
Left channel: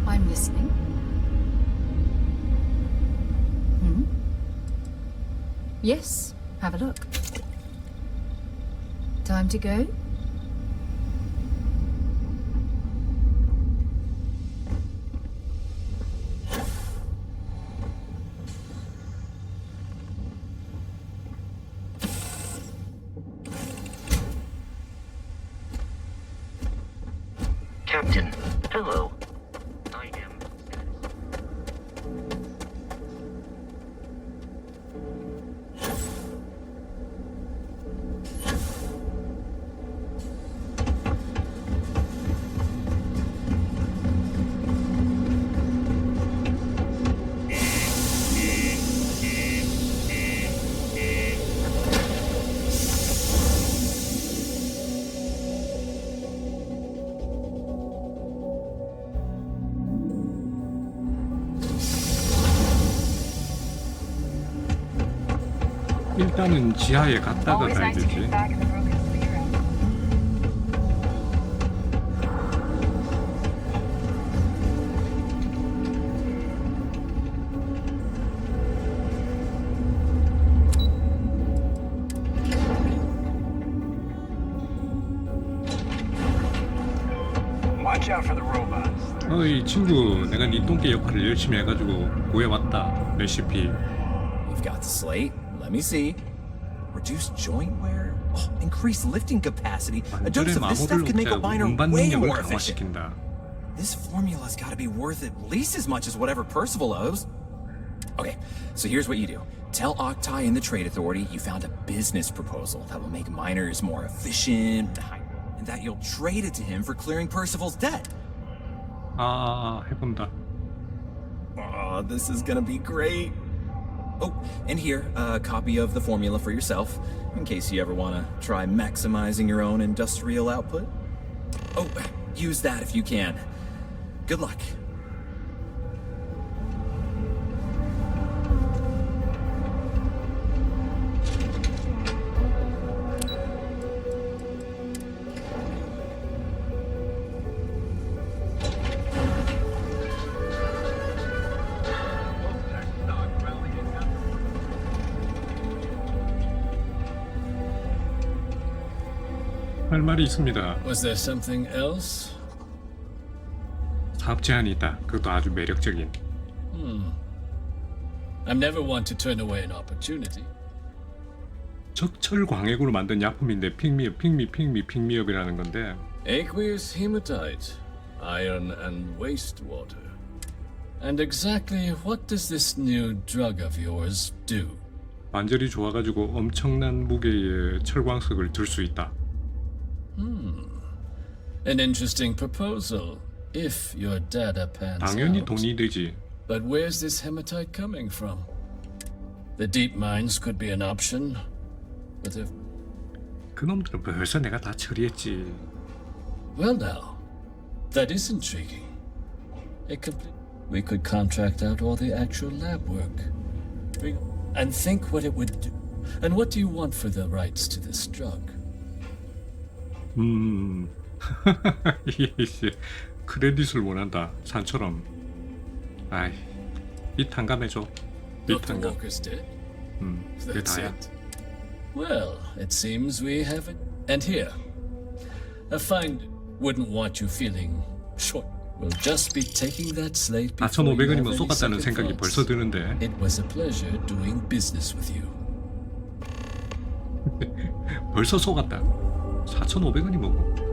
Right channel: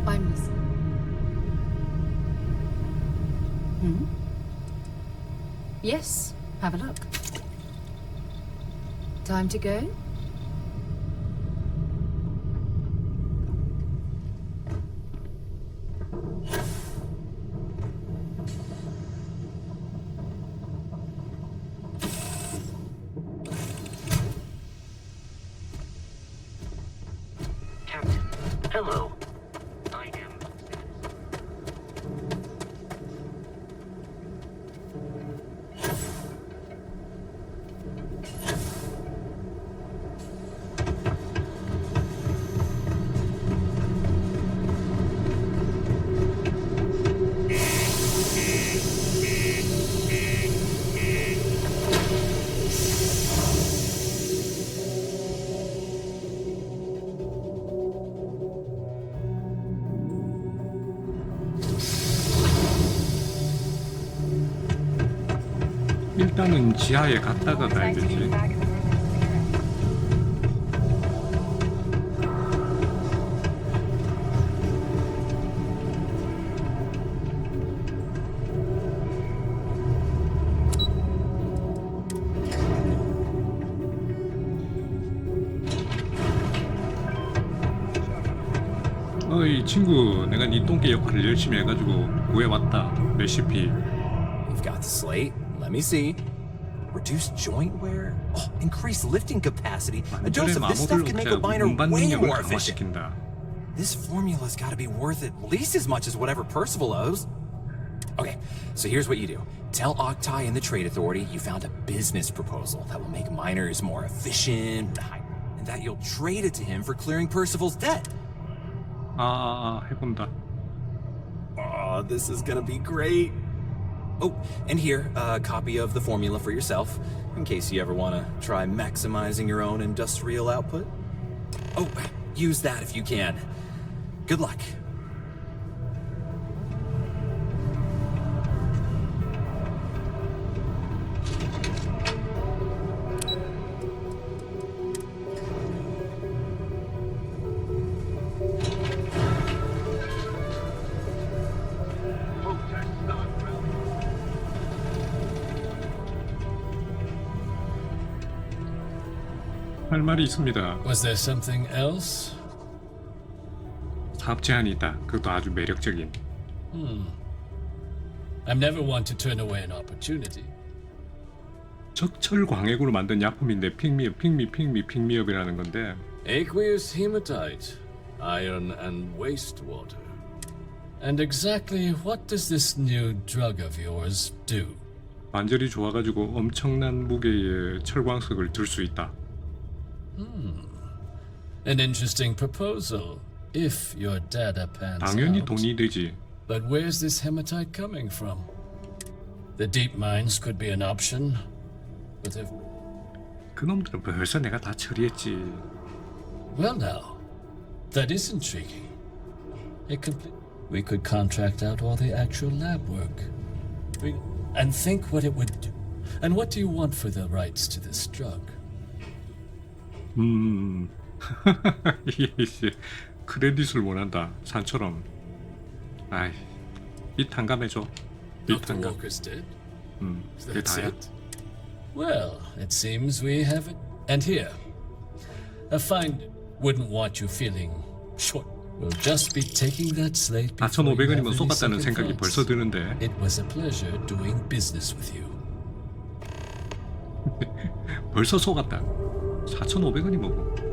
I'm listening. Hmm? Yes, have a look. Time to go? Captain, hello. I am. 일단은 지하에 갔다가 가야 되지. Watch out for the robots. 어이 친구, 내가 네 똥개 역할을 열심히 해가지고 구해왔다. 레시피. You've got the slate. Let me see. Reduce joint wear, increase lifting capacity. A dose 관절의 of this 마모를 stuff can make a 억제하고 miner 운반 way 능력을 more efficient. 강화시킨다. This formula's got to be worth at least as much as whatever Percival owes. Okay, so here's what you do. Tell Octai and the Trade Authority you found a business proposal that will make miners more efficient, and that you'll trade it to him for clearing Percival's debt. 해본다. Oh, this is gonna be great. Oh, and here, a copy of the formula for yourself, in case you ever want to try maximizing your own industrial output. Oh, use that if you can. Good luck. 할 말이 있습니다. Was there something else? 사업 제안이 있다. 그것도 아주 매력적인. I'm never one to turn away an opportunity. 적철 광액으로 만든 약품인데 핑미업이라는 건데. Aqueous hematite, iron and wastewater. And exactly what does this new drug of yours do? 관절이 좋아가지고 엄청난 무게의 철광석을 들 수 있다. An interesting proposal, if your data pans 당연히 out. 돈이 되지. But where's this hematite coming from? The deep mines could be an option, but if... 그놈들은 벌써 내가 다 처리했지. Well now, that is intriguing. We could contract out all the actual lab work. And think what it would do. And what do you want for the rights to this drug? 크레딧을 원한다. 산처럼. 아이, 이 탕감해줘. 이 탕감. 그게 다야. Well, it seems we have it. And here, a find wouldn't want you feeling short. We'll just be taking that slate. 4,500원이면 쏘갔다는 생각이 벌써 드는데. It was a pleasure doing business with you. 벌써 쏘갔다. 4,500원이 뭐고?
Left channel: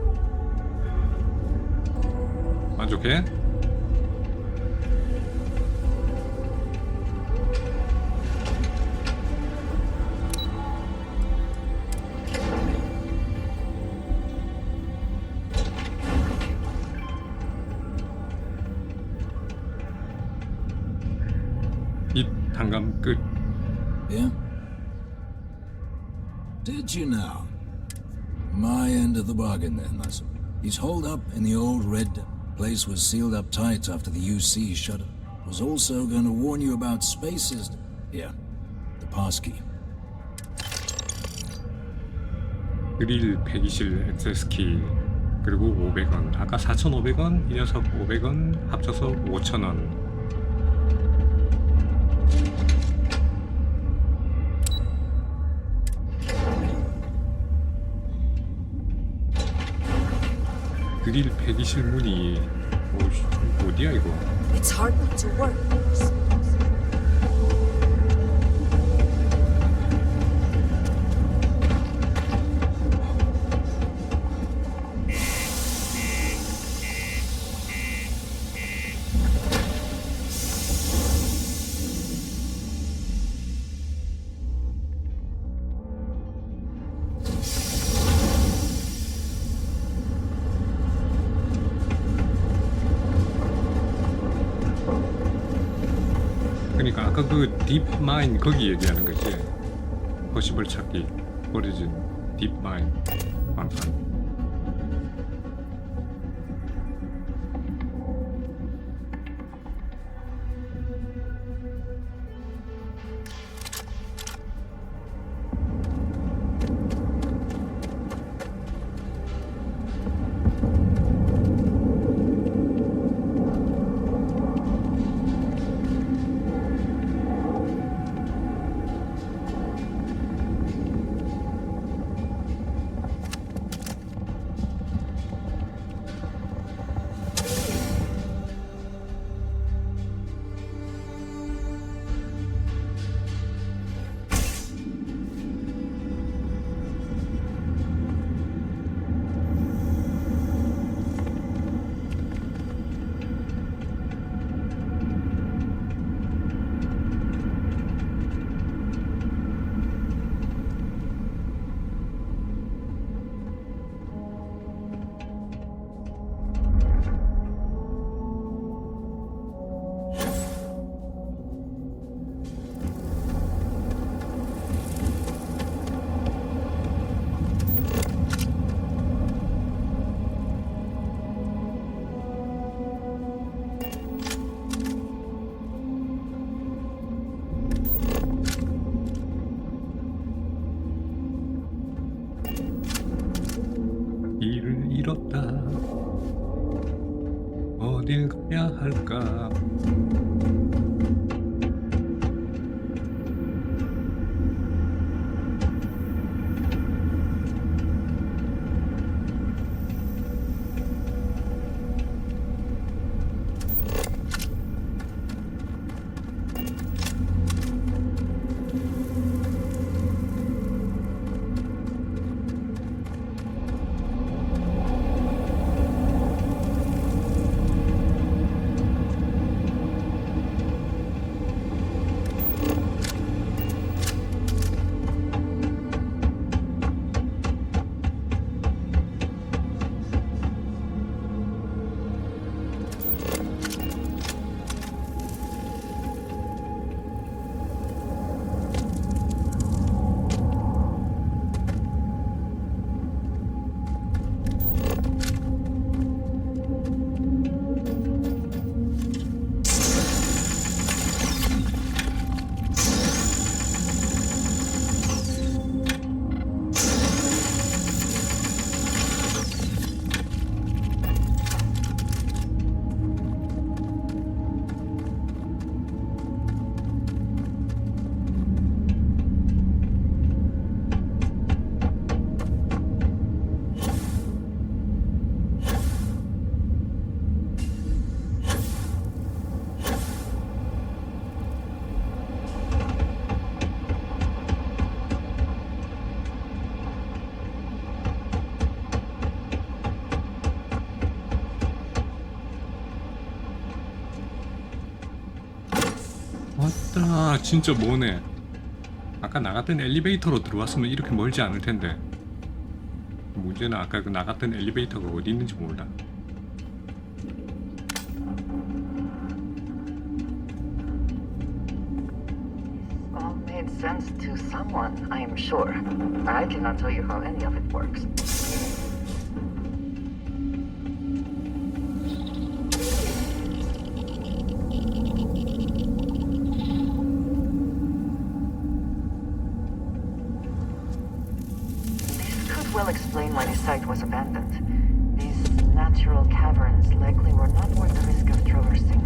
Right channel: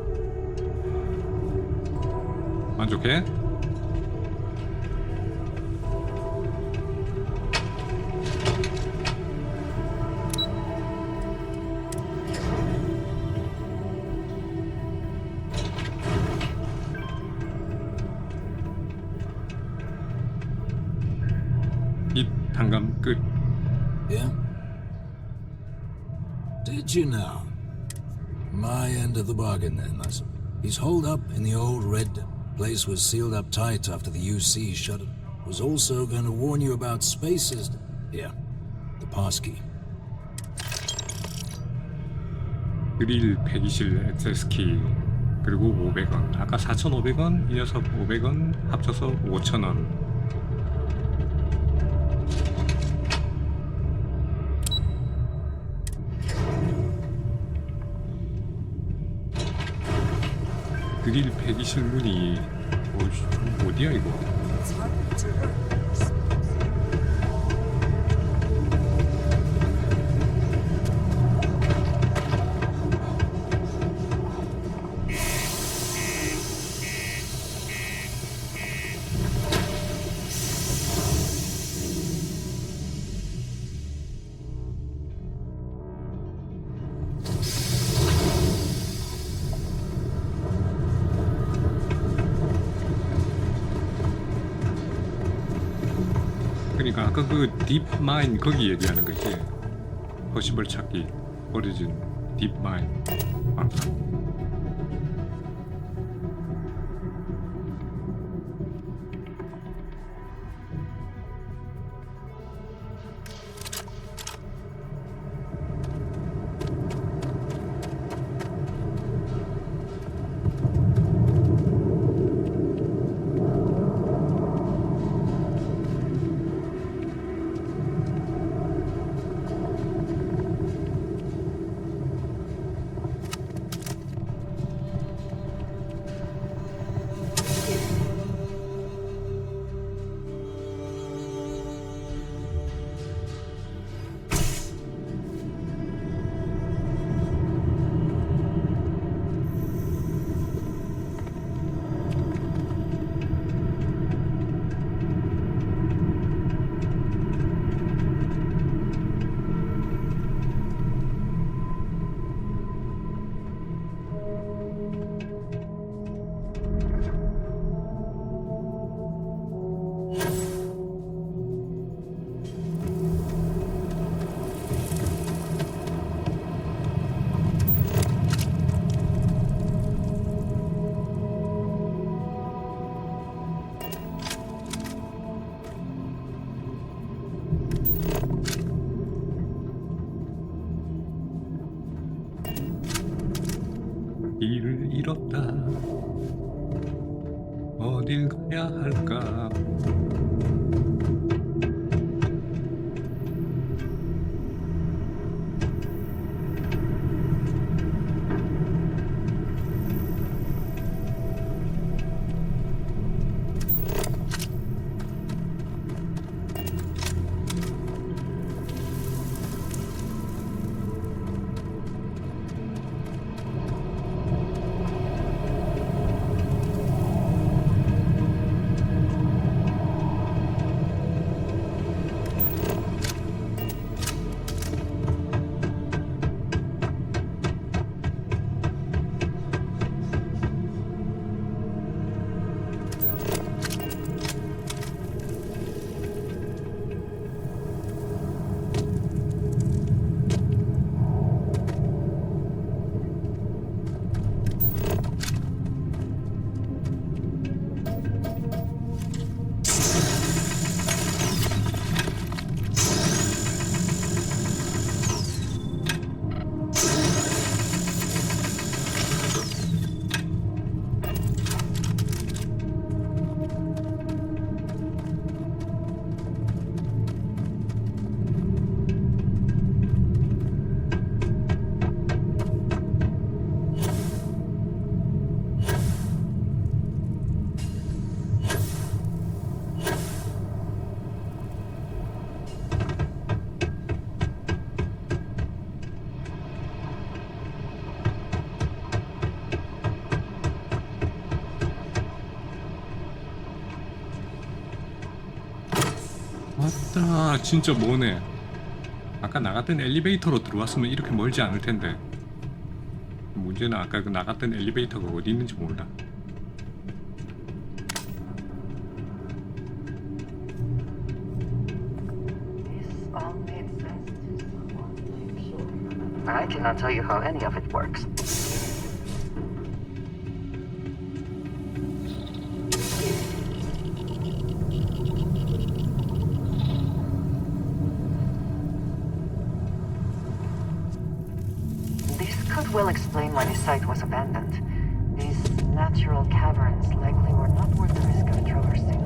만족해? 이 단감 끝. Yeah? Did you know? My end of the bargain then, I suppose. He's holed up in the old red place was sealed up tight after the UC shut it. Was also going to warn you about spaces. Yeah, the passkey. 그릴 120 액세스키 그리고 500원. 아까 4,500원, 이 녀석 500원 합쳐서 5,000원. 그릴 120 문이 어디야 이거? It's hard not to work. 그러니까 아까 그 딥마인 거기 얘기하는 거지. 퍼시벌 찾기 버려진 딥마인 방산. 길을 잃었다. 어딜 가야 할까? 왔다. 진짜 뭐네. 아까 나갔던 엘리베이터로 들어왔으면 이렇게 멀지 않을 텐데. 문제는 아까 그 나갔던 엘리베이터가 어디 있는지 몰라. All made sense to someone, I am sure. I cannot tell you how any of it works. why this site was abandoned. These natural caverns likely were not worth the risk of traversing.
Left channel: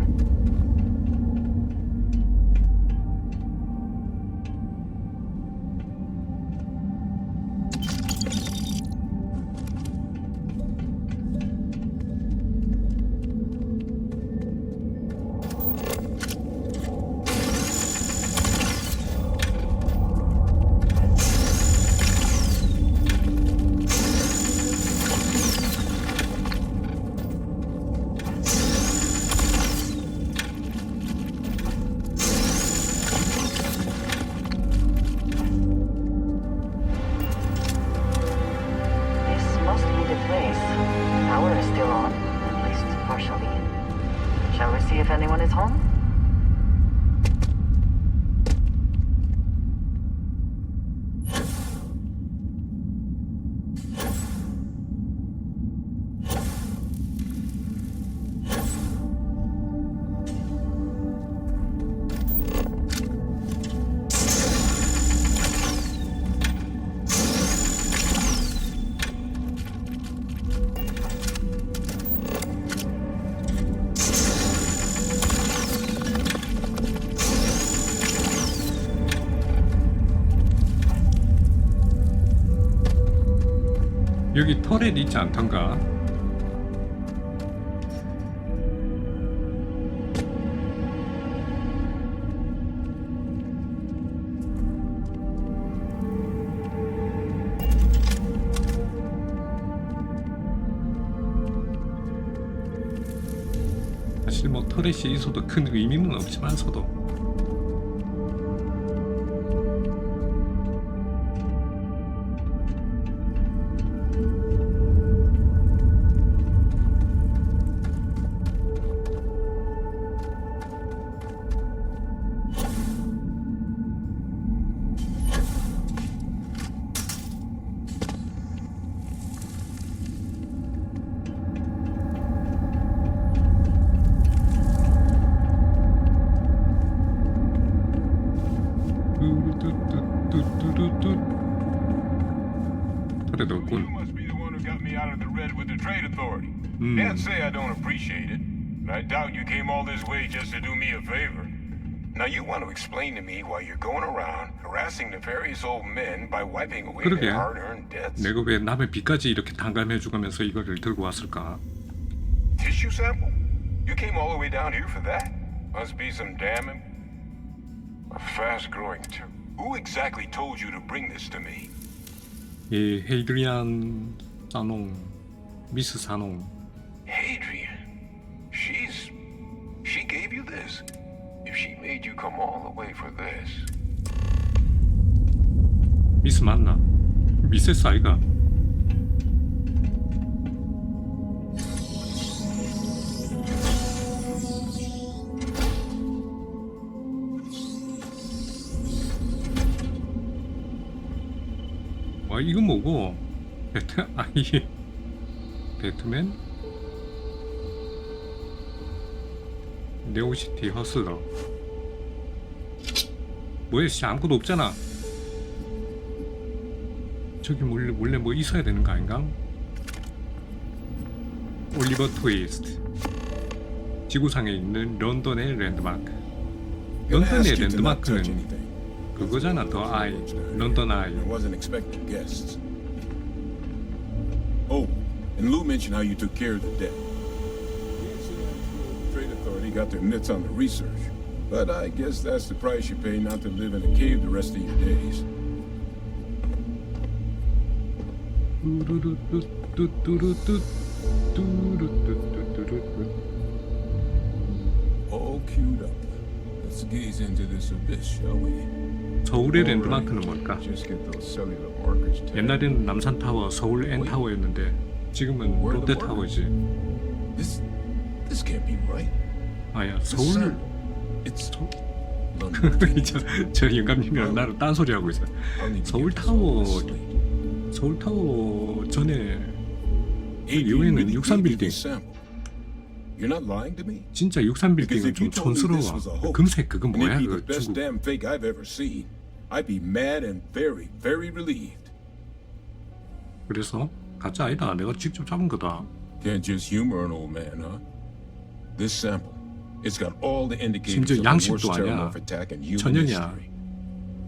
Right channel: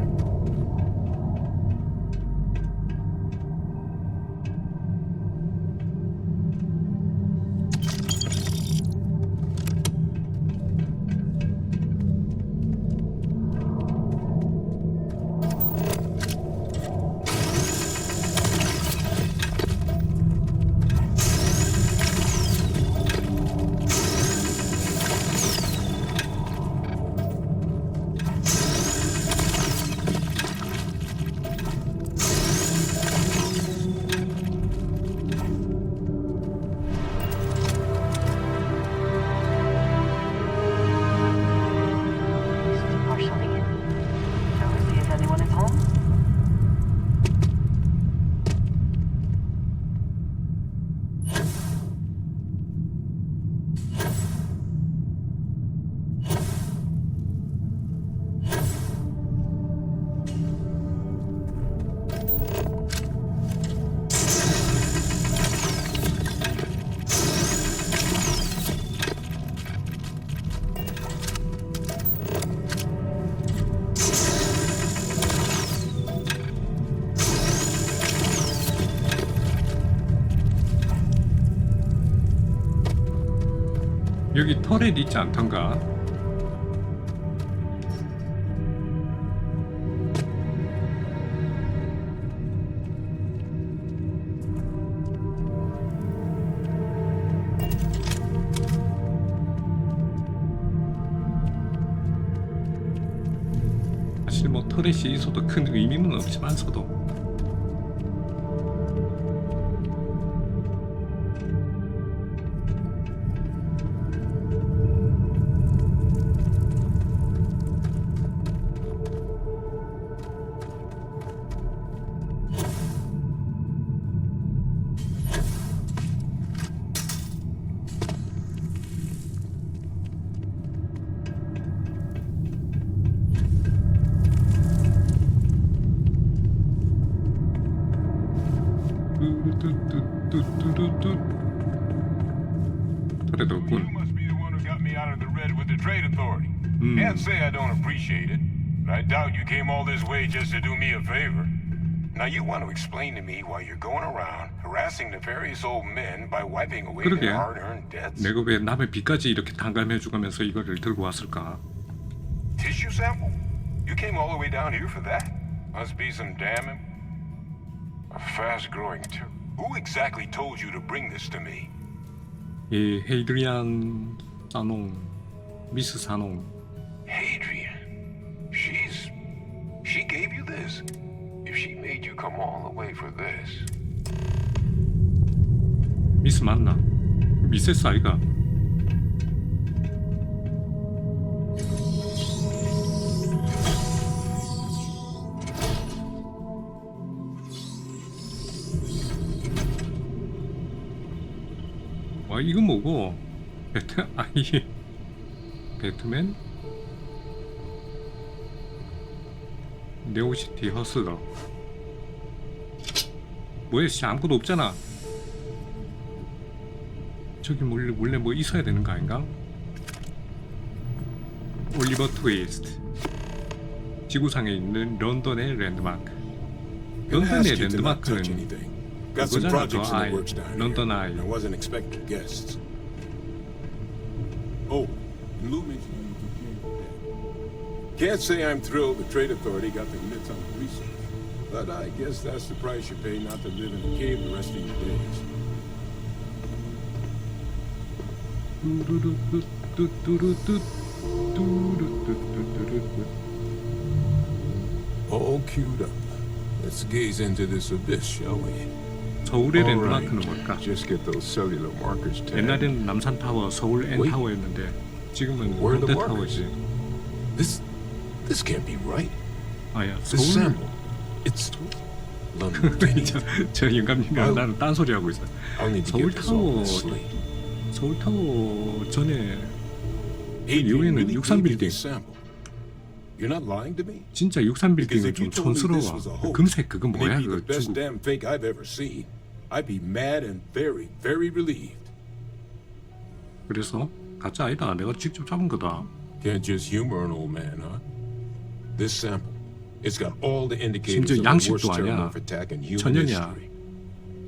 Shall we see if anyone is home? 여기 터렛 있지 않던가? 사실 뭐 터렛이 있어도 큰 의미는 없지만서도 뚜뚜뚜뚜뚜뚜 터렛 없군. Can't say I don't appreciate it. I doubt you came all this way just to do me a favor. Now you want to explain to me why you're going around harassing nefarious old men by wiping away 그러게. their hard-earned debts? 내가 왜 남의 빚까지 이렇게 탕감해주면서 이거를 들고 왔을까? Tissue sample? You came all the way down here for that? Must be some damn fast-growing too. Who exactly told you to bring this to me? 예, 헤이드리안 사농, 미스 사농. Hadrian. She gave you this. If she made you come all the way for this. 미스 맞나? 미세스 아이가? 와 이거 뭐고? 배트맨? 네오시티 허슬러. 뭐야 씨 아무것도 없잖아. 저기 몰래 뭐 있어야 되는 거 아닌가? 올리버 트위스트. 지구상에 있는 런던의 랜드마크. 런던의 랜드마크는 그거잖아, 저 아이. 런던 아이. Oh, and Lou mentioned how you took care of the debt. Can't say I'm thrilled the Trade Authority got their mitts on the research, but I guess that's the price you pay not to live in a cave the rest of your days. All queued up. Let's gaze into this abyss, shall we? 서울의 랜드마크는 뭘까? Just get those cellular markers tagged. 옛날에는 남산타워, 서울 N타워였는데 지금은 롯데타워지. This can't be right. 아야 서울. 저 영감님이랑 나는 딴소리 하고 있어. 서울타워 전에 그 이후에는 63빌딩. 진짜 63빌딩은 좀 촌스러워. 금색 그거 뭐야 그거 중국. 그래서 가짜 아니다. 내가 직접 잡은 거다. Can't just humor an old man, huh? This sample, it's got all the indicators 심지어 of the worst 양식도 아니야. terramorph attack in human 천연이야. history.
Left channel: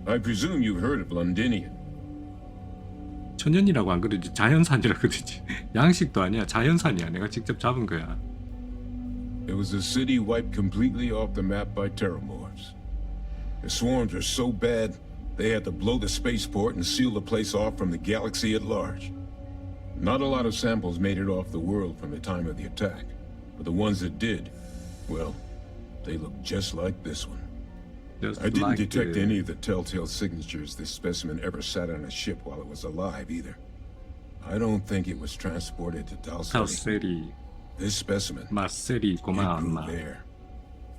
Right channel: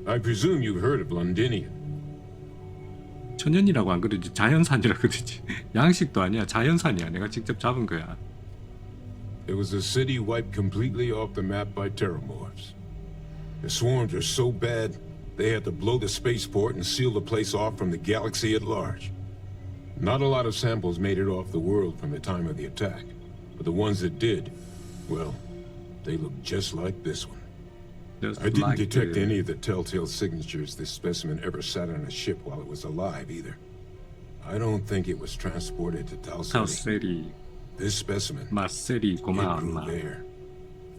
I presume you've heard of Londinium. 천연이라고 안 그러지. 자연산이라 그러지. 양식도 아니야. 자연산이야. 내가 직접 잡은 거야. It was a city wiped completely off the map by terramorphs. The swarms are so bad, they had to blow the spaceport and seal the place off from the galaxy at large. Not a lot of samples made it off the world from the time of the attack, but the ones that did, well, they look just like this one. I didn't detect any of the telltale signatures this specimen ever sat on a ship while it was alive either. I don't think it was transported to Talseri. This specimen, 마세리 it grew 고마웠나. there,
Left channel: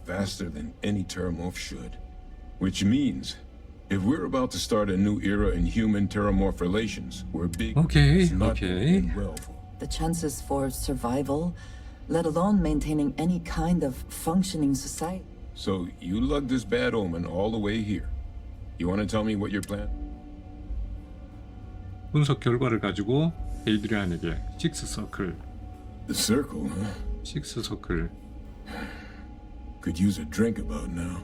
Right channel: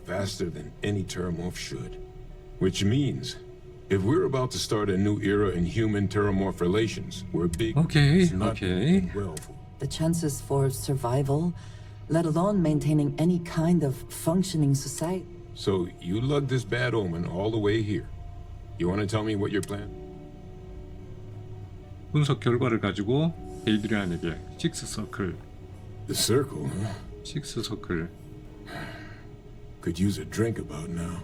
faster than any terramorph should. Which means, if we're about to start a new era in human-terramorph relations, where big is not going well for. The chances for survival, let alone maintaining any kind of functioning society. So you lugged this bad omen all the way here. You want to tell me what your plan? 분석 결과를 가지고 에이드리안에게 식스 서클. The circle, huh? 식스 서클. Could use a drink about now.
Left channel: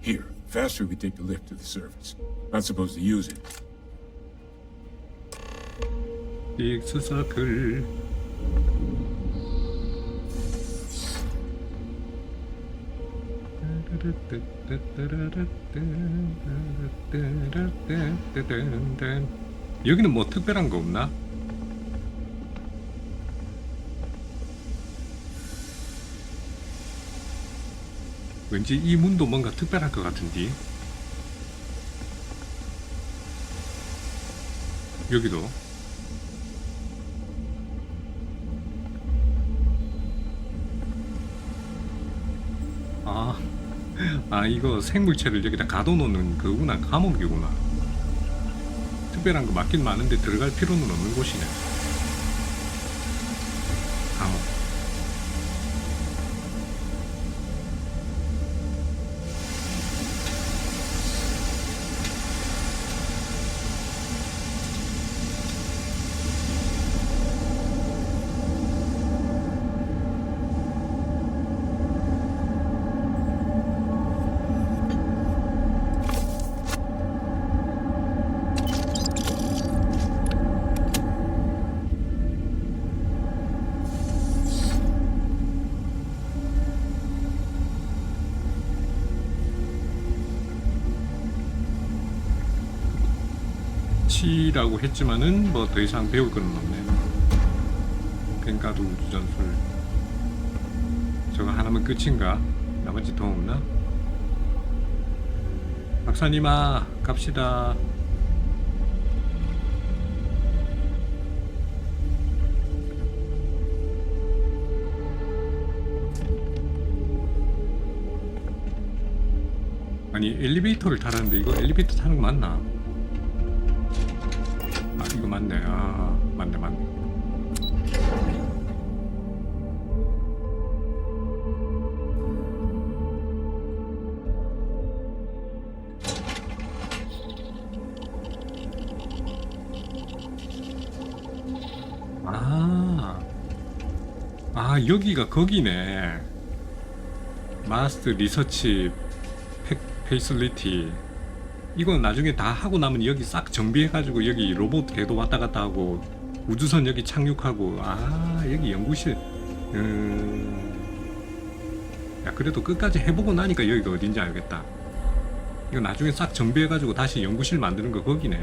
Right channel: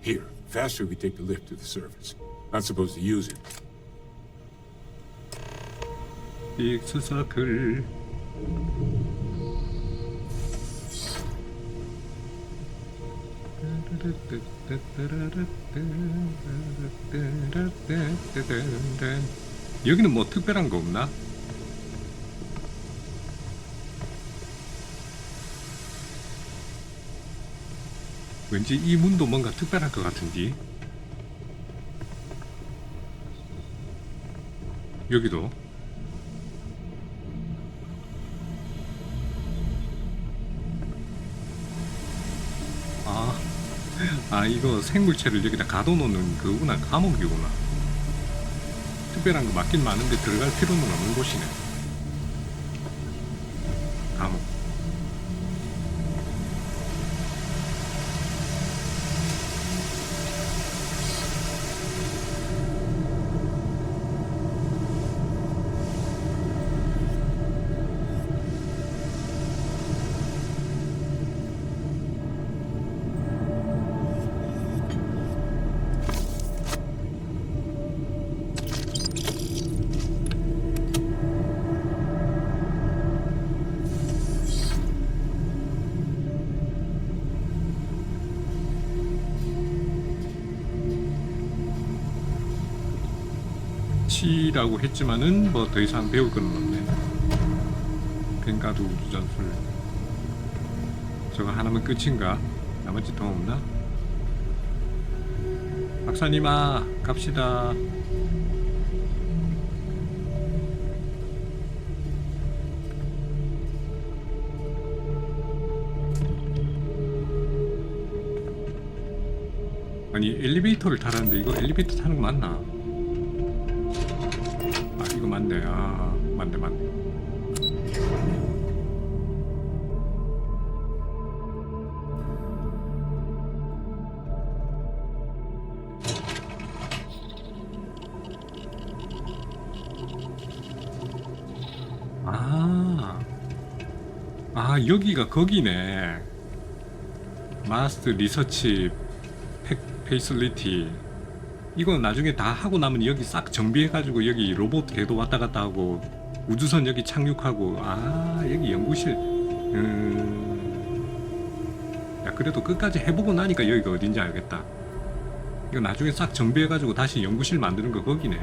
Here, faster we take the lift to the surface. Not supposed to use it. 식스 서클. 여기는 뭐 특별한 거 없나? 왠지 이 문도 뭔가 특별할 것 같은데. 여기도 이거 생물체를 여기다 가둬놓는 그거구나. 감옥이구나. 특별한 거 맞긴 많은데 들어갈 필요는 없는 곳이네. 감옥. 치라고 했지만은 뭐 더 이상 배울 건 없네. 뱅가드 우주전술 저거 하나면 끝인가? 나머지 더 없나? 박사님아 갑시다. 아니 엘리베이터를 타라는데 이거 엘리베이터 타는 거 맞나? 이거 맞네. 맞네. 여기가 거기네. 마스터 리서치 페이슬리티. 이건 나중에 다 하고 나면 여기 싹 정비해가지고 여기 로봇 궤도 왔다 갔다 하고 우주선 여기 착륙하고 여기 연구실. 야 그래도 끝까지 해보고 나니까 여기가 어딘지 알겠다. 이거 나중에 싹 정비해가지고 다시 연구실 만드는 거 거기네.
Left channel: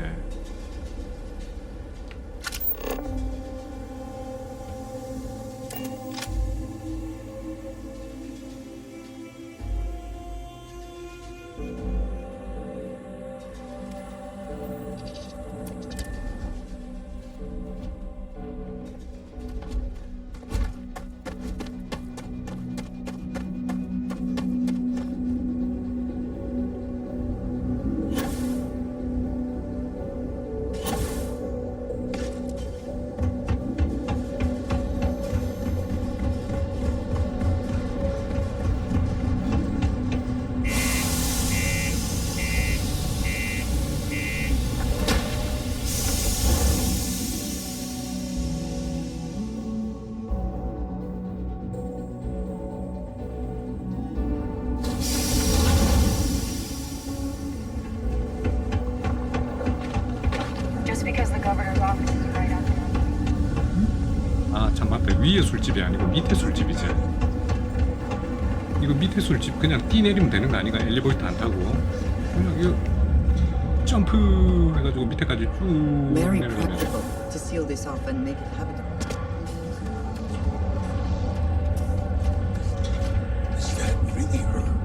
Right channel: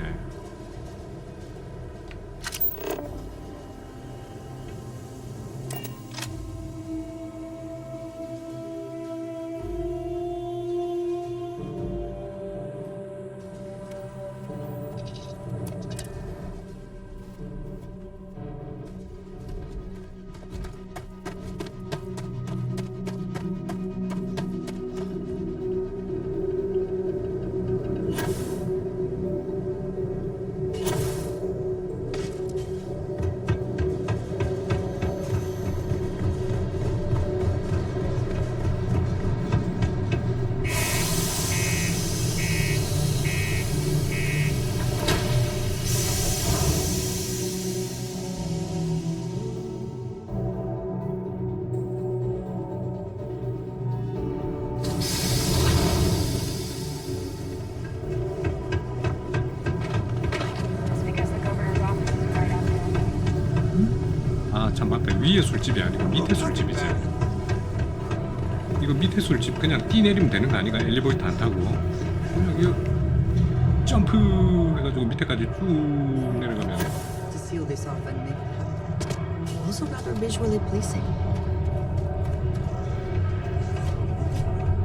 참 맞다. 위에 술집이 아니고 밑에 술집이지. 이거 밑에 술집 그냥 뛰 내리면 되는 거 아니가? 엘리베이터 안 타고 그냥 이거 점프 해가지고 밑에까지 쭉 내려가면. To seal this off and make it habitable. Also visually pleasing.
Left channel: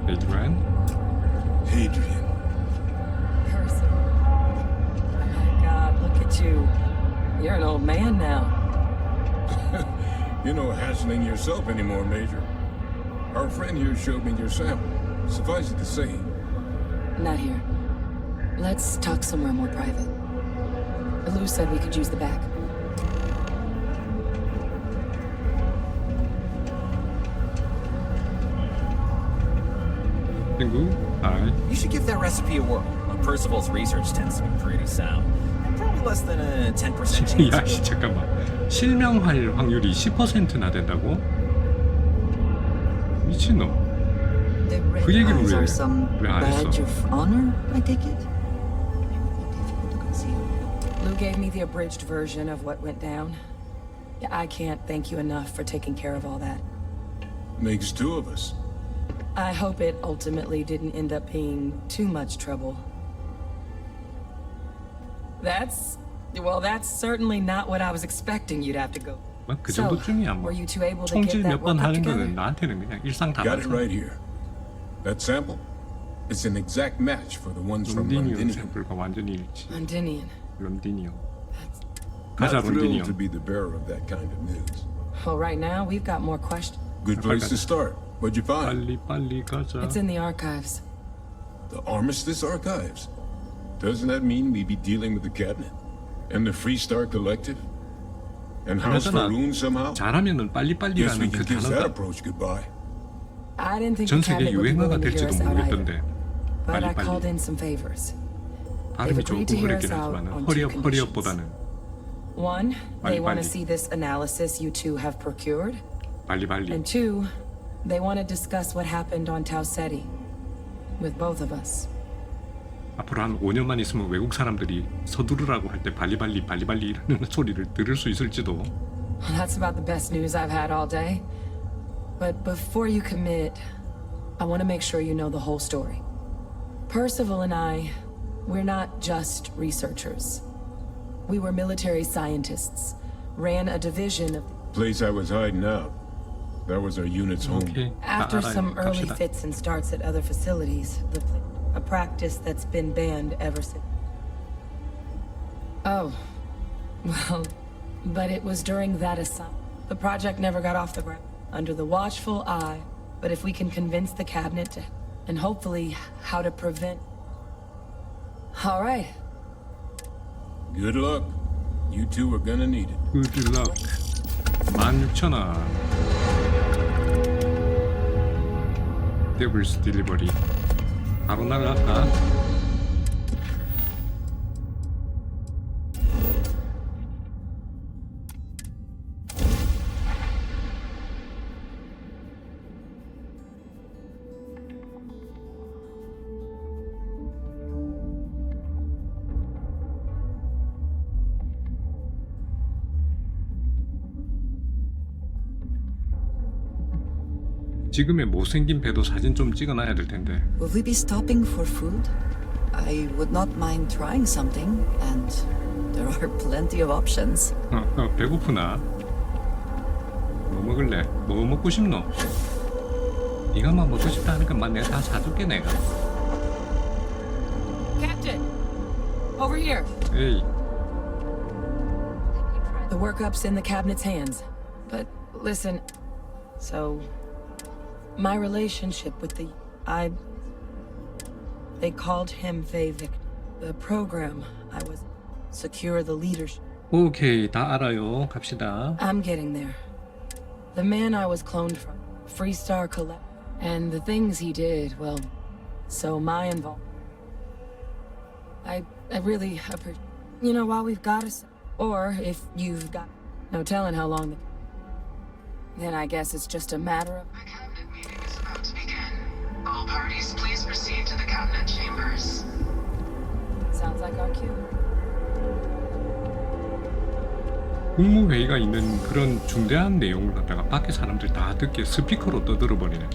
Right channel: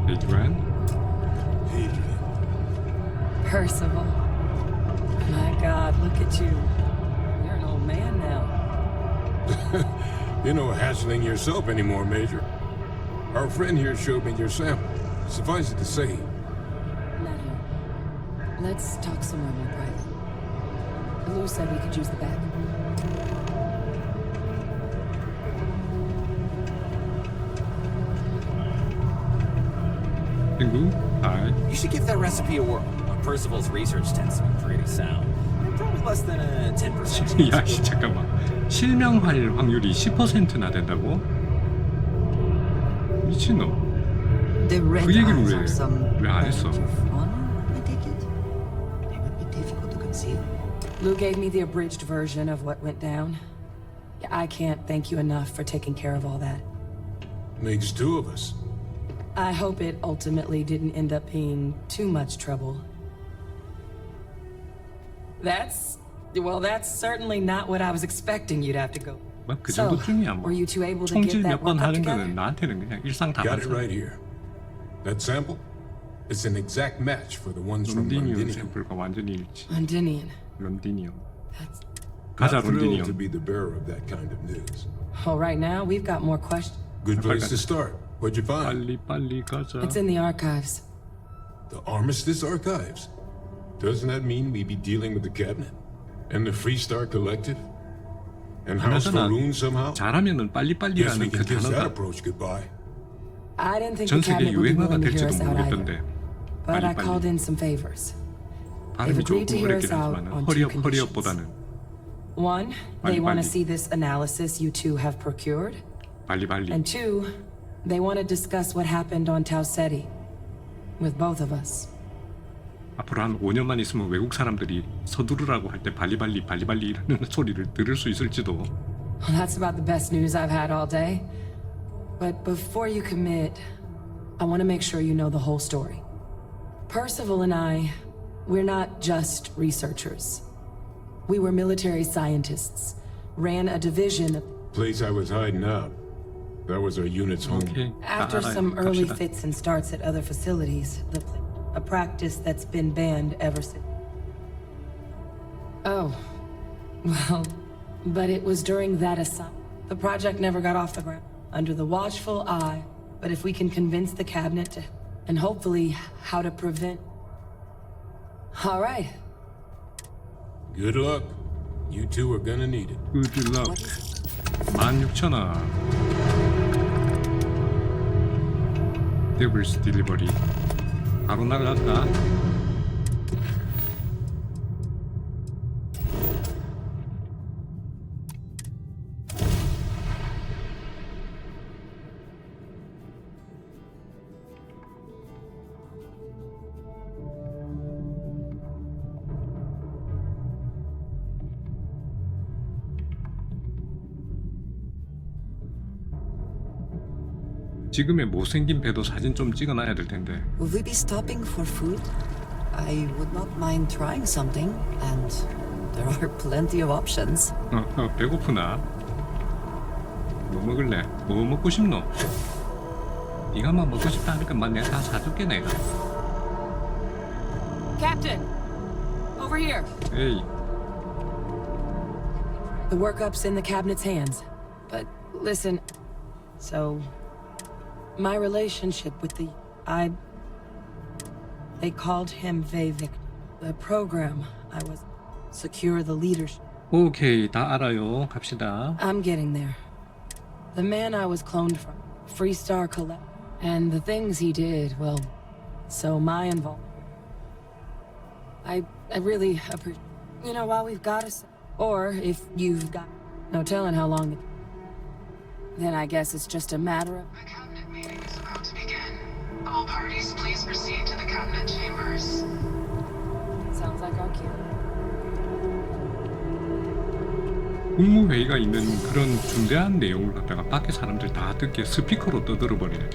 Adrian? Adrian. Percival. My God, look at you. You're an old man now. You're no hassling yourself anymore, Major. Our friend here showed me your sample. Suffice it to say, Not here. Let's talk somewhere more private. Lou said we could use the back. 친구? Hi. You should give that recipe a whirl. Percival's research tends to be pretty sound. And probably less than a 10% chance. 야씨 잠깐만. 실명할 확률이 10%나 된다고? 미친놈. The red 그 얘기를 eyes 왜 are some 안 했어? badge of honor, I take it? They would be difficult to conceal. Lou gave me the abridged version of what went down. Yeah, I can't thank you enough for taking care of all that. makes two of us. I hope it ultimately didn't end up being too much trouble. That's certainly not what I was expecting you'd have to go. 그 정도쯤이야 뭐. Were you two able to 총질 get that 몇 번 work 하는 together? 거는 나한테는 그냥 일상다반사. Got it right here. That sample? It's an exact match for the ones from 론디니온 Londinium. 샘플과 완전히 일치. Londinion. 론디니온. Not 가자 thrilled 론디니온. to be the bearer of that kind of news. Well, right now we've got more questions. Good place to start. What'd you find? 빨리 가자. It's in the archives. The Armistice Archives. Doesn't that mean we be dealing with the cabinet and the Freestar Collective and House 그나저나 Faroon somehow? 잘하면은 Guess we 빨리빨리라는 그 can kiss that 단어가 approach goodbye. I didn't think 전 the 세계 cabinet would be 유행어가 willing to hear 될지도 us out 모르겠던데. either. But I called 빨리빨리. in some favors. 발음이 They've agreed to 조금 hear 어렵긴 us out 하지만 on two 허리업 conditions. 허리업보다는 One, they want to 빨리빨리. see this analysis you two have procured. 빨리빨리. And two, they want to discuss what happened on Tau Ceti with both of us. 앞으로 한 5년만 있으면 외국 사람들이 서두르라고 할 때 발리발리라는 소리를 들을 수 있을지도. Well, that's about the best news I've had all day. But before you commit, I want to make sure you know the whole story. Percival and I, we're not just researchers. We were military scientists, ran a division of... Place I was hiding out. That was our unit's home. 오케이. 다 After 알아요. some early 갑시다. fits and starts at other facilities, a practice that's been banned ever since. Oh, well, but it was during that assignment. The project never got off the ground. Under the watchful eye, but if we can convince the cabinet to, and hopefully how to prevent. All right. Good luck. You two are gonna need it. Good luck. 16,000원. 데블스 딜리버리. 바로 날라갈까? 지금의 못생긴 배도 사진 좀 찍어놔야 될 텐데. Will we be stopping for food? I would not mind trying something, and there are plenty of options. 배고프나? 뭐 먹을래? 뭐 먹고 싶노? 네가 뭐 먹고 싶다 하니까 내가 다 사줄게 내가. Captain, over here. 에이. The workup's in the cabinet's hands. But listen, so my relationship with they called him Vavik. The program I was secure the leadership. 오케이, 다 알아요. 갑시다. I'm getting there. The man I was cloned from, Freestar Collect, and the things he did, well, so my involvement. I really appreciate. You know, while we've got us, or if you've got no telling how long. Then I guess it's just a matter of. The cabinet meeting is about to begin. All parties, please proceed to the cabinet chambers. Sounds like our cue. 국무회의가 있는 그런 중대한 내용을 갖다가 밖에 사람들 다 듣게 스피커로 떠들어버리네.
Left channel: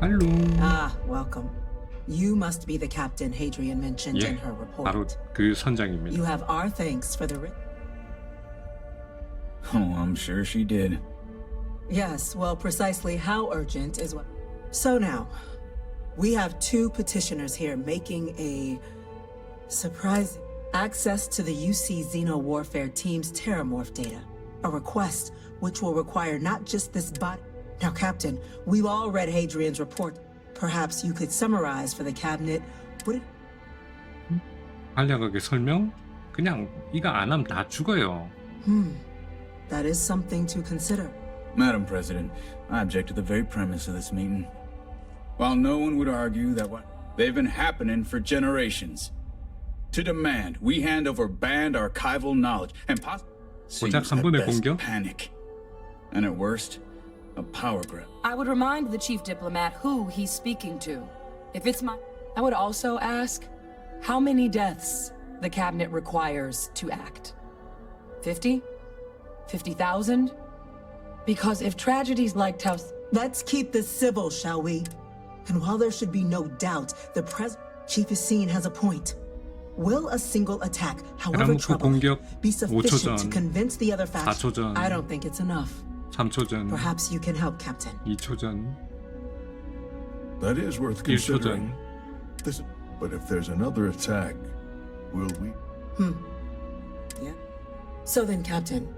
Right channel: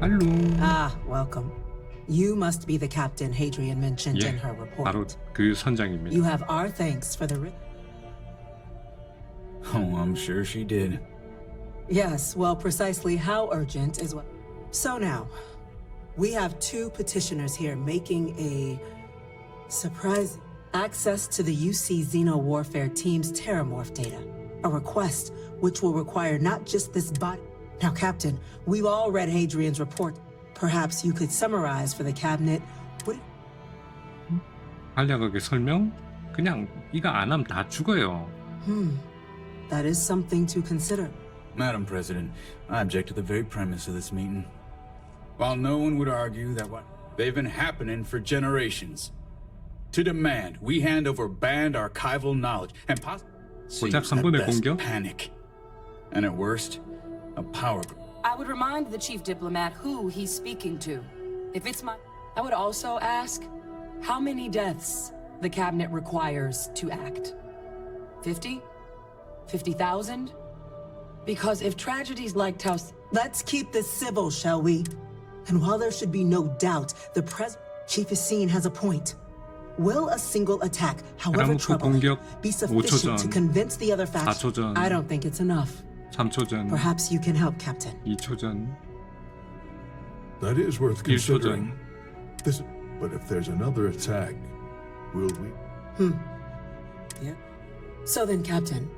할로. Ah, welcome. You must be the captain Hadrian mentioned in 예, her report. 바로 그 선장입니다. You have our thanks for the Oh, I'm sure she did. Yes, well, precisely how urgent is what. So now, we have two petitioners here making a surprise access to the UC Xeno Warfare Team's Terramorph data. A request which will require not just this body. Now, Captain, we've all read Hadrian's report. Perhaps you could summarize for the cabinet what it... 간략하게 설명? 그냥 이거 안 하면 다 죽어요. That is something to consider. Madam President, I object to the very premise of this meeting. While no one would argue that what they've been happening for generations, to demand we hand over banned archival knowledge and 고작 한 번의 공격? panic, and at worst, a power grab. I would remind the chief diplomat who he's speaking to. If it's my... I would also ask how many deaths the cabinet requires to act. 50? 50,000? Because if tragedies like Taos... Let's keep this civil, shall we? And while there should be no doubt, the Chief Essene has a point. Will a single attack, however 테라모프 공격 troubled, be 5초 sufficient 전, to convince the other 4초 faction? 전, I don't think it's enough. 3초 전, Perhaps you can help, Captain. 2초 전, That is worth 1초 considering. 전. But if there's another attack, will we? Yeah. So then, Captain.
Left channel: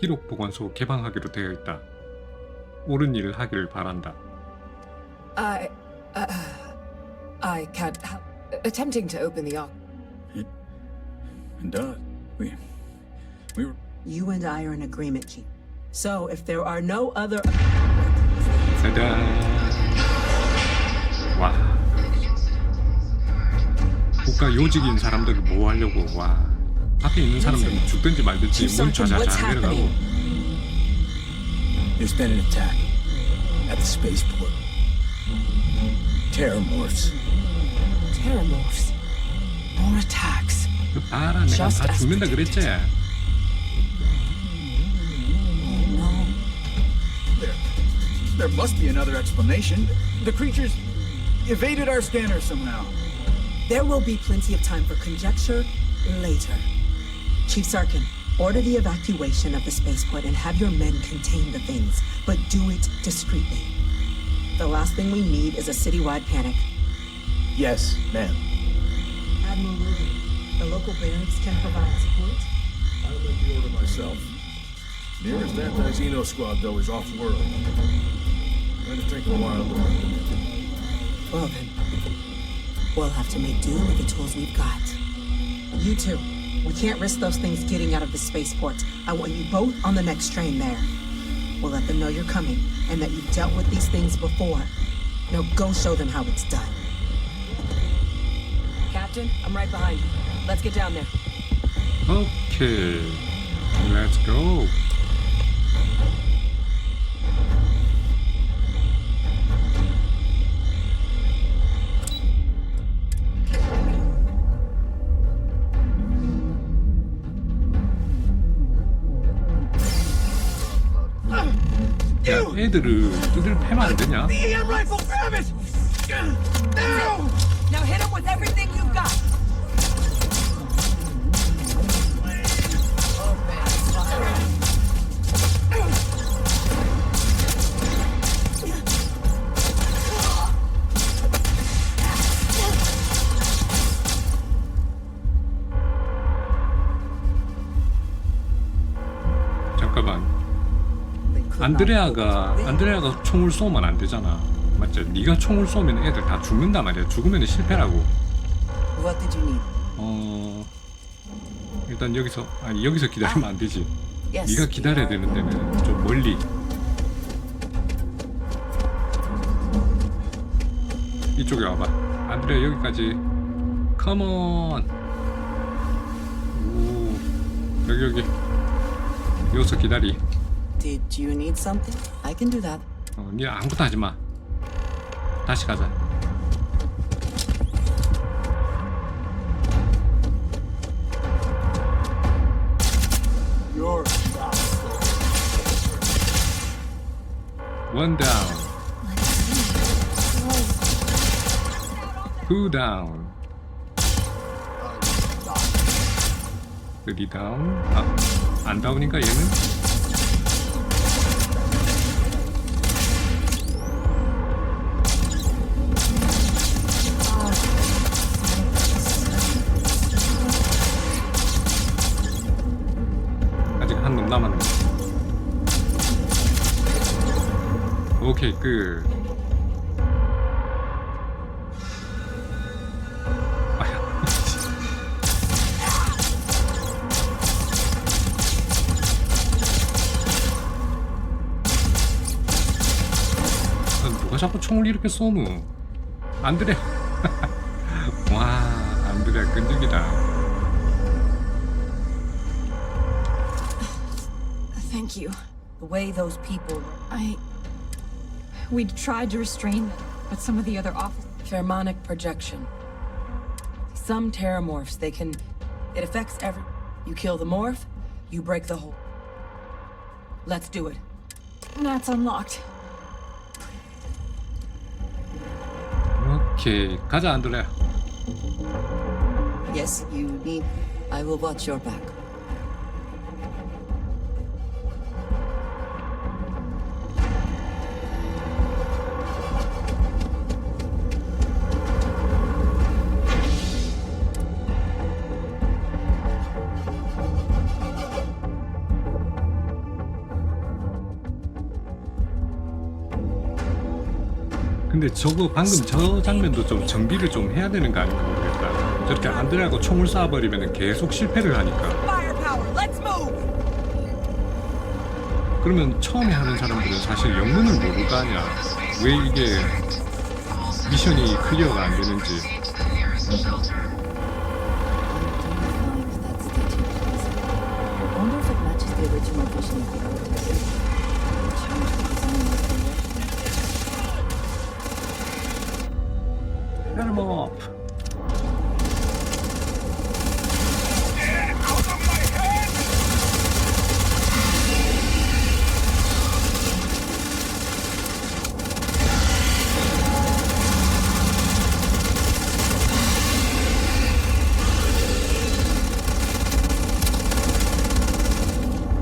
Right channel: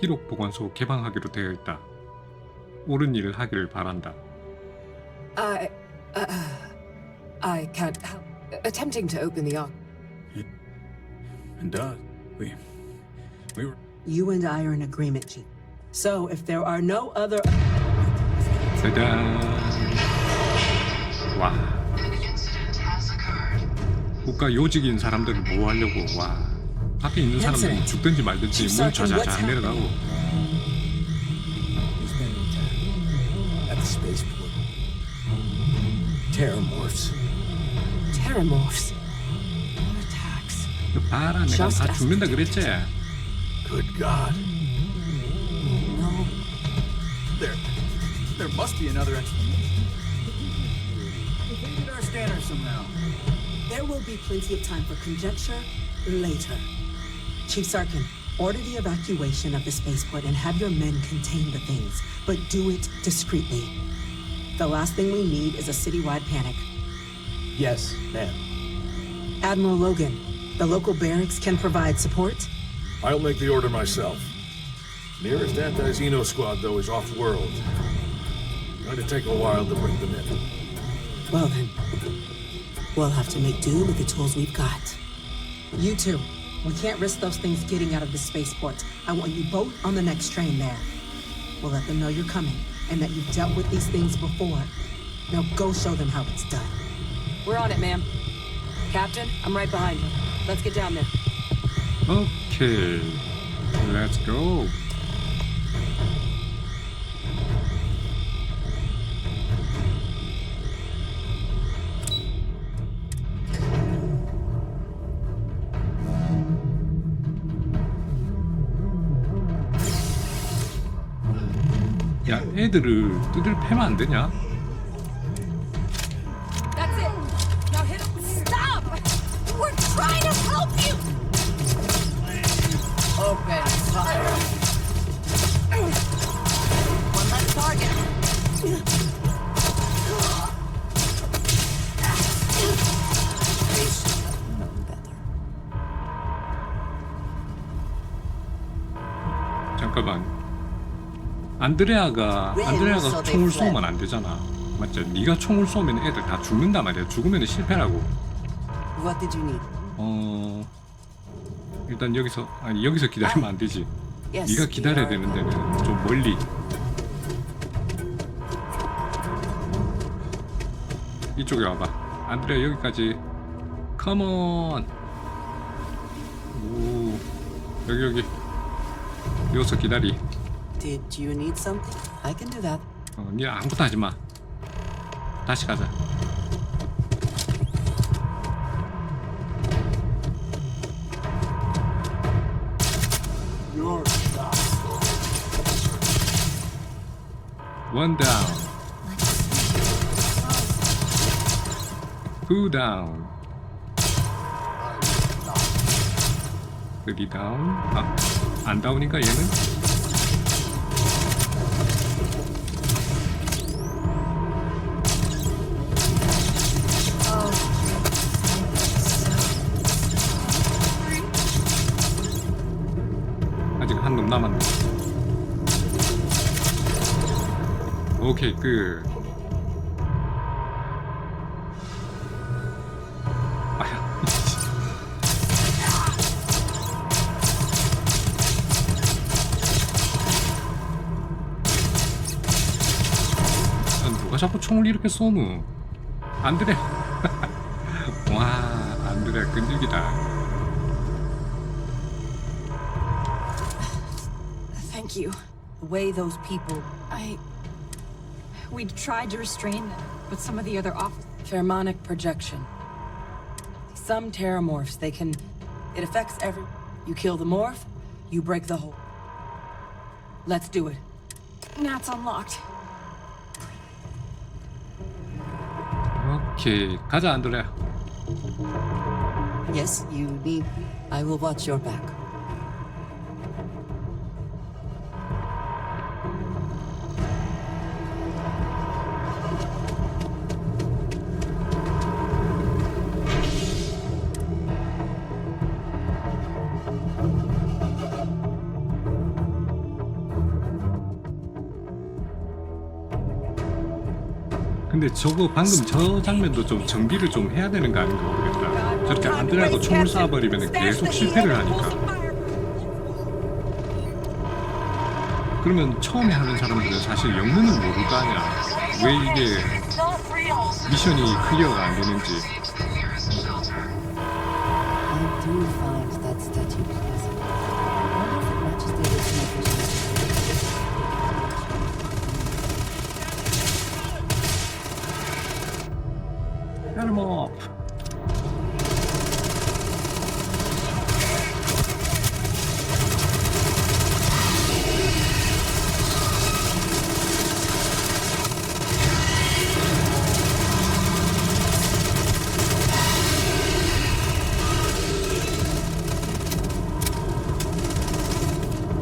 기록 보관소 개방하기로 되어 있다. 옳은 일을 하기를 바란다. I can't help attempting to open the ark. It does. We were... You and I are in agreement, Chief. So if there are no other... 짜잔. 와. 국가 요직인 사람들을 보호하려고 와. 밖에 있는 사람들은 죽든지 말든지 문 좌좌좌 내려가고. There's been an attack at the spaceport. Terramorphs. Terramorphs. More attacks. 그 봐라, 내가 다 죽는다 그랬지. Good God. No. There must be another explanation. The creatures evaded our scanner somehow. There will be plenty of time for conjecture later. Chief Sarkin, order the evacuation of the spaceport and have your men contain the things, but do it discreetly. The last thing we need is a citywide panic. Yes, ma'am. Admiral Logan, the local barracks can provide support? I'll make the order myself. Nearest anti-Xeno squad, though, is off-world. Going to take a while to bring them in. Well then, we'll have to make do with the tools we've got. You two, we can't risk those things getting out of the spaceport. I want you both on the next train there. We'll let them know you're coming and that you've dealt with these things before. Now go show them how it's done. We're on it, ma'am. Captain, I'm right behind you. Let's get down there. Okay, let's go. 야, 애들을 뜯을 패면 안 되냐? That's it. Now hit him with everything you've got. We're trying to help you. Open fire. One less target. 잠깐만. 안드레아가 총을 쏘면 안 되잖아. 맞죠? 네가 총을 쏘면 애들 다 죽는단 말이야. 죽으면 실패라고. What did you need? 일단 여기서 기다리면 안 되지. Yes. 네가 기다려야 되는 데는 좀 멀리. 이쪽에 와봐. 안드레아 여기까지. 컴온. 오, 여기. 여기서 기다리. Did you need something? I can do that. 니 아무것도 하지 마. 다시 가자. One down. Two down. Three down. 아, 안 다운인가 얘는? 아직 한 놈 남았네. 오케이 끝. 아야. 누가 자꾸 총을 이렇게 쏘노? 안드레. 와, 안드레 끈질기다. Thank you. The way those people... We tried to restrain them, but some of the other officers... Pheromonic projection. Some terramorphs, they can... It affects every... You kill the morph, you break the whole... Let's do it. That's unlocked. 오케이, 가자 안드레. Yes, you need... I will watch your back. 근데 저거 방금 저 장면도 좀 정비를 좀 해야 되는 거 아닌가 모르겠다. 저렇게 안드레하고 총을 쏴버리면 계속 실패를 하니까. 그러면 처음에 하는 사람들은 사실 영문을 모를 거 아니야. 왜 이게 미션이 클리어가 안 되는지. Get him up.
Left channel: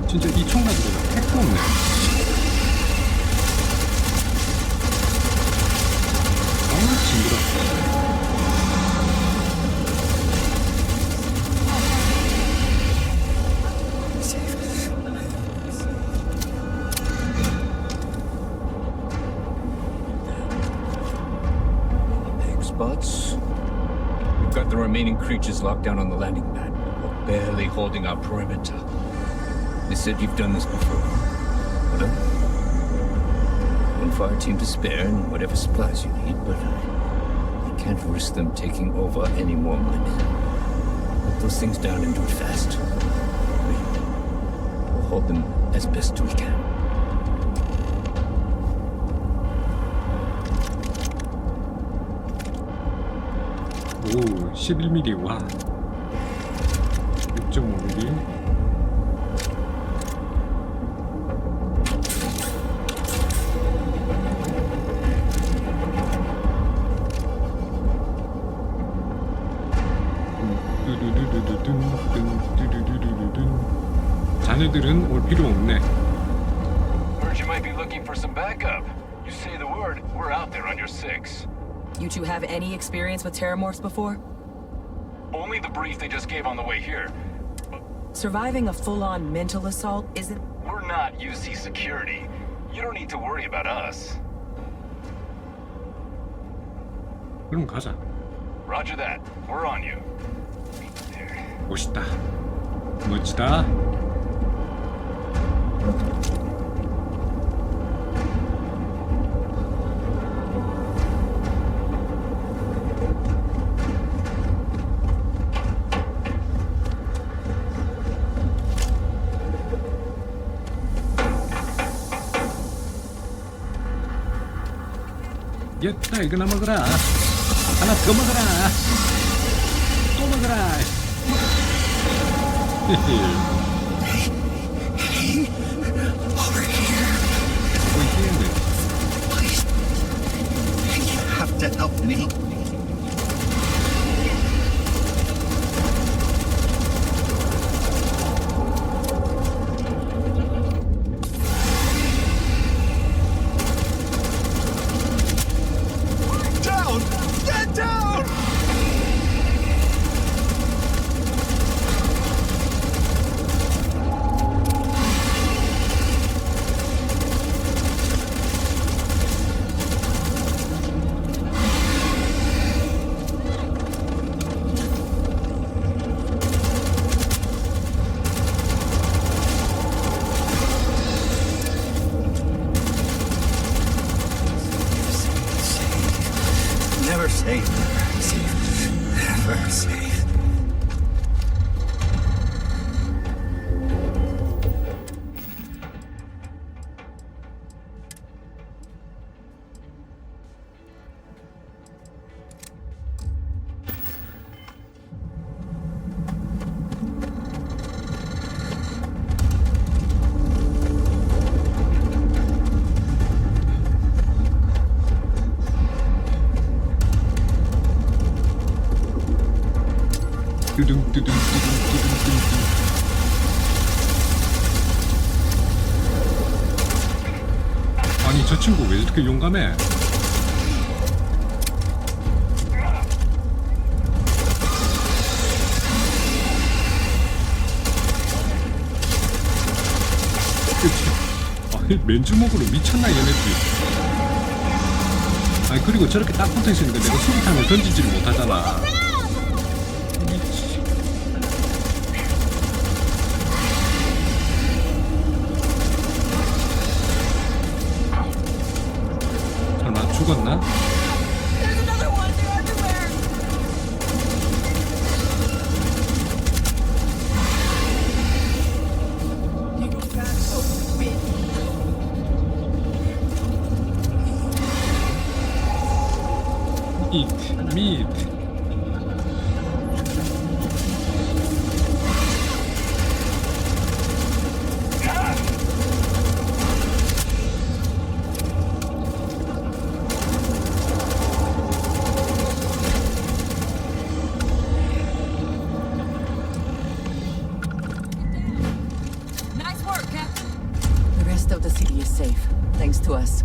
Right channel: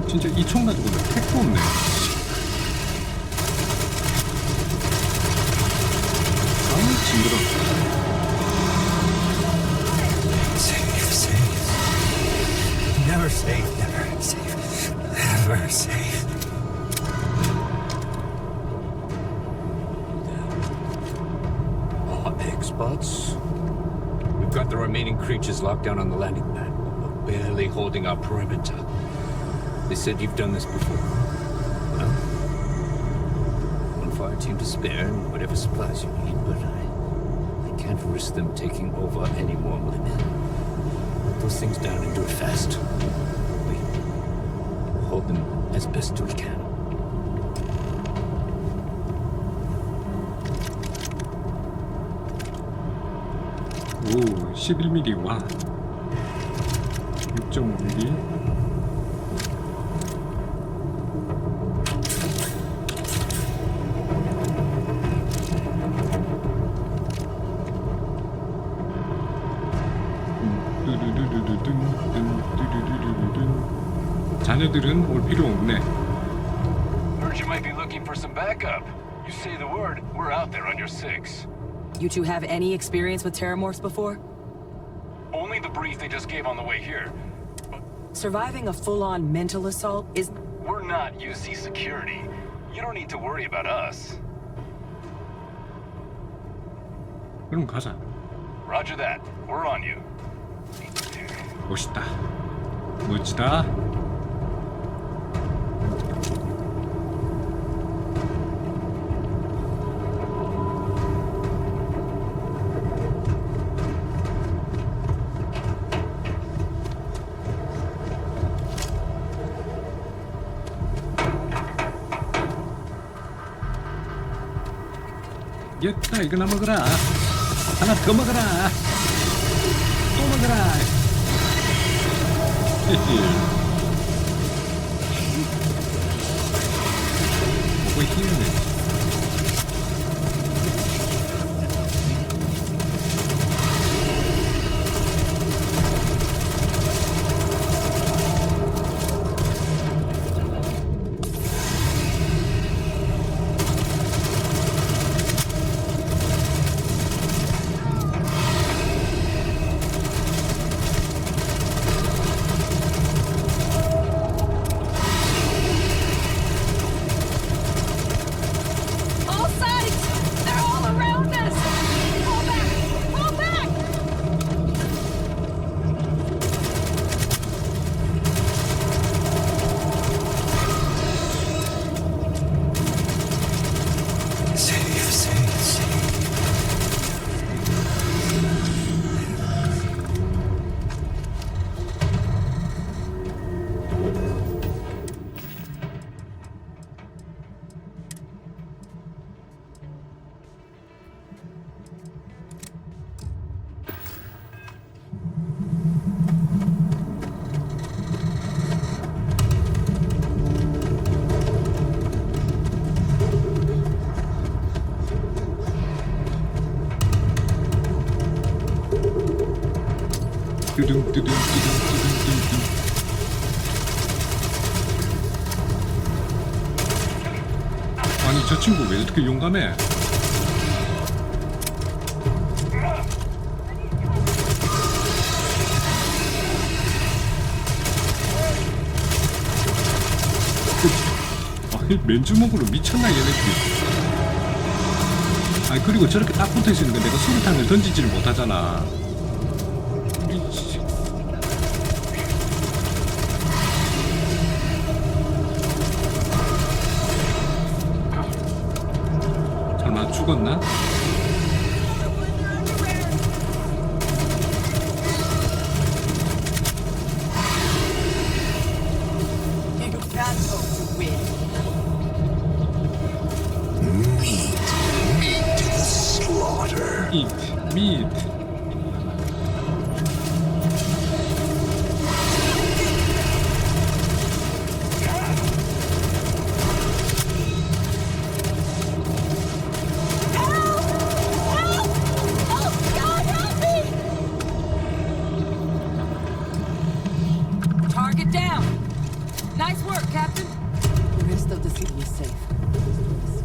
진짜 이 총 가지고는 택도 없네. 아우 징그러. Never safe, never safe, never safe. Egg spots. We've got the remaining creatures locked down on the landing pad. We're barely holding our perimeter. They said you've done this before. Well, one fire team to spare and whatever supplies you need, but I can't risk them taking over any more of my men. Put those things down and do it fast. We'll hold them as best we can. 오, 11mm 와. 6.5mm. 자네들은 올 필요 없네. Heard you might be looking for some backup. You say the word, we're out there on your six. You two have any experience with terramorphs before? Only the brief they just gave on the way here. Surviving a full-on mental assault isn't... We're not UC security. You don't need to worry about us. 그럼 가자. Roger that. We're on you. 멋있다. 멋지다. 됐다, 이거나 먹어라. 하나 더 먹어라. 또 먹어라. 오버 히어는 have to help me. Down! Get down! All sides! They're all around us! Pull back! Pull back! Save, save, save. Never save. Never save. 뚜둥 뚜둥 뚜둥 뚜둥 뚜둥. 아니 저 친구 왜 저렇게 용감해? 그치? 아니 맨주먹으로 미쳤나 얘네들이. 아니 그리고 저렇게 딱 붙어있으니까 내가 수류탄을 던지지를 못하잖아. 미치. 설마 죽었나? You can't hope to win. meat. Target down. Nice work, Captain. The rest of the city is safe, thanks to us.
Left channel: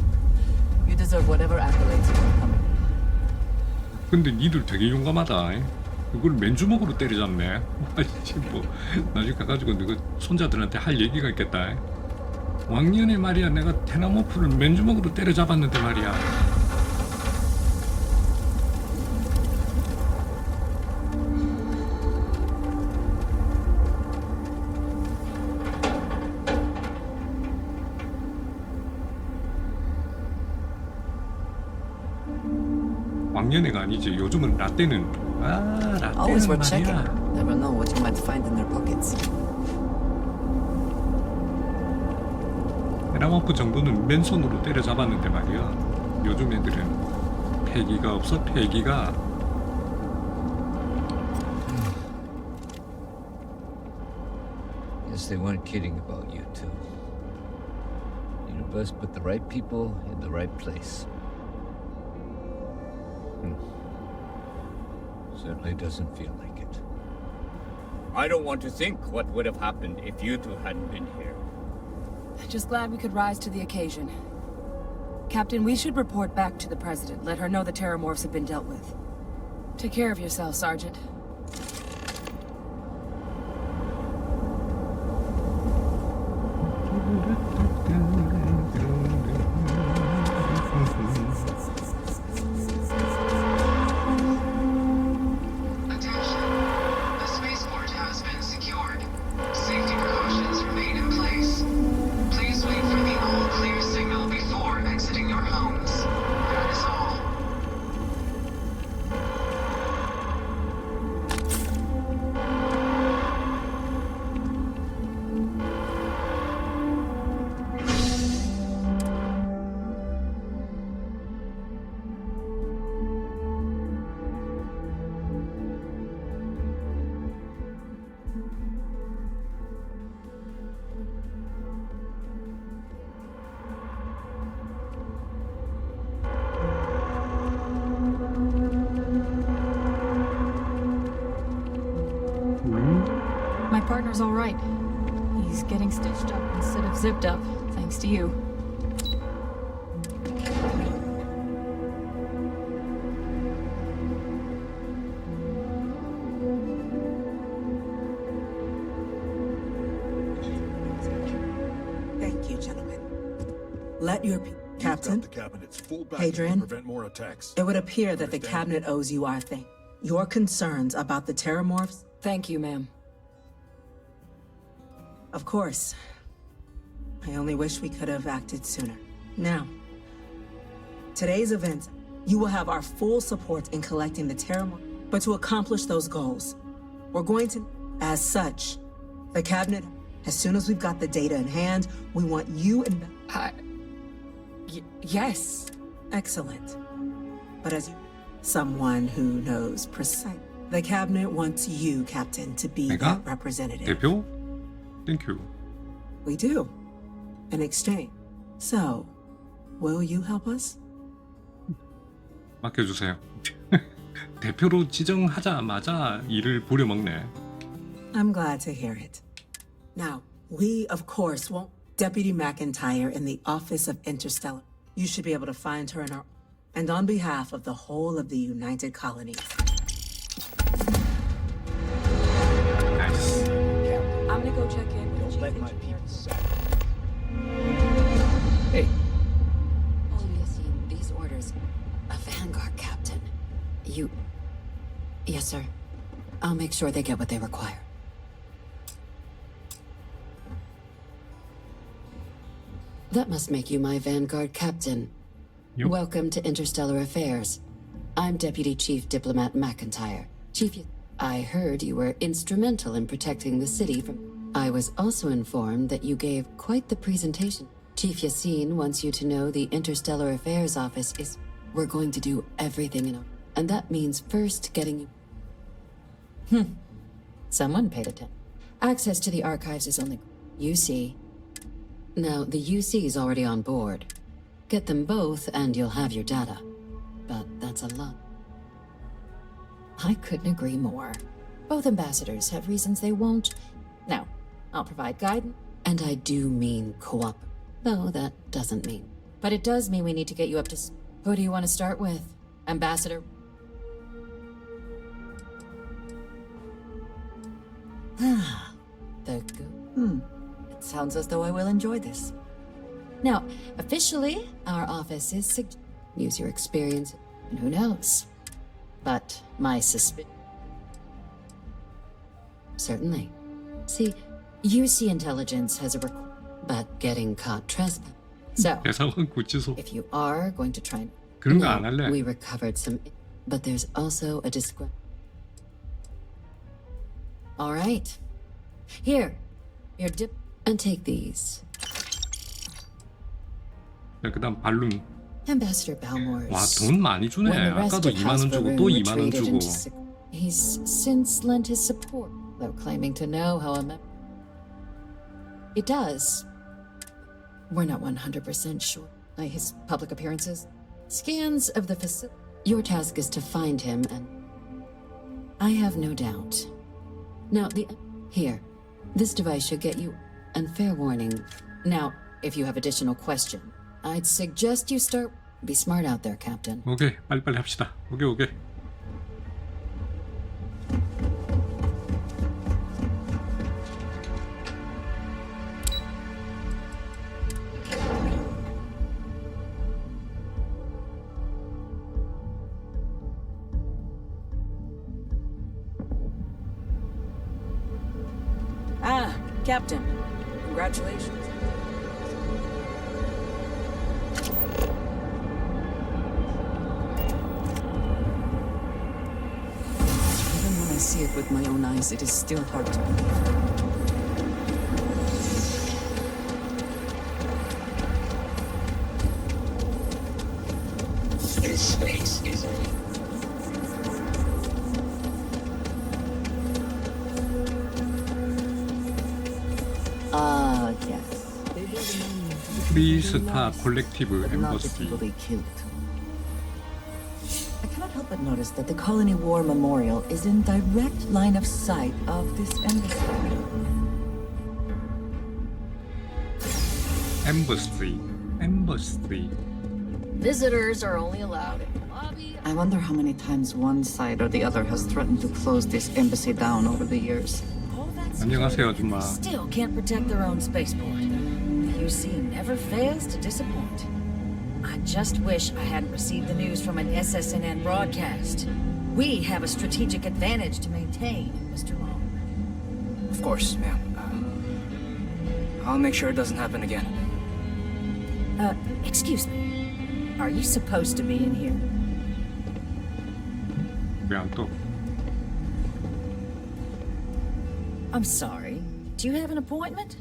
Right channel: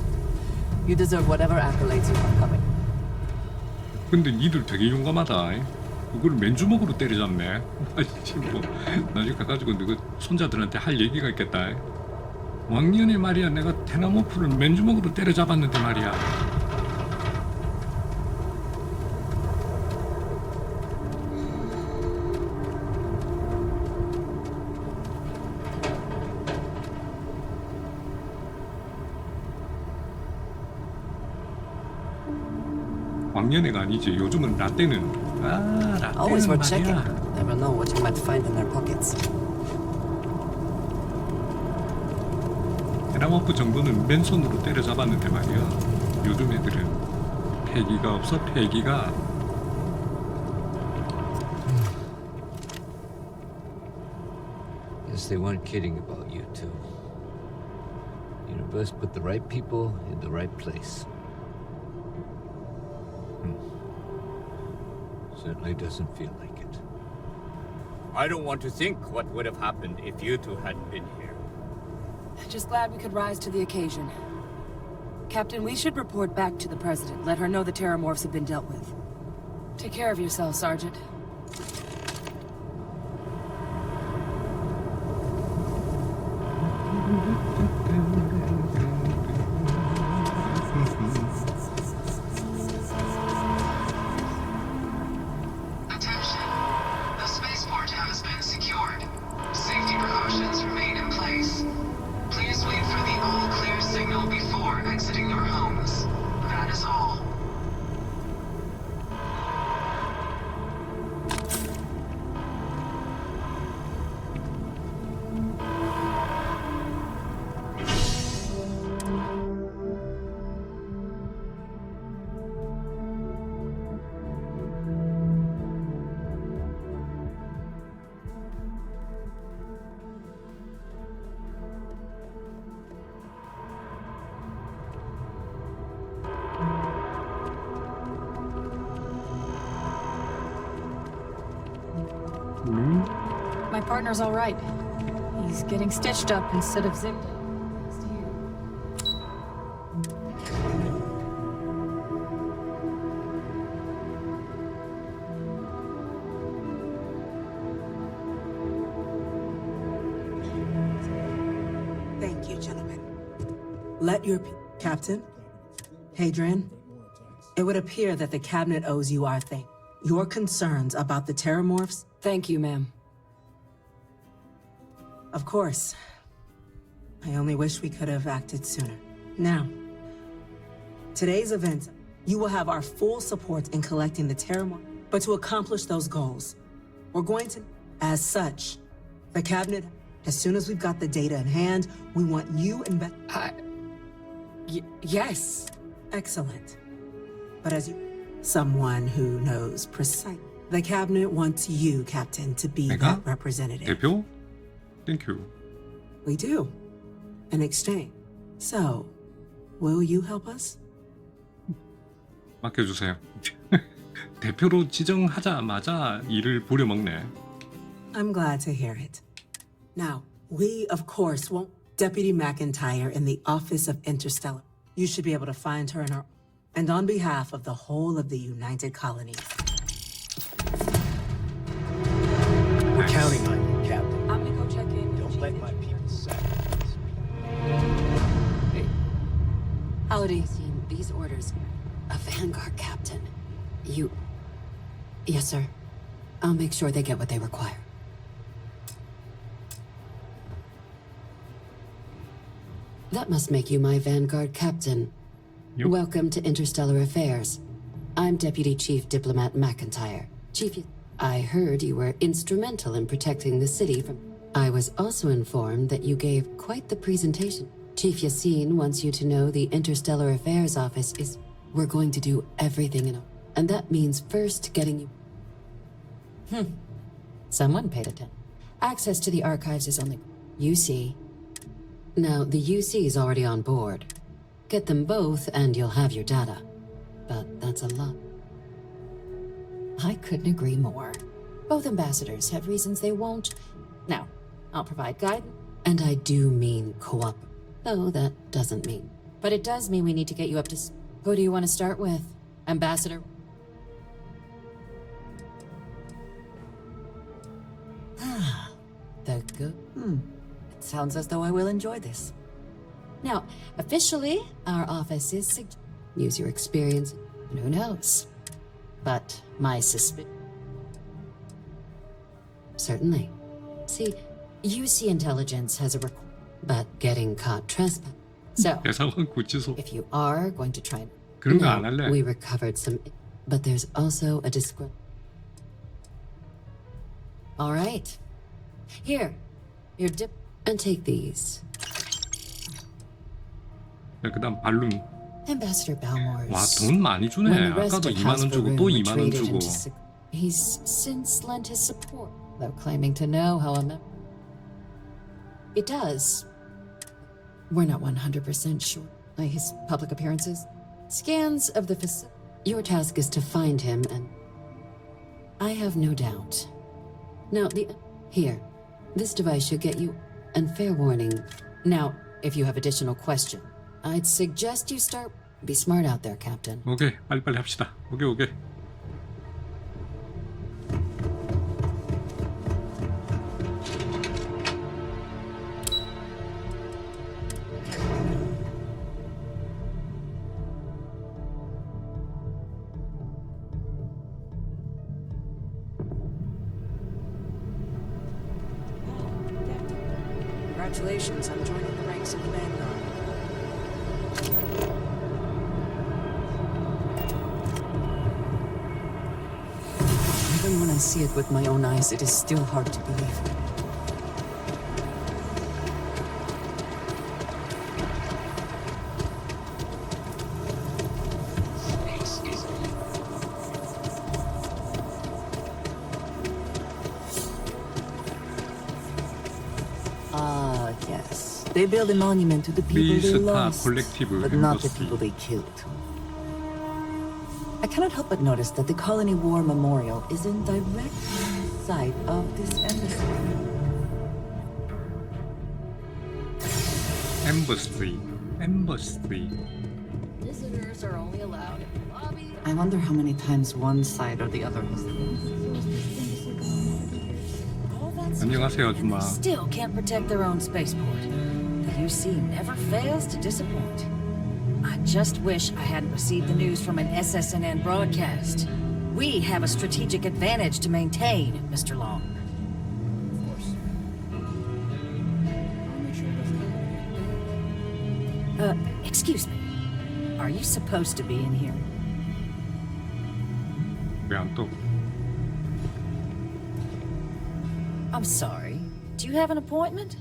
You deserve whatever accolades you have coming. 근데 니들 되게 용감하다. 그걸 맨주먹으로 때려잡네. 아이씨 뭐 나중에 가가지고 너그 손자들한테 할 얘기가 있겠다. 왕년에 말이야 내가 테나모프를 맨주먹으로 때려잡았는데 말이야. 왕년애가 아니지. 요즘은 라떼는 Always 라떼는 worth checking. 말이야. Never know what you might find in their pockets. 테나모프 정도는 맨손으로 때려잡았는데 말이야. 요즘 애들은 패기가 없어. 패기가. Guess they weren't kidding about you two. Universe put the right people in the right place. Certainly doesn't feel like it. I don't want to think what would have happened if you two hadn't been here. Just glad we could rise to the occasion. Captain, we should report back to the President. Let her know the Terramorphs have been dealt with. Take care of yourself, Sergeant. Attention. The spaceport has been secured. Safety precautions remain in place. Please wait for the all-clear signal before exiting your homes. That is all. partner's all right. He's getting stitched up instead of zipped up, thanks to you. Thank you, gentlemen. Let your Captain, Hadrian, it would appear that the cabinet owes you our thing. Your concerns about the Terramorphs? Thank you, ma'am. Of course. I only wish we could have acted sooner. Now, today's event, you will have our full support in collecting the Terramorph. But to accomplish those goals, we're going to, as such, the cabinet, as soon as we've got the data in hand, we want you and yes. Excellent. But as you, someone who knows precisely, the cabinet wants you, Captain, to be that representative. 대표? Thank you. We do. In exchange. So, will you help us? 맡겨주세요. 대표로 지정하자마자 일을 부려먹네. I'm glad to hear it. Now, we, of course, won't. Deputy McIntyre in the Office of Interstellar. You should be able to find her in our... And on behalf of the whole of the United Colonies. We're counting on you, Captain. I'm gonna go check in. Don't let my people sack. Hey. Howdy. Seen these orders. A Vanguard captain. You... Yes, sir. I'll make sure they get what they require. That must make you my Vanguard captain. Yep. Welcome to Interstellar Affairs. I'm Deputy Chief Diplomat McIntyre. Chief, I heard you were instrumental in protecting the city from... I was also informed that you gave quite the presentation. Chief Yassine wants you to know the Interstellar Affairs office is... We're going to do everything in... And that means first getting you... Someone paid attention. Access to the archives is only... You see... Now, the UC is already on board. Get them both and you'll have your data. But that's a lot. I couldn't agree more. Both ambassadors have reasons they won't. Now, I'll provide guidance. And I do mean co-op. Though that doesn't mean. But it does mean we need to get you up to... Who do you want to start with? Ambassador? The good... It sounds as though I will enjoy this. Now, officially, our office is use your experience, and who knows? But my suspicion... Certainly. See, UC intelligence has a but getting caught trespass. So, if you are going to try... 그런 거 안 할래. We recovered some... But there's also a All right. Here, your dip... And take these. 그다음 발룸. Ambassador Balmore's. 와, 돈 많이 주네. 아까도 2만 원 주고 또 2만 원 주고. He's since lent his support, though claiming to know how a It does. We're not 100% sure. His public appearances, scans of the facility. Your task is to find him, and I have no doubt. Now, here, this device should get you. And fair warning. Now, if you have additional question, I'd suggest you start. Be smart out there, Captain. 오케이, 빨리빨리 합시다. 오케이. Captain. Congratulations on joining the ranks of the Vanguard. Even when I see it with my own eyes, it is still hard to believe. Yes. They build a monument to the people they lost, but not the people they killed. I cannot help but notice that the Colony War Memorial is in direct line of sight of this embassy. Embassy. Embassy. Visitors are only allowed in the lobby. I wonder how many times one side or the other has threatened to close this embassy down over the years. 안녕하세요, 아줌마. Still can't protect their own spaceport. The UC never fails to disappoint. I just wish I hadn't received the news from an SSNN broadcast. We have a strategic advantage to maintain, Mr. Long. Of course, ma'am. I'll make sure it doesn't happen again. Excuse me. Are you supposed to be in here? 왜 안 떠? I'm sorry. Do you have an appointment?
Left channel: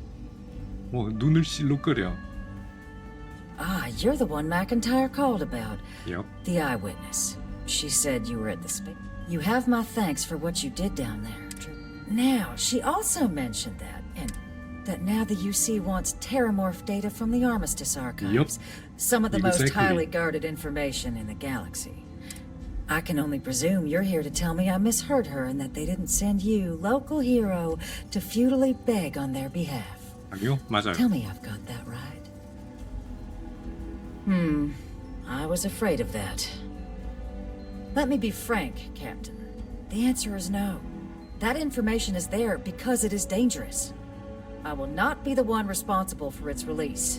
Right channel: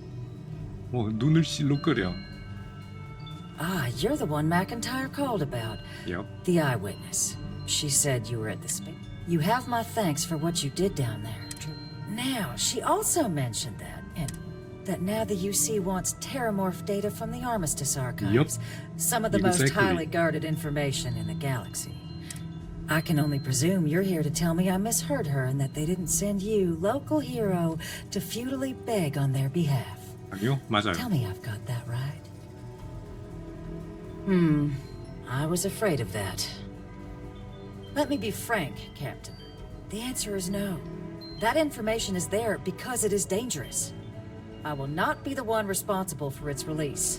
눈을 실룩거려. Ah, you're the one McIntyre called about. Yep. The eyewitness. She said you were at the space. You have my thanks for what you did down there. Now, she also mentioned that, and that now the UC wants terramorph data from the Armistice archives. Yep. Some of the most Exactly. highly guarded information in the galaxy. I can only presume you're here to tell me I misheard her and that they didn't send you, local hero, to futilely beg on their behalf. 아니요, 맞아요. Tell me I've got that right. I was afraid of that. Let me be frank, Captain. The answer is no. That information is there because it is dangerous. I will not be the one responsible for its release.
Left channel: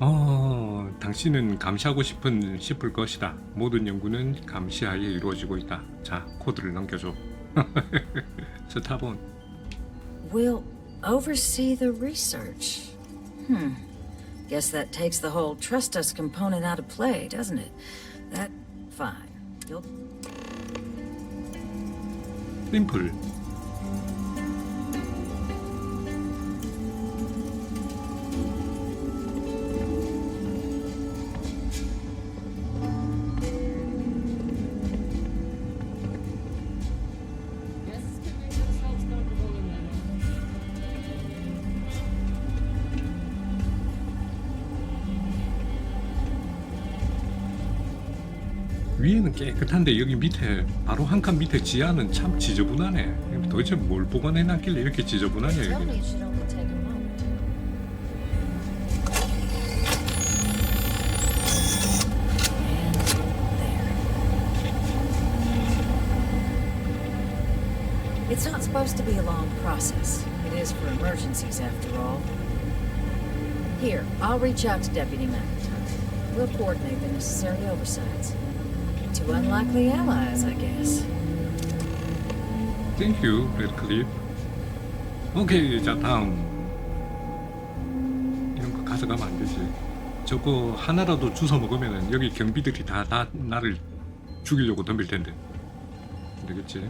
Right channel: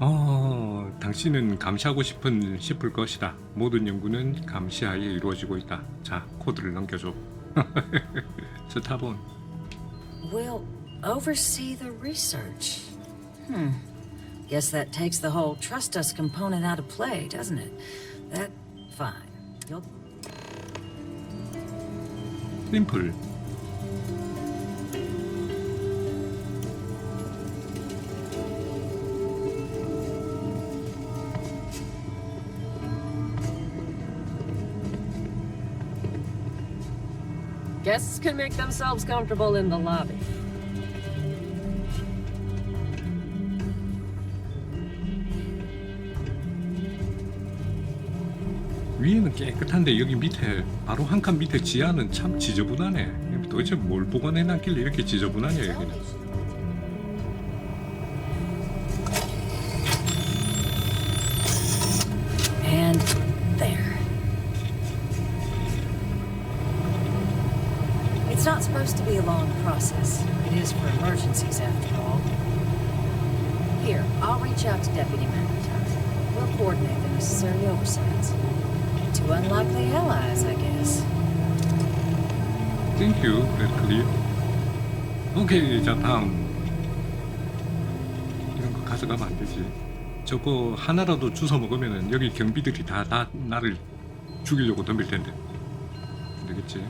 당신은 감시하고 싶을 것이다. 모든 연구는 감시하에 이루어지고 있다. 자, 코드를 넘겨줘. 스타본. We'll oversee the research. Guess that takes the whole trust us component out of play, doesn't it? That, fine. You'll... 심플. Guests can make themselves comfortable in the lobby. 위에는 깨끗한데 여기 밑에 바로 한 칸 밑에 지하는 참 지저분하네. 도대체 뭘 보관해놨길래 이렇게 지저분하냐 여기는. And there. It's not supposed to be a long process. It is for emergencies, after all. Here, I'll reach out to Deputy McIntyre. We'll coordinate the necessary oversights. Two unlikely allies, I guess. Thank you, 레드클립. 오케이, 자 다음. 이런 거 가져가면 안 되지. 저거 하나라도 주워 먹으면은 여기 경비들이 다 나를 죽이려고 덤빌 텐데. 안 되겠지.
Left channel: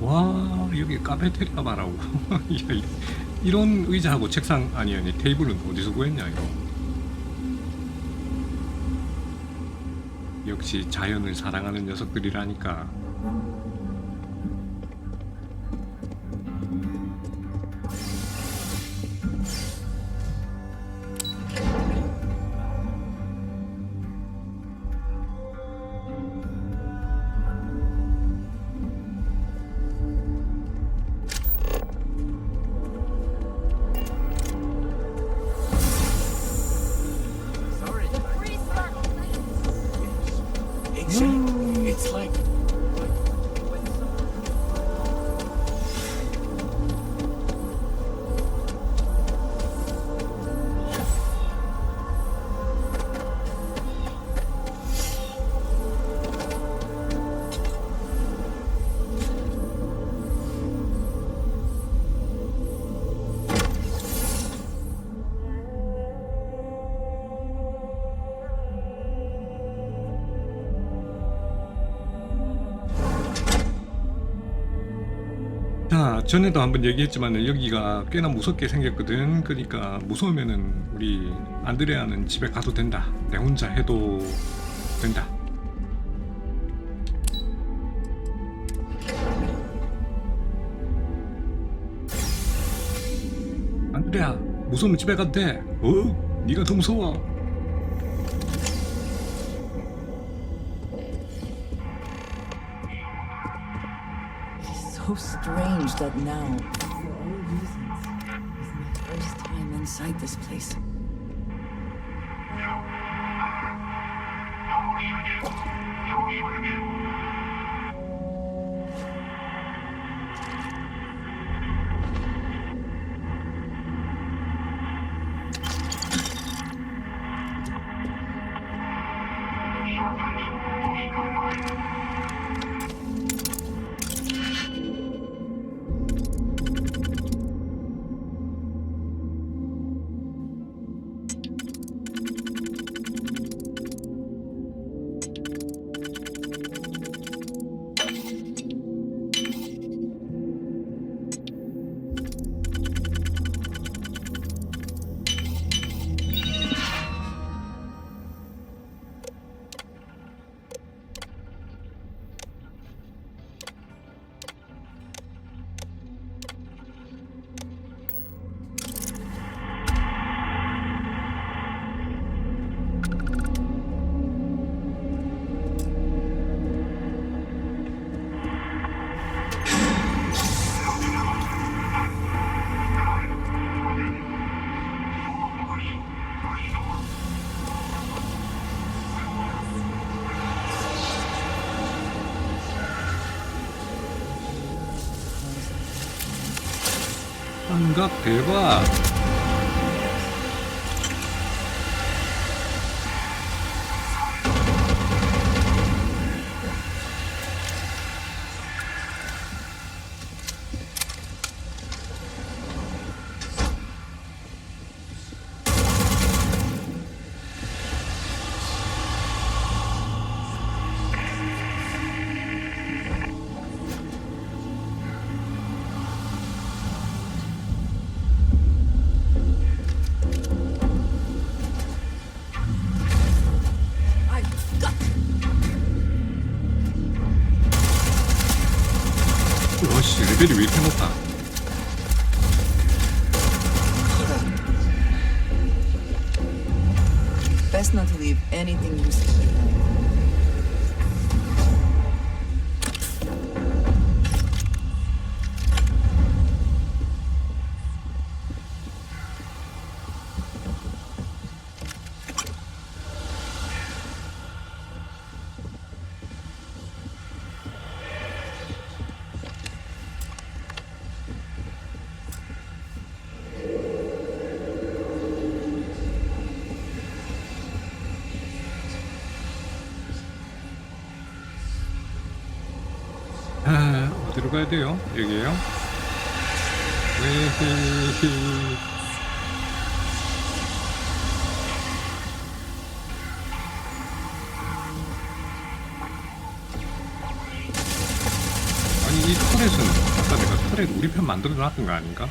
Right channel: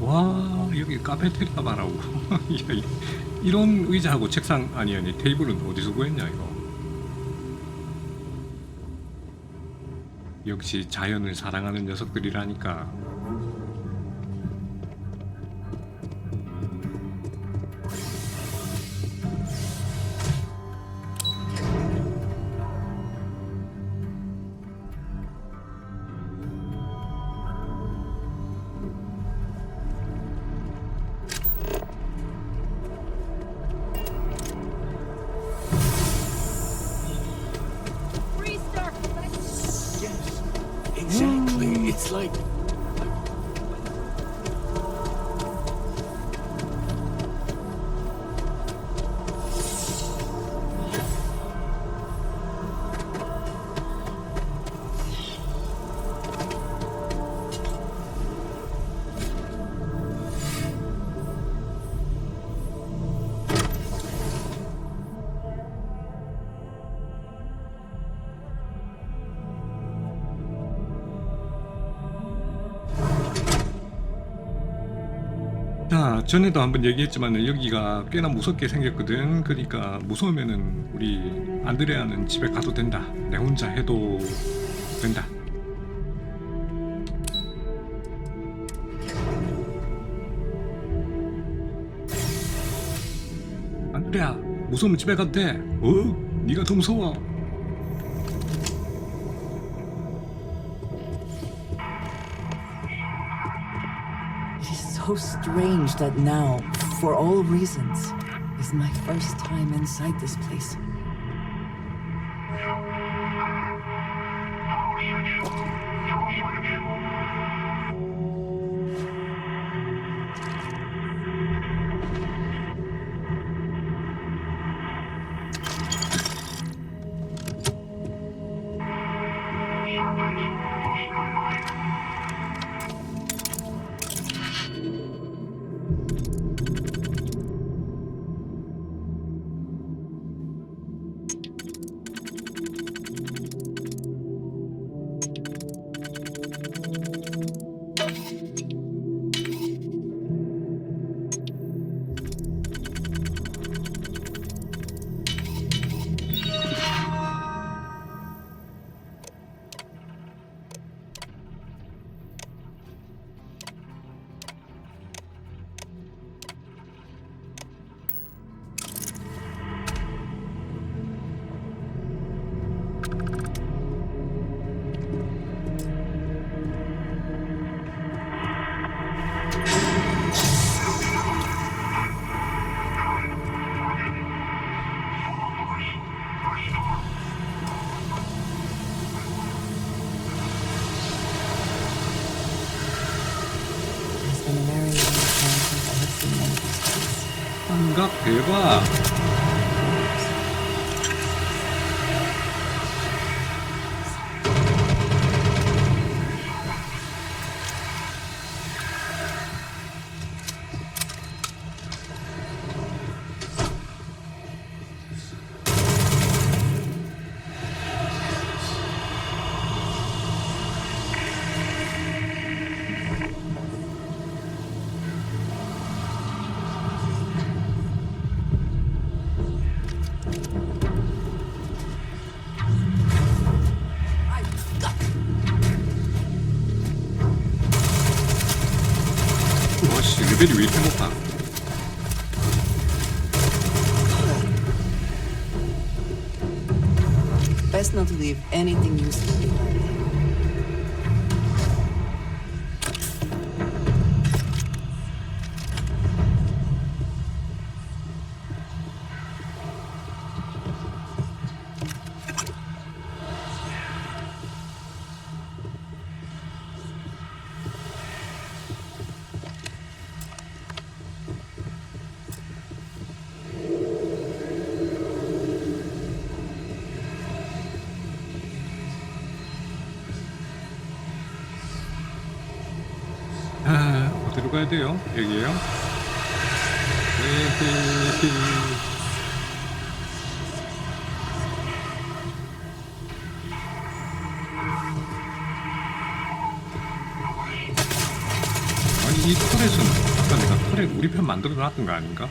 와, 여기 카페테리아 봐라고. 이런 의자하고 책상 아니 테이블은 어디서 구했냐 이거. 역시 자연을 사랑하는 녀석들이라니까. Exactly. It's like... 자, 전에도 한번 얘기했지만 여기가 꽤나 무섭게 생겼거든. 그러니까 무서우면은 우리 안드레아는 집에 가도 된다. 내 혼자 해도 된다. 안드레아, 무서우면 집에 가도 돼. 네가 더 무서워. It is so so strange that now, for all reasons, is my first time inside this place. 환각 대박. 와씨 레벨이 왜 이렇게 높아? Best not to leave anything useful behind. 아, 어디로 가야 돼요? 여기에요? 웨헤헤. 아니 이 터렛은 아까 내가 터렛 우리 편 만들어 놨던 거 아닌가?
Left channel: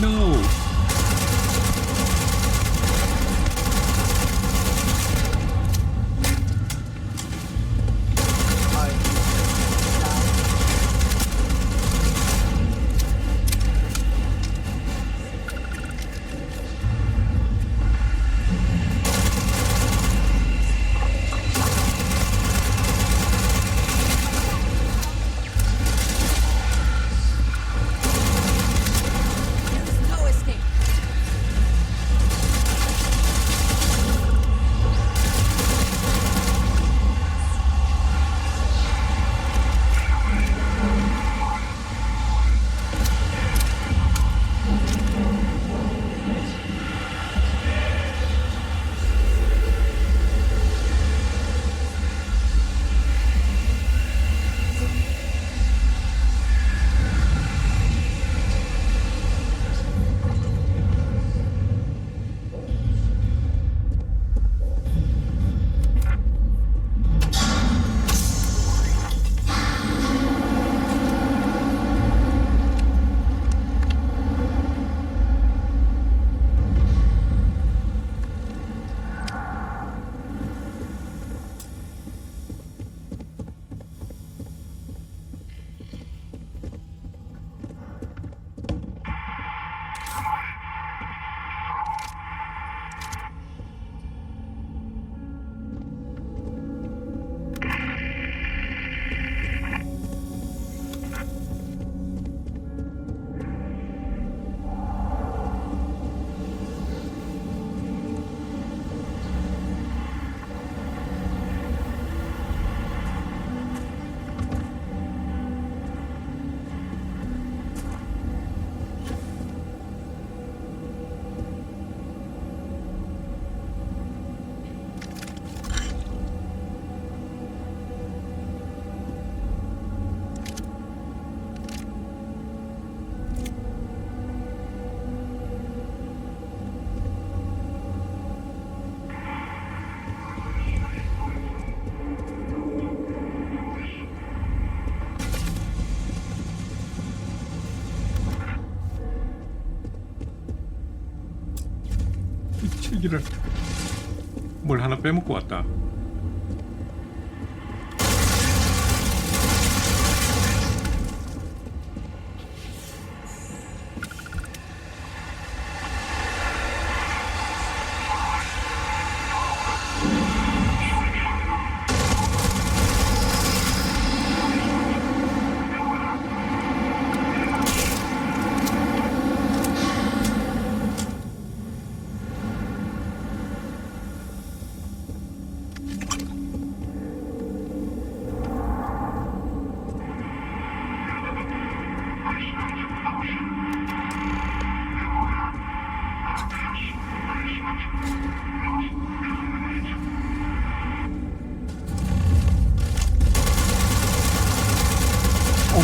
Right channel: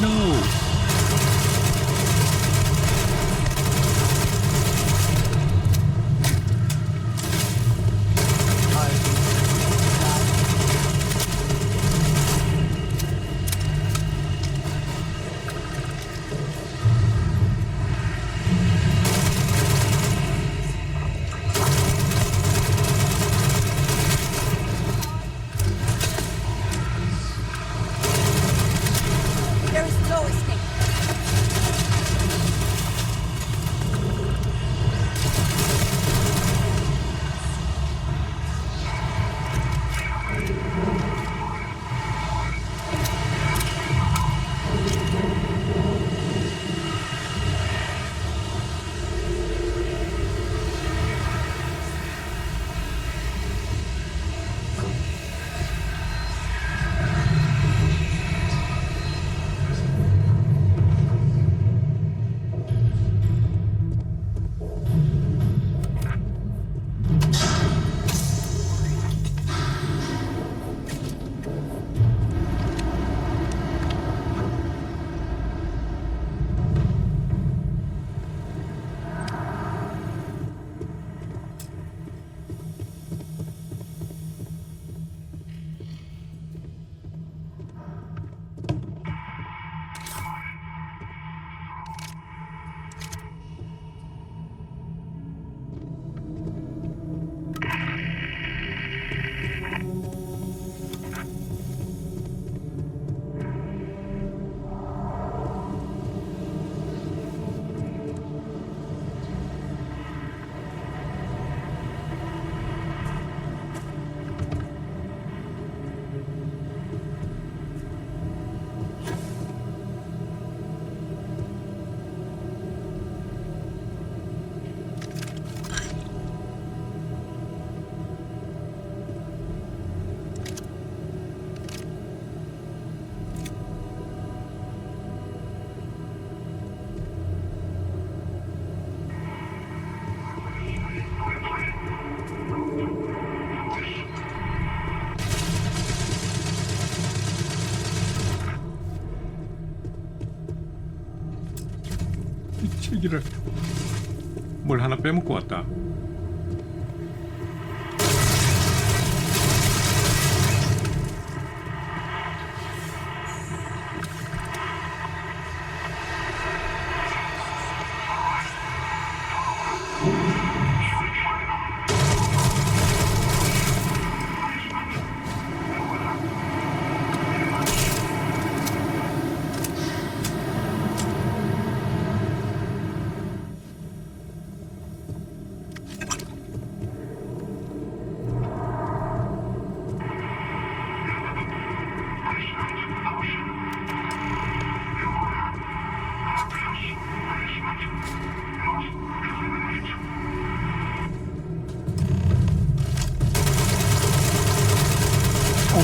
No. There is no escape. 여기를 뭘 하나 빼먹고 왔다.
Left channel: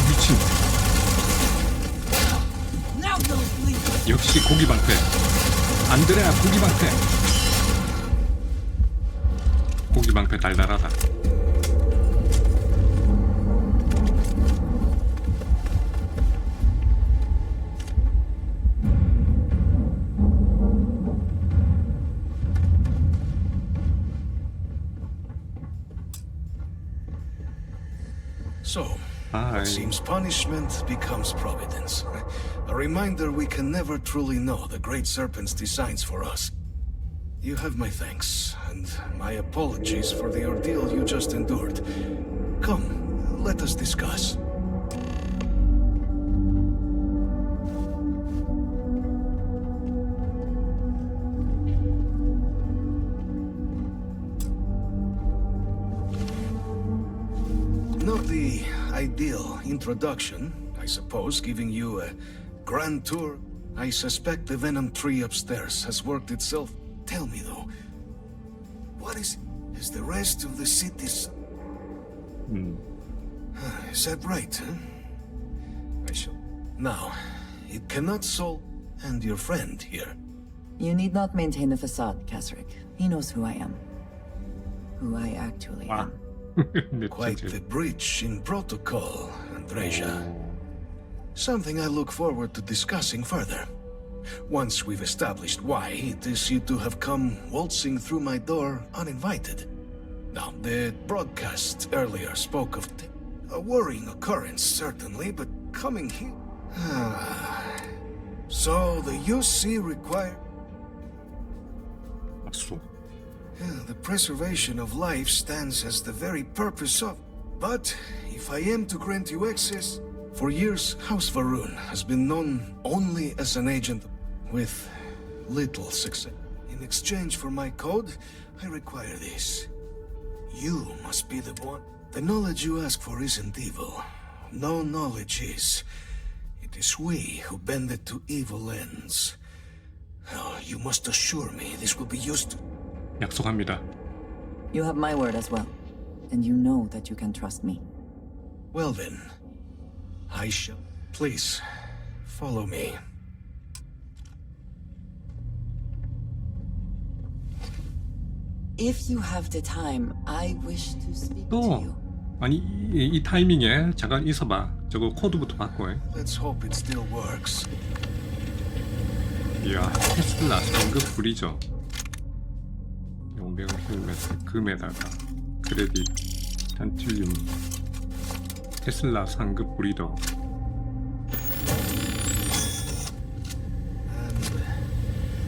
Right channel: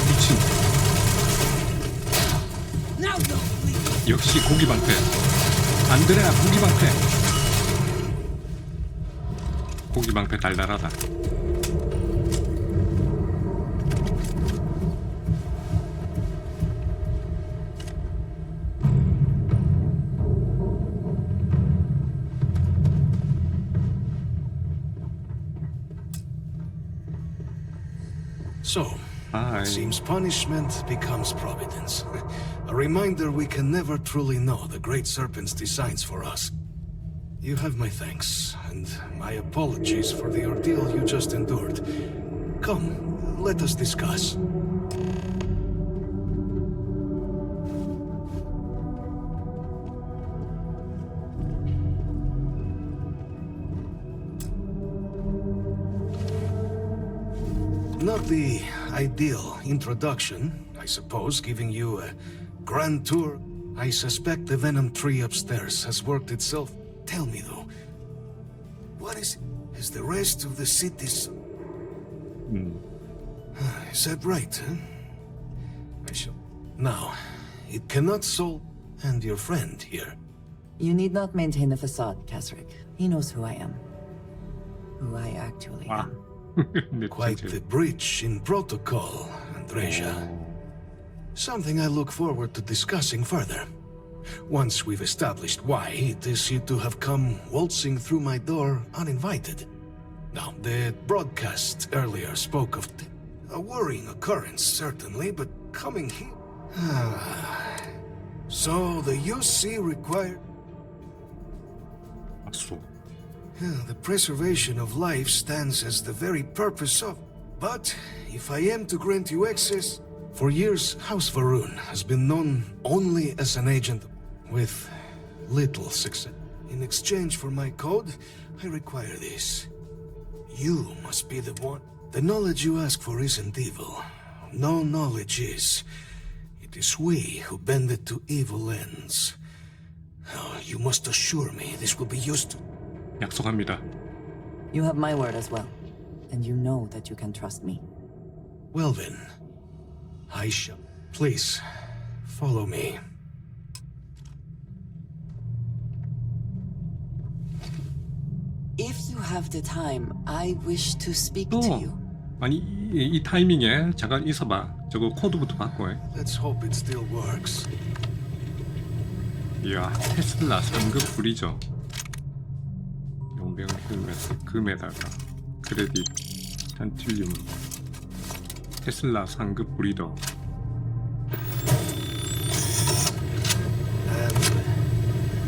미친. 역시 고기 방패. 안드레아 고기 방패. 고기 방패 달달하다. So, Hi. it seems punishment becomes providence. A reminder we can never truly know the Great Serpent's designs for us. You have my thanks, and my apologies for the ordeal you just endured. Come, let us discuss. Not the ideal introduction, I suppose, giving you a grand tour. I suspect the venom tree upstairs has worked itself. Tell me, though, what is the rest of the city's... Is that right, huh? I shall... Now, it cannot solve... And your friend here. You need not maintain the facade, Kasric. He knows who I am. Who I actually am. Quite the breach in protocol, Andreja. Something I look forward to discussing further. Once we've established why it is you two have come waltzing through my door uninvited. Now, the broadcast earlier spoke of a worrying occurrence, certainly, but coming here... So, the UC required... The preservation of life stands as the very purpose of... But, if I am to grant you access... For years, House Varun has been known only as an agent with little success. In exchange for my code, I require this. You must be the one. The knowledge you ask for isn't evil. No knowledge is. It is we who bend it to evil ends. Oh, you must assure me this will be used to... 약속합니다. You have my word as well. And you know that you can trust me. Well then, I shall... Please, follow me. If you have the time, I wish to speak 또 to you. 아니 이 타이밍에 잠깐 있어봐. 저거 코드부터 바꿔. Let's hope it still works. 이야, 테슬라 상급 브리저. 용병 헬멧 금에다가 크레딧 탄틸륨. 테슬라 상급 브리더.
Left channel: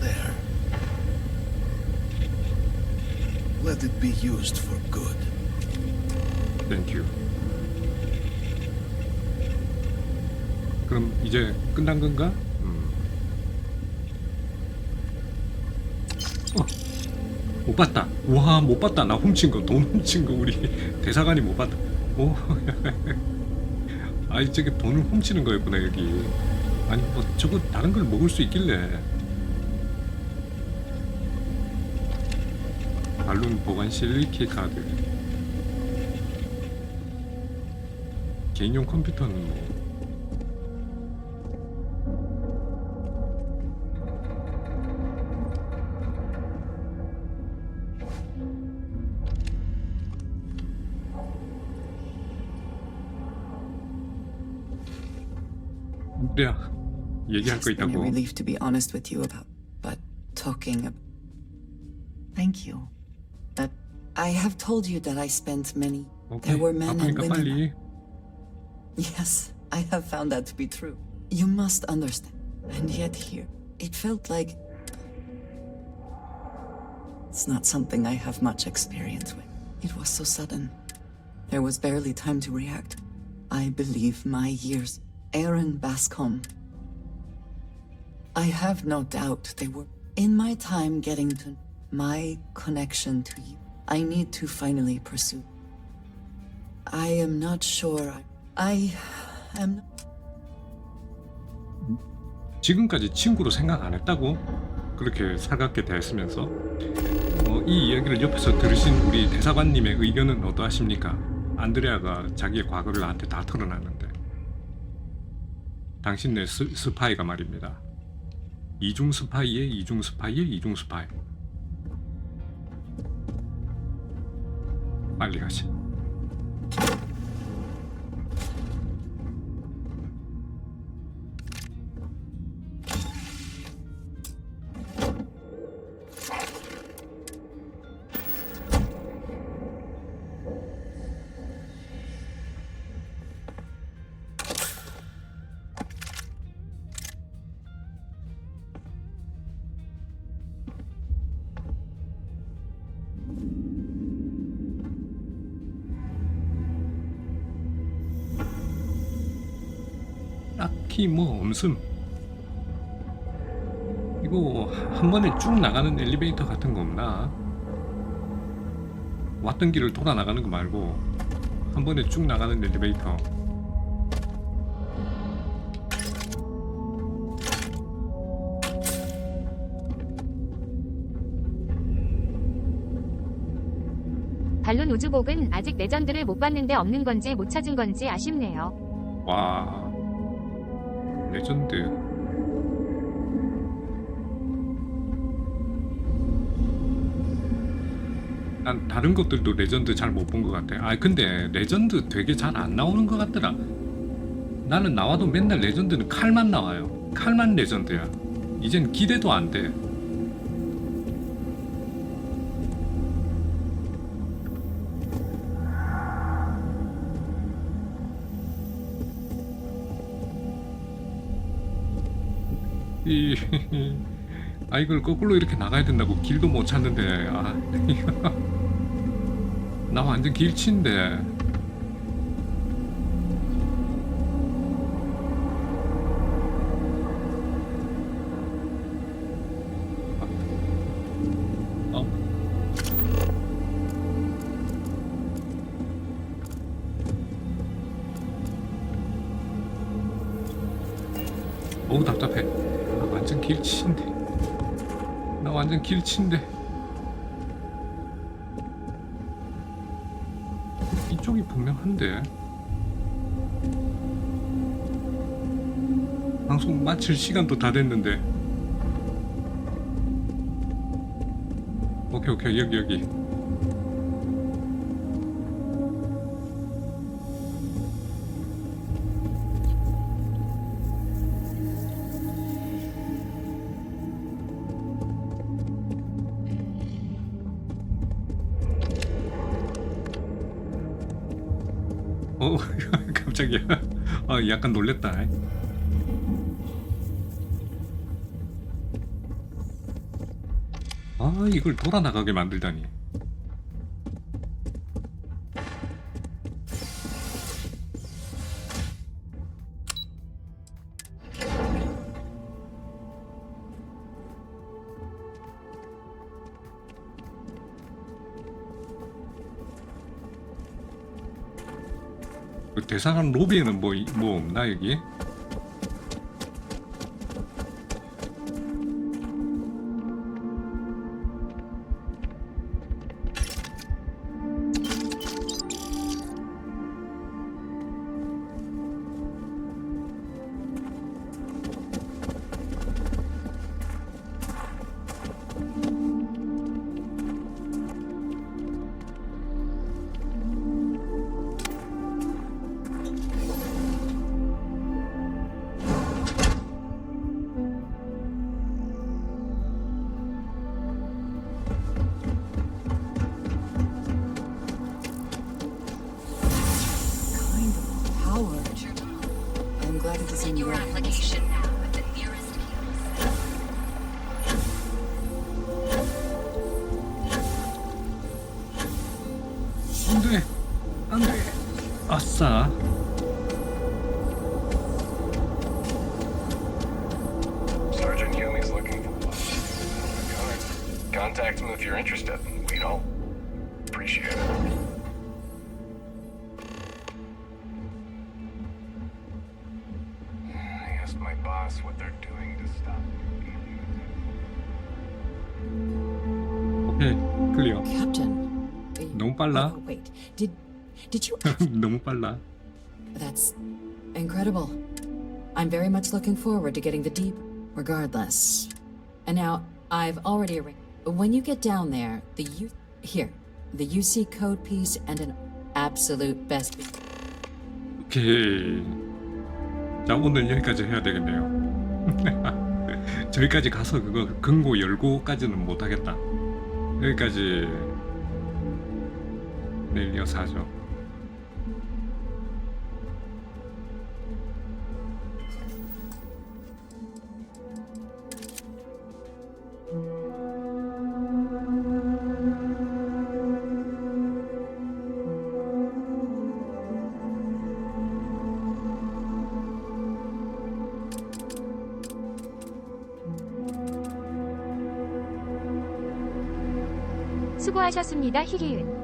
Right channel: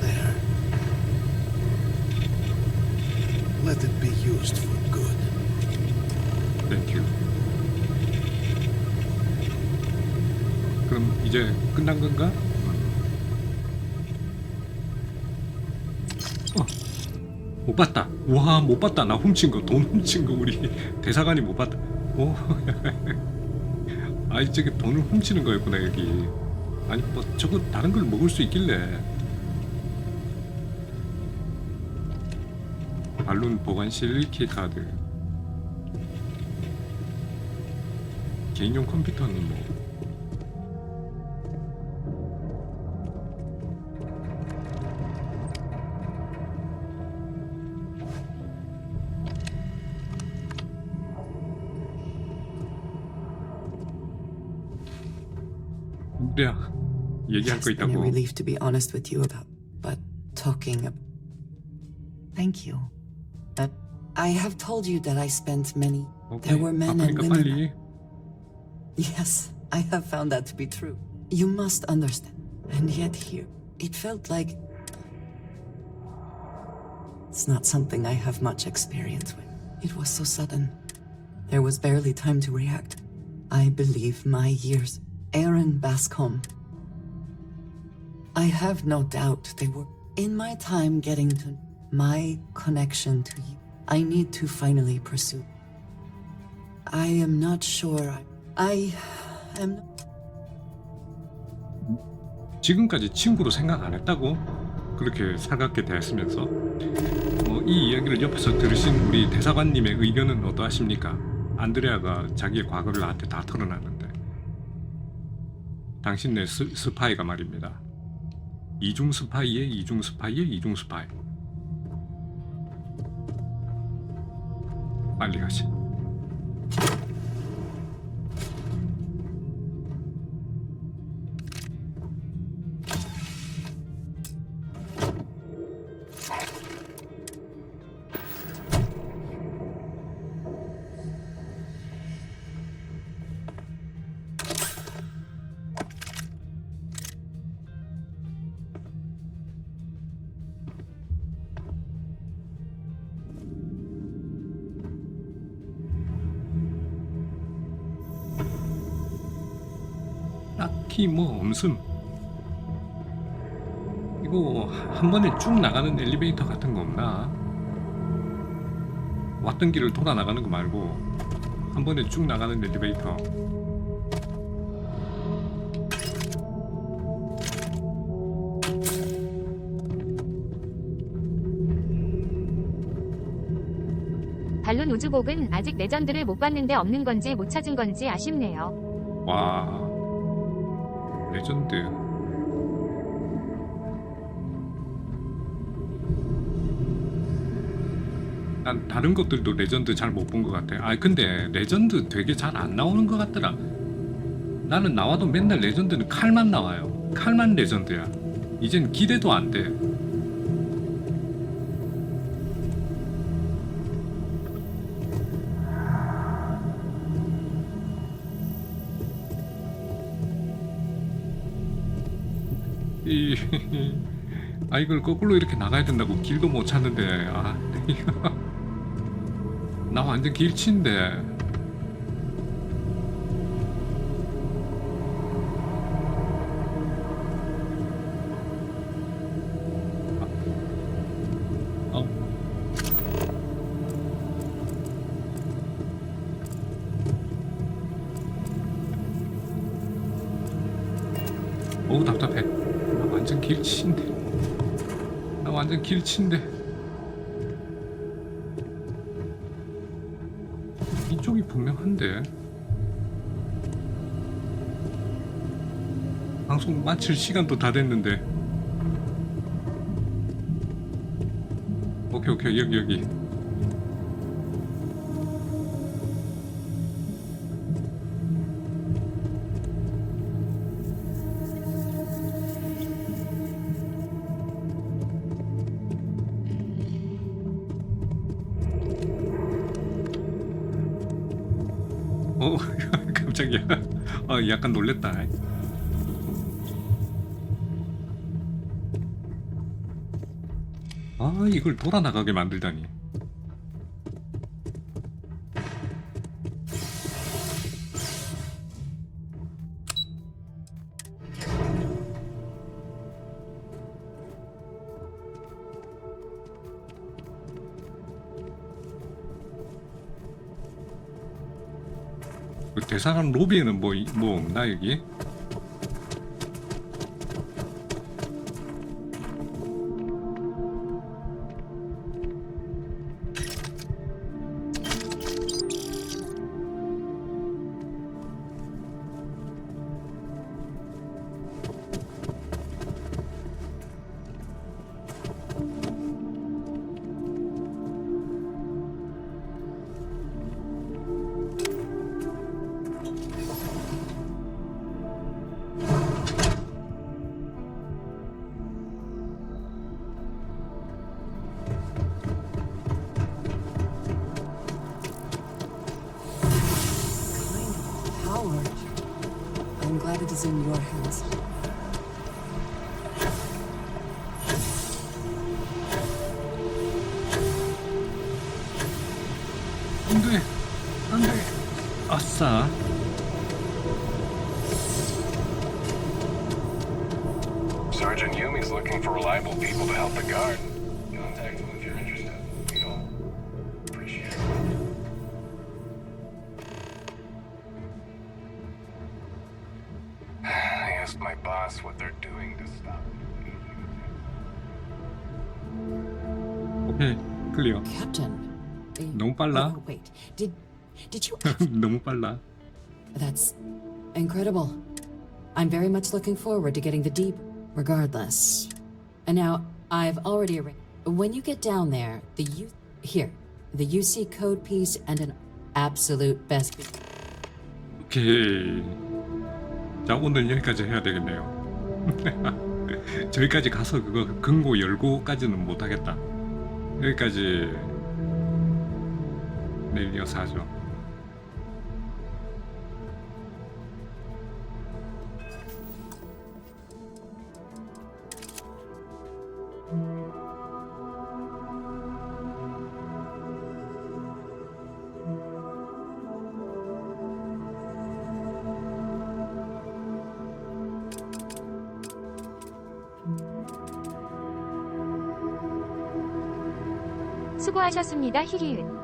There. Let it be used for good. Thank you. 그럼 이제 끝난 건가? 못 봤다. 와, 못 봤다. 나 훔친 거, 돈 훔친 거 우리 대사관이 못 봤다. 오, 아니 저게 돈을 훔치는 거였구나 여기. 아니 뭐 저거 다른 걸 먹을 수 있길래. 발론 보관실 키카드. 개인용 컴퓨터는 뭐. 얘기할 거 It's been a 있다고. relief to be honest with you about, but talking Thank you. But I have told you that I spent many. 오케이. There were men and 바쁘니까 women. 빨리. Yes, I have found that to be true. You must understand. And yet here, it felt like it's not something I have much experience with. It was so sudden. There was barely time to react. I believe my years. Aaron Bascom. I have no doubt they were in my time getting to my connection to you. I need to finally pursue. I am not sure. I am. 지금까지 친구로 생각 안 했다고? 그렇게 살갑게 대했으면서 이 이야기를 옆에서 들으신 우리 대사관님의 의견은 어떠하십니까? 안드레아가 자기의 과거를 나한테 다 털어놨는데 당신네 스파이가 말입니다. 이중 스파이의 이중 스파이의 이중 스파이. 빨리 가자. 딱히 뭐 없음. 이거 한 번에 쭉 나가는 엘리베이터 같은 거 없나? 왔던 길을 돌아 나가는 거 말고 한 번에 쭉 나가는 엘리베이터. 반론 우주복은 아직 레전드를 못 봤는데 없는 건지 못 찾은 건지 아쉽네요. 와, 레전드. 난 다른 것들도 레전드 잘 못 본 것 같아. 아 근데 레전드 되게 잘 안 나오는 것 같더라. 나는 나와도 맨날 레전드는 칼만 나와요. 칼만 레전드야. 이젠 기대도 안 돼. 이걸 거꾸로 이렇게 나가야 된다고 길도 못 찾는데. 나 완전 길치인데. 어우 답답해. 나 완전 길치인데. 나 완전 길치인데. 이쪽이 분명한데. 방송 마칠 시간도 다 됐는데. 오케이 여기. 깜짝이야. 약간 놀랬다. 이걸 돌아 나가게 만들다니. 그 대사관 로비에는 뭐 없나 여기? or I'm glad it is in your hands. 안돼, 안돼. 아싸. Sergeant Yumi's looking for reliable people to help the guard. Contact him if you're interested. We'd all appreciate it. I asked my boss what they're doing to stop. 오케이, 클리어. Captain. 너무 빨라. Oh, wait. Did you 너무 빨라. That's incredible. I'm very much looking forward to getting the deep regardless. And now I've already arranged. When you get down there, the UC code piece and an absolute best. 오케이. 자, 오늘 여기까지 해야 되겠네요. 저기까지 가서 그거 금고 열고까지는 못 하겠다. 여기까지 내일 이어서 하죠. 수고하셨습니다. 히히은.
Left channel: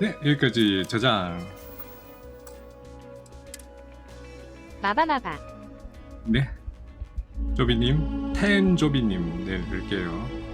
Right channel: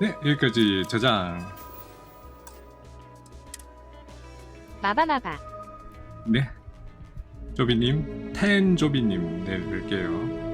네, 여기까지 저장. 마바마바. 네. 조비님, 텐조비님 내일 뵐게요.